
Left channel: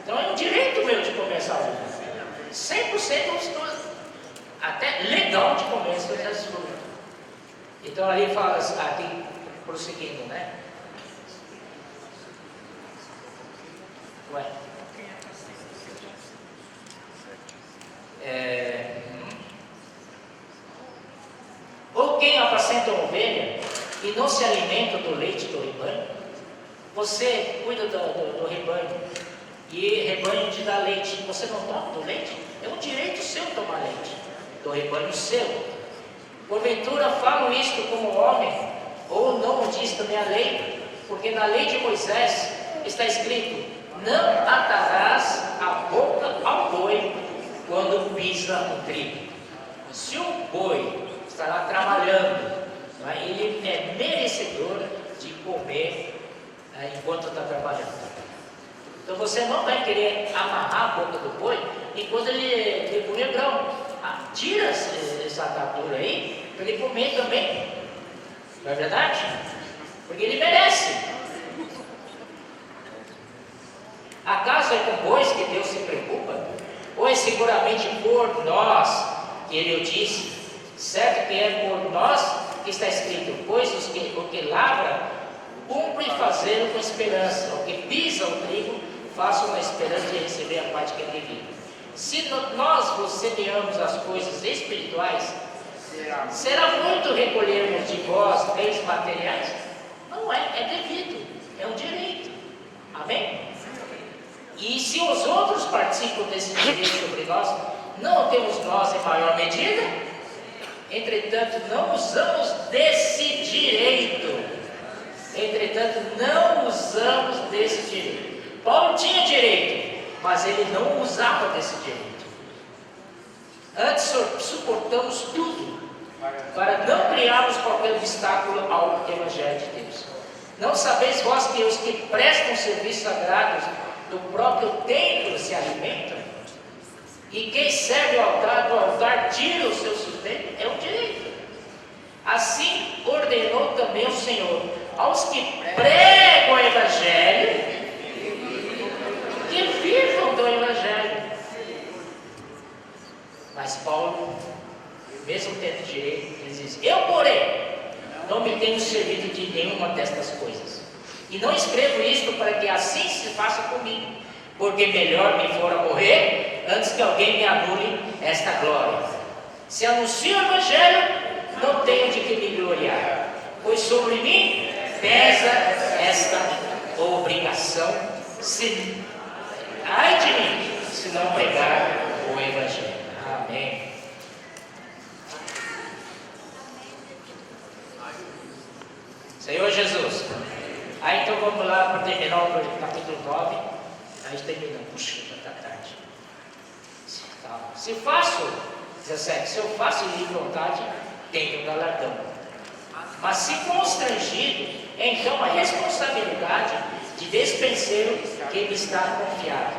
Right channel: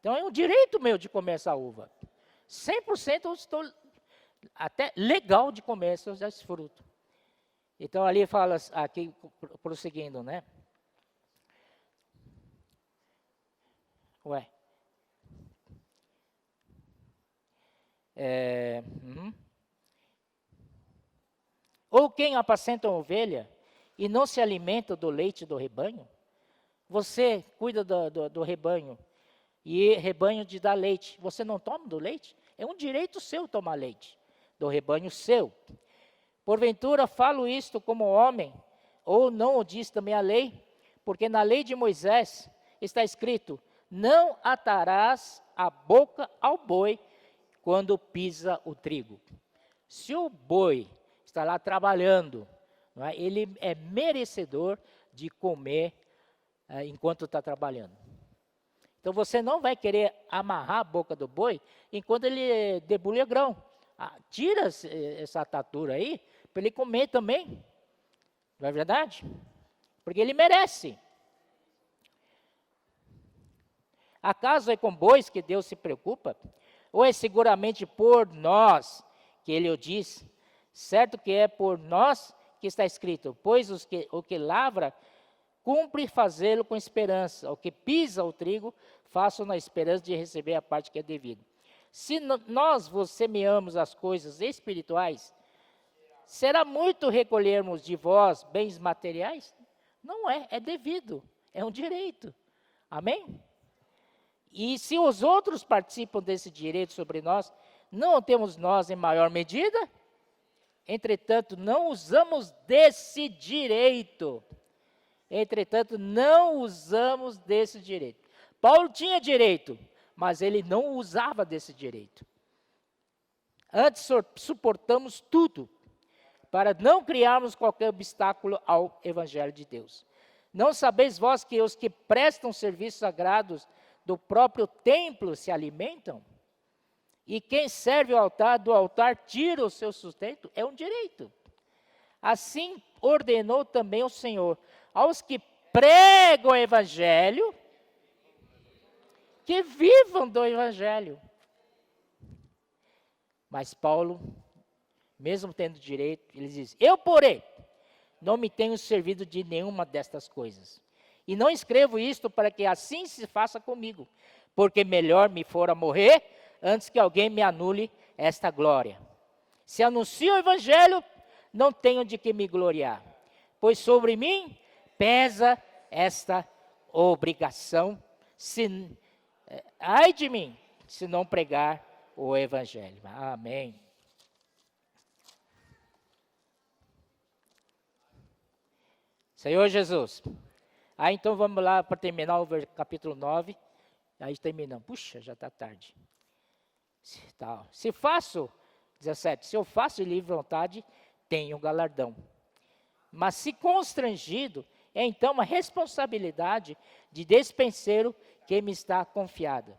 Então é um direito meu de comer essa uva. 100% até legal de comer essas coisas frutas. Então ali fala aqui, prosseguindo, né? Ué. Ou quem apacenta a ovelha e não se alimenta do leite do rebanho? Você cuida do rebanho e rebanho te dá leite, você não toma do leite? É um direito seu tomar leite do rebanho seu. Porventura falo isto como homem, ou não o diz também a lei? Porque na lei de Moisés está escrito: não atarás a boca ao boi quando pisa o trigo. Se o boi estará trabalhando, né, ele é merecedor de comer enquanto está trabalhando. Então você não vai querer amarrar a boca do boi enquanto ele debulha grão. Tira essa atadura aí para ele comer também. Não é verdade? Porque ele merece. Acaso é com bois que Deus se preocupa? Ou é seguramente por nós que ele o disse? Certo que é por nós que está escrito: pois o que lavra, cumpre fazê-lo com esperança. O que pisa o trigo, faça uma esperança de receber a parte que é devida. Se nós vos semeamos as coisas espirituais, será muito recolhermos de vós bens materiais? Não é devido, é um direito. Amém? E se os outros participam desse direito sobre nós, não temos nós em maior medida? Entretanto, não usamos desse direito. Paulo tinha direito, mas ele não usava desse direito. Antes suportamos tudo, para não criarmos qualquer obstáculo ao Evangelho de Deus. Não sabeis vós que os que prestam serviços sagrados do próprio templo se alimentam? E quem serve ao altar, do altar tira o seu sustento? É um direito. Assim ordenou também o Senhor aos que pregam o Evangelho, que vivam do Evangelho. Mas Paulo, mesmo tendo direito, ele diz: eu, porém, não me tenho servido de nenhuma destas coisas. E não escrevo isto para que assim se faça comigo, porque melhor me fora morrer antes que alguém me anule esta glória. Se anuncio o Evangelho, não tenho de que me gloriar, pois sobre mim pesa esta obrigação, ai de mim, se não pregar o Evangelho. Amém. Senhor Jesus. Aí então vamos lá para terminar o capítulo 9. A gente termina. Puxa, tanta tarde. Se faço, 17, se eu faço de livre vontade, tenho galardão. Mas se constrangido, é então a responsabilidade de despenseiro que me está confiado.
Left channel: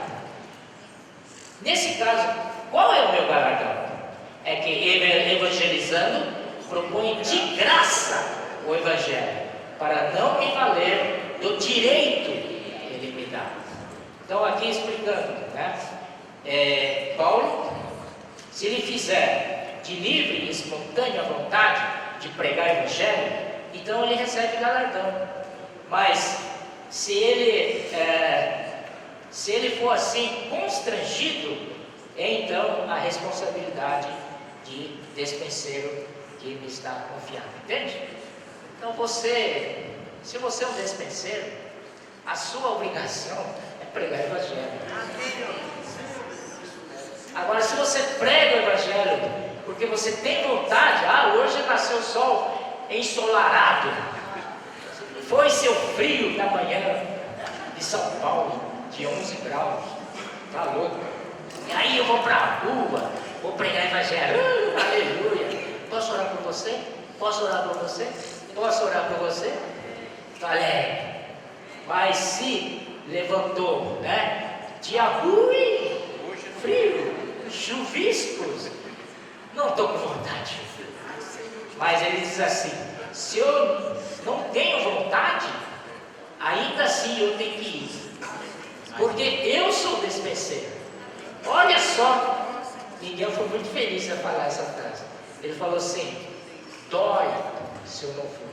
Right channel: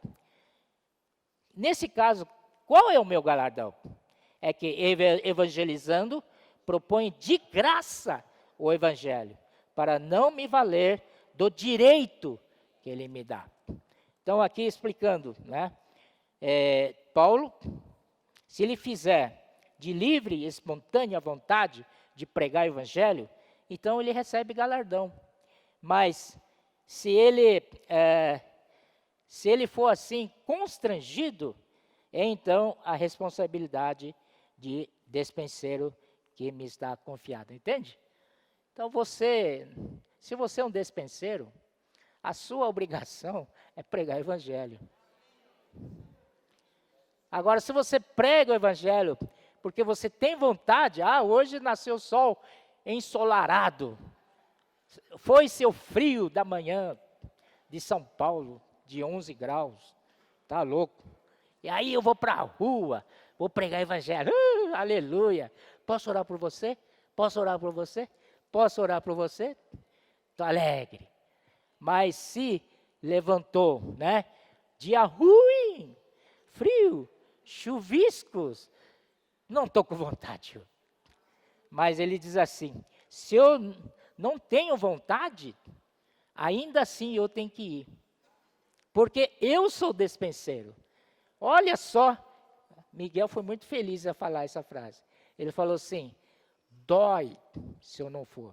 Nesse caso, qual é o meu galardão? É que evangelizando, propõe de graça o Evangelho, para não me valer do direito que ele me dá. Então aqui explicando, né? Paulo, se ele fizer de livre e espontânea vontade de pregar o Evangelho, então ele recebe galardão. Mas se ele Se ele for assim constrangido, então a responsabilidade de despenseiro que ele está confiando, entende? Então se você é um despenseiro, a sua obrigação é pregar o Evangelho. Agora, se você prega o Evangelho porque você tem vontade, hoje nasceu o sol ensolarado, foi seu frio da manhã de São Paulo, de 11 graus, tá louco? E aí eu vou para a rua, vou pregar o Evangelho, aleluia. Posso orar por você? Posso orar por você? Posso orar por você? Galera, mas se levantou, dia ruim, frio, chuviscos, não estou com vontade. Mas ele diz assim: se eu não tenho vontade, ainda assim eu tenho que ir, porque eu sou despenseiro. Olha só, Miguel foi muito feliz a falar essa frase. Ele falou assim: dói se eu não for.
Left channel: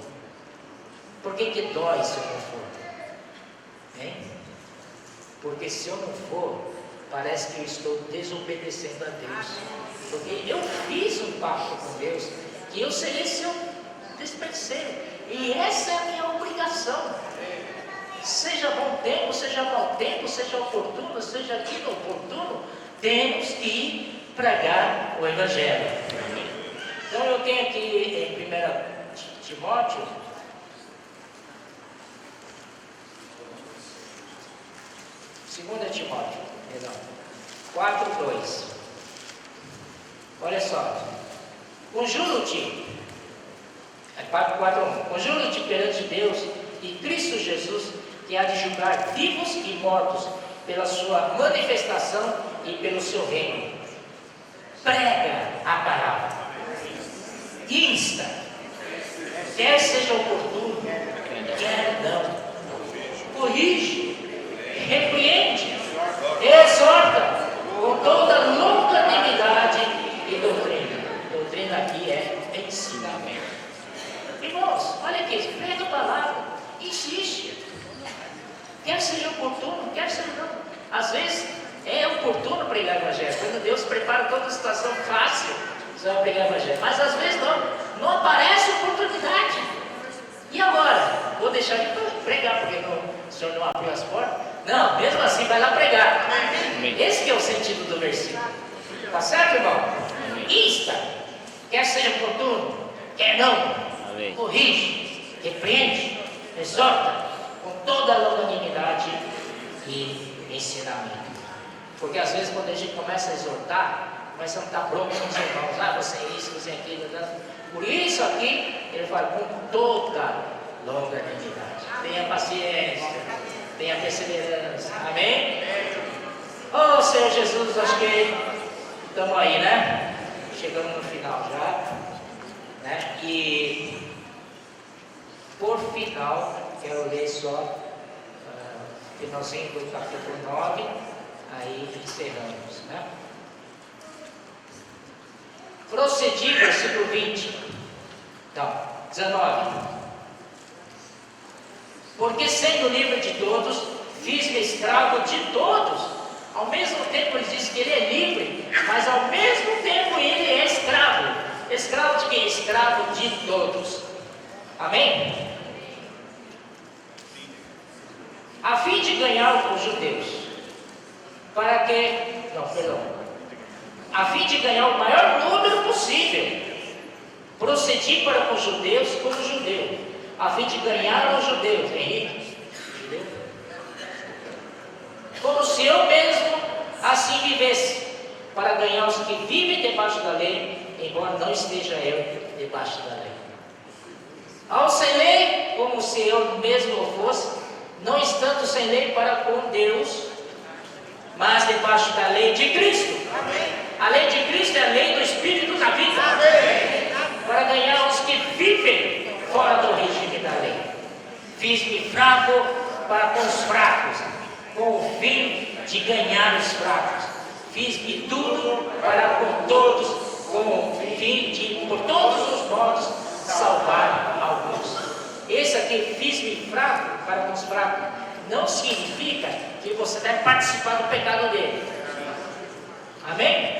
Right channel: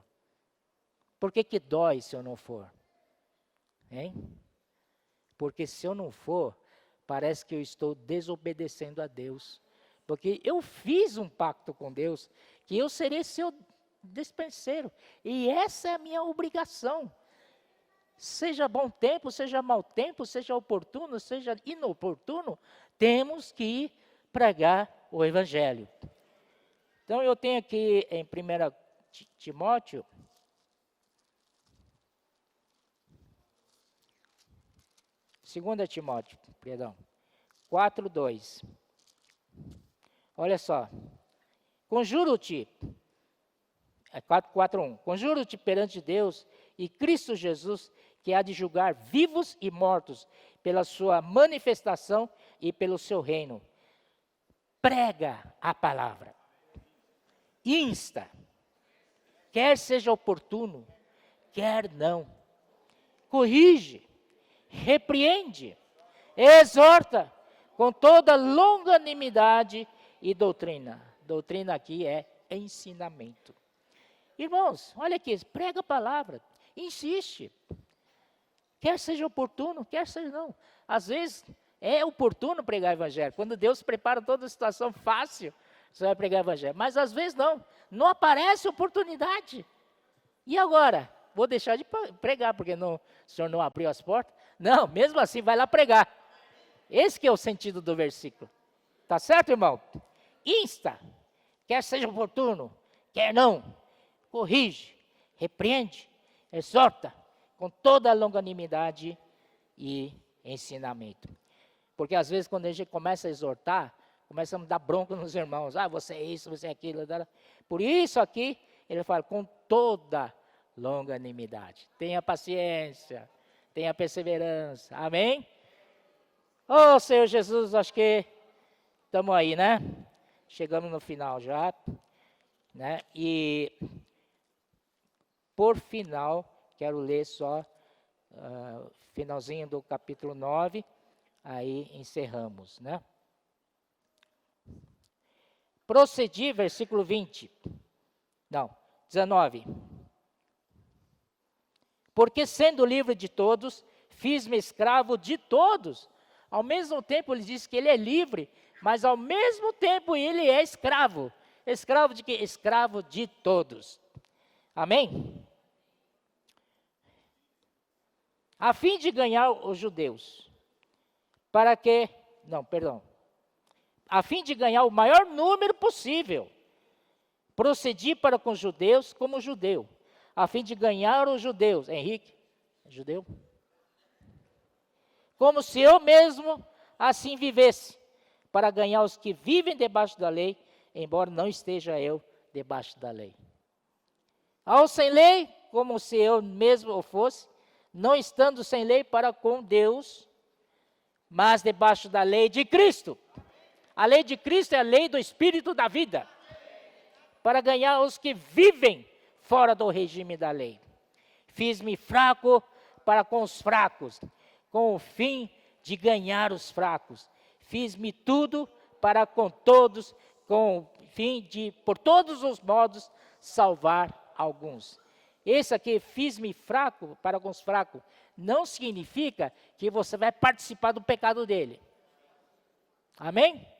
Por que dói se eu não for? Porque se eu não for, parece que eu estou desobedecendo a Deus. Porque eu fiz um pacto com Deus que eu seria seu despenseiro. E essa é a minha obrigação. Seja bom tempo, seja mau tempo, seja oportuno, seja inoportuno, temos que pregar o Evangelho. Então eu tenho aqui em 1 Timóteo, perdão, 4:2. Olha só. Conjuro-te, 4:1. Conjuro-te perante Deus e Cristo Jesus, que há de julgar vivos e mortos pela sua manifestação e pelo seu reino. Prega a palavra. Insta, quer seja oportuno, quer não. Corrige, repreende, exorta com toda longanimidade e doutrina. Doutrina aqui é ensinamento. Irmãos, olha aqui, prega a palavra, insiste. Quer seja oportuno, quer seja não. Às vezes é oportuno pregar o Evangelho, quando Deus prepara toda a situação fácil, você vai pregar o Evangelho. Mas às vezes não aparece oportunidade. E agora? Vou deixar de pregar, porque o Senhor não abriu as portas? Não, mesmo assim vai lá pregar. Esse que é o sentido do versículo. Tá certo, irmão? Insta, quer seja oportuno, quer não. Corrige, repreende, exorta com toda a longanimidade e ensinamento. Porque às vezes quando a gente começa a exortar, começa a não dar bronca nos irmãos, você é isso, você é aquilo. Por isso aqui, ele fala com toda longanimidade. Tenha paciência, tenha perseverança. Amém? Oh, Senhor Jesus, acho que estamos aí, chegamos no final já, e por final, quero ler só finalzinho do capítulo 9, aí encerramos, Procedi, versículo 19. Porque sendo livre de todos, fiz-me escravo de todos. Ao mesmo tempo ele diz que ele é livre, mas ao mesmo tempo ele é escravo. Escravo de quem? Escravo de todos. Amém? A fim de ganhar os judeus. A fim de ganhar o maior número possível. Procedi para com os judeus como judeu, a fim de ganhar os judeus. Henrique? Judeu? Como se eu mesmo assim vivesse, para ganhar os que vivem debaixo da lei, embora não esteja eu debaixo da lei. Ao sem lei, como se eu mesmo o fosse, não estando sem lei para com Deus, mas debaixo da lei de Cristo. A lei de Cristo é a lei do Espírito da vida. Para ganhar os que vivem fora do regime da lei. Fiz-me fraco para com os fracos, com o fim de ganhar os fracos. Fiz-me tudo para com todos, com o fim de, por todos os modos, salvar alguns. Esse aqui, fiz-me fraco para com os fracos, não significa que você vai participar do pecado dele. Amém?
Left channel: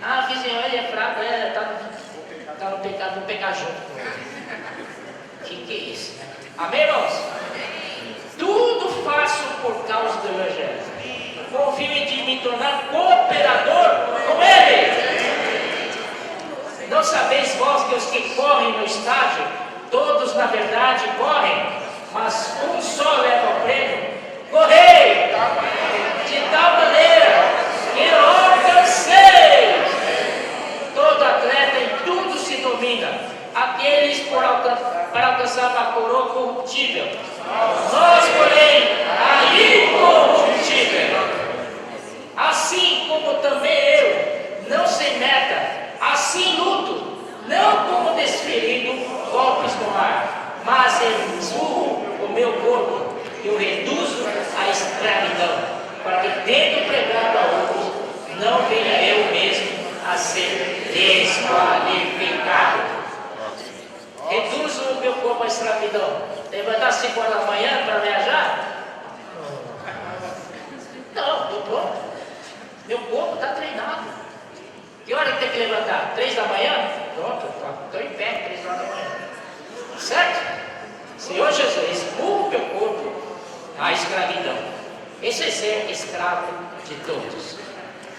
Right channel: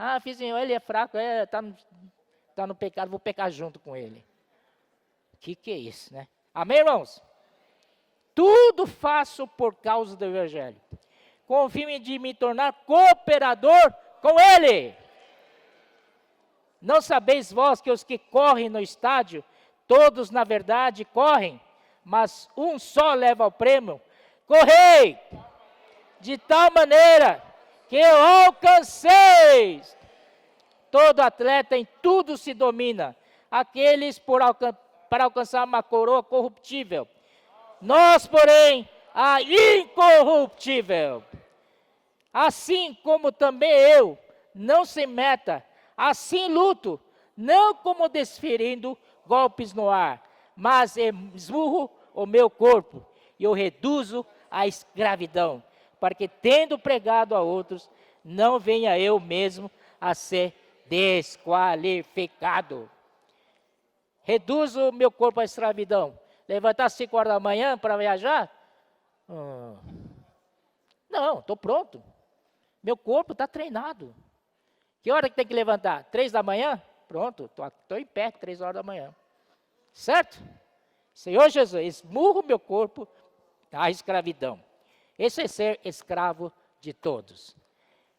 Ah, vizinho, ele é fraco, tá no pecado, vou pecar junto com ele. Que é isso, né? Amém, irmãos? Tudo faço por causa do Evangelho. Confio em ti me tornar cooperador com ele. Não sabeis vós que os que correm no estádio, todos na verdade correm, mas um só leva o prêmio? Correi de tal maneira que alcanceis. Todo atleta em tudo se domina, aqueles para alcançar uma coroa corruptível. Nós, porém, a incorruptível. Assim como também eu, não sem meta, assim luto, não como desferindo golpes no ar, mas esmurro o meu corpo e o reduzo à escravidão, para que, tendo pregado a outros, não venha eu mesmo a ser desqualificado. Reduzo o meu corpo à escravidão. Levantar às 5 horas da manhã para viajar? Não, estou pronto. Meu corpo está treinado. Que hora que tem que levantar? 3 da manhã? Pronto, estou em pé, 3 horas da manhã. Certo? Senhor Jesus, esmurro meu corpo à escravidão. Esse é ser escravo de todos.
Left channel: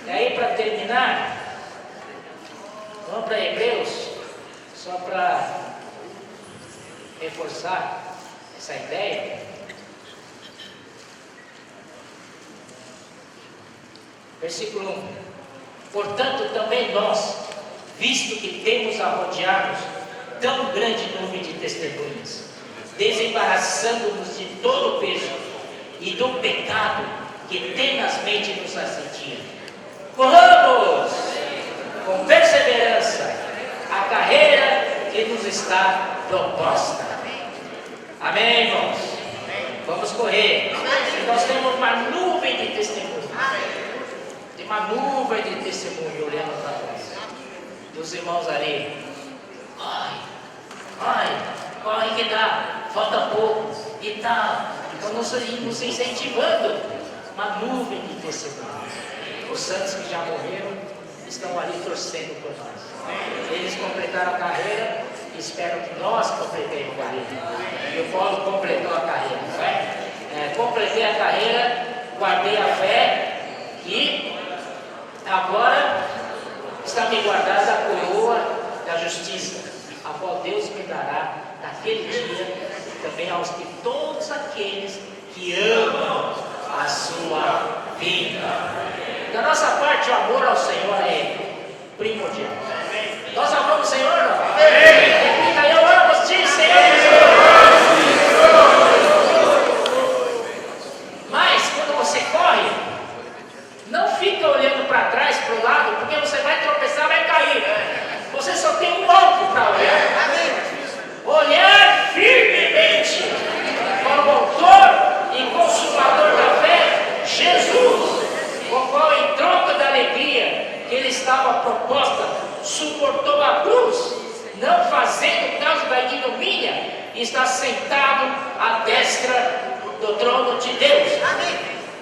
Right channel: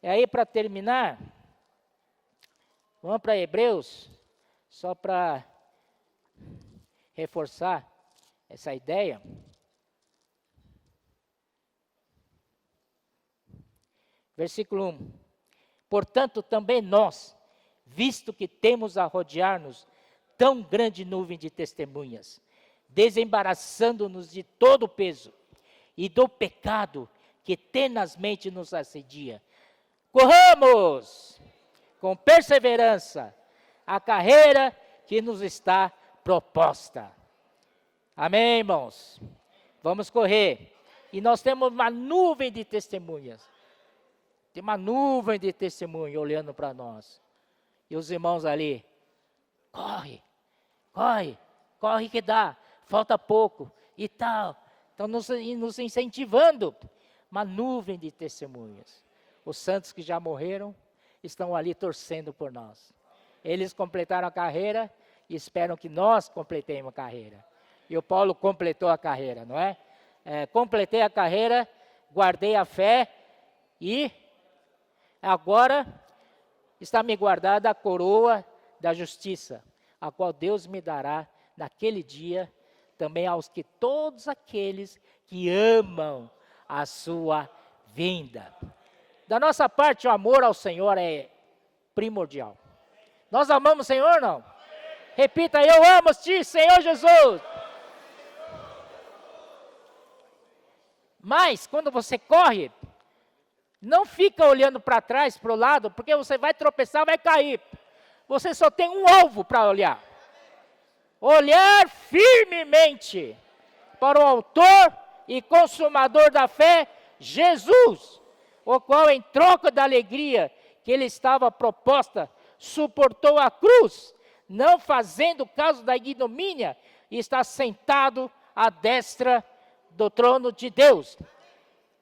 E aí, para terminar, vamos para Hebreus, só para reforçar essa ideia. Versículo 1. Portanto, também nós, visto que temos a rodear-nos tão grande nuvem de testemunhas, desembaraçando-nos de todo o peso e do pecado que tenazmente nos assedia, corramos com perseverança a carreira que nos está proposta. Amém, irmãos? Vamos correr. E nós temos uma nuvem de testemunho. Tem uma nuvem de testemunho olhando para nós. E os irmãos ali, corre que dá, falta pouco e tal. Então nos incentivando. Uma nuvem de testemunho. Os santos que já morreram estão ali torcendo por nós. Eles completaram a carreira e esperam que nós completemos a carreira. E o Paulo completou a carreira, não é? Completei a carreira, guardei a fé e agora está me guardada a coroa da justiça, a qual Deus me dará naquele dia, e também aos que todos aqueles que amam a sua vinda. Da nossa parte, o amor ao Senhor é primordial. Nós amamos o Senhor, não? Repita, eu amo ti, Senhor Jesus. Mas, quando você corre, não fica olhando para trás, para o lado, porque você vai tropeçar, vai cair. Você só tem um alvo para olhar. Olhar firmemente para o autor e consumador da fé, Jesus, o qual, em troca da alegria que lhe estava proposta, suportou a cruz, não fazendo caso da ignomínia, e está sentado à destra do trono de Deus.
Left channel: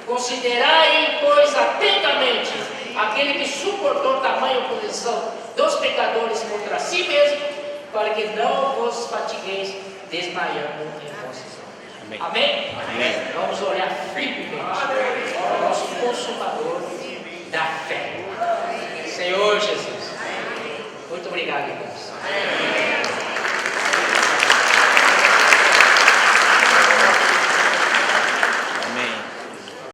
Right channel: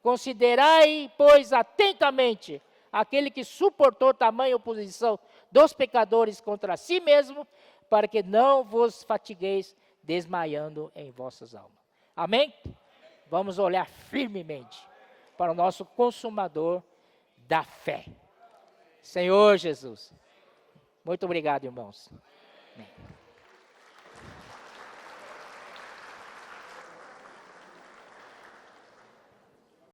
Considerai, pois, atentamente aquele que suportou tamanha oposição dos pecadores contra si mesmo, para que não vos fatigueis desmaiando em vossos. Amém? Amém? Vamos olhar firmemente para o nosso consumador da fé. Senhor Jesus. Muito obrigado, irmãos.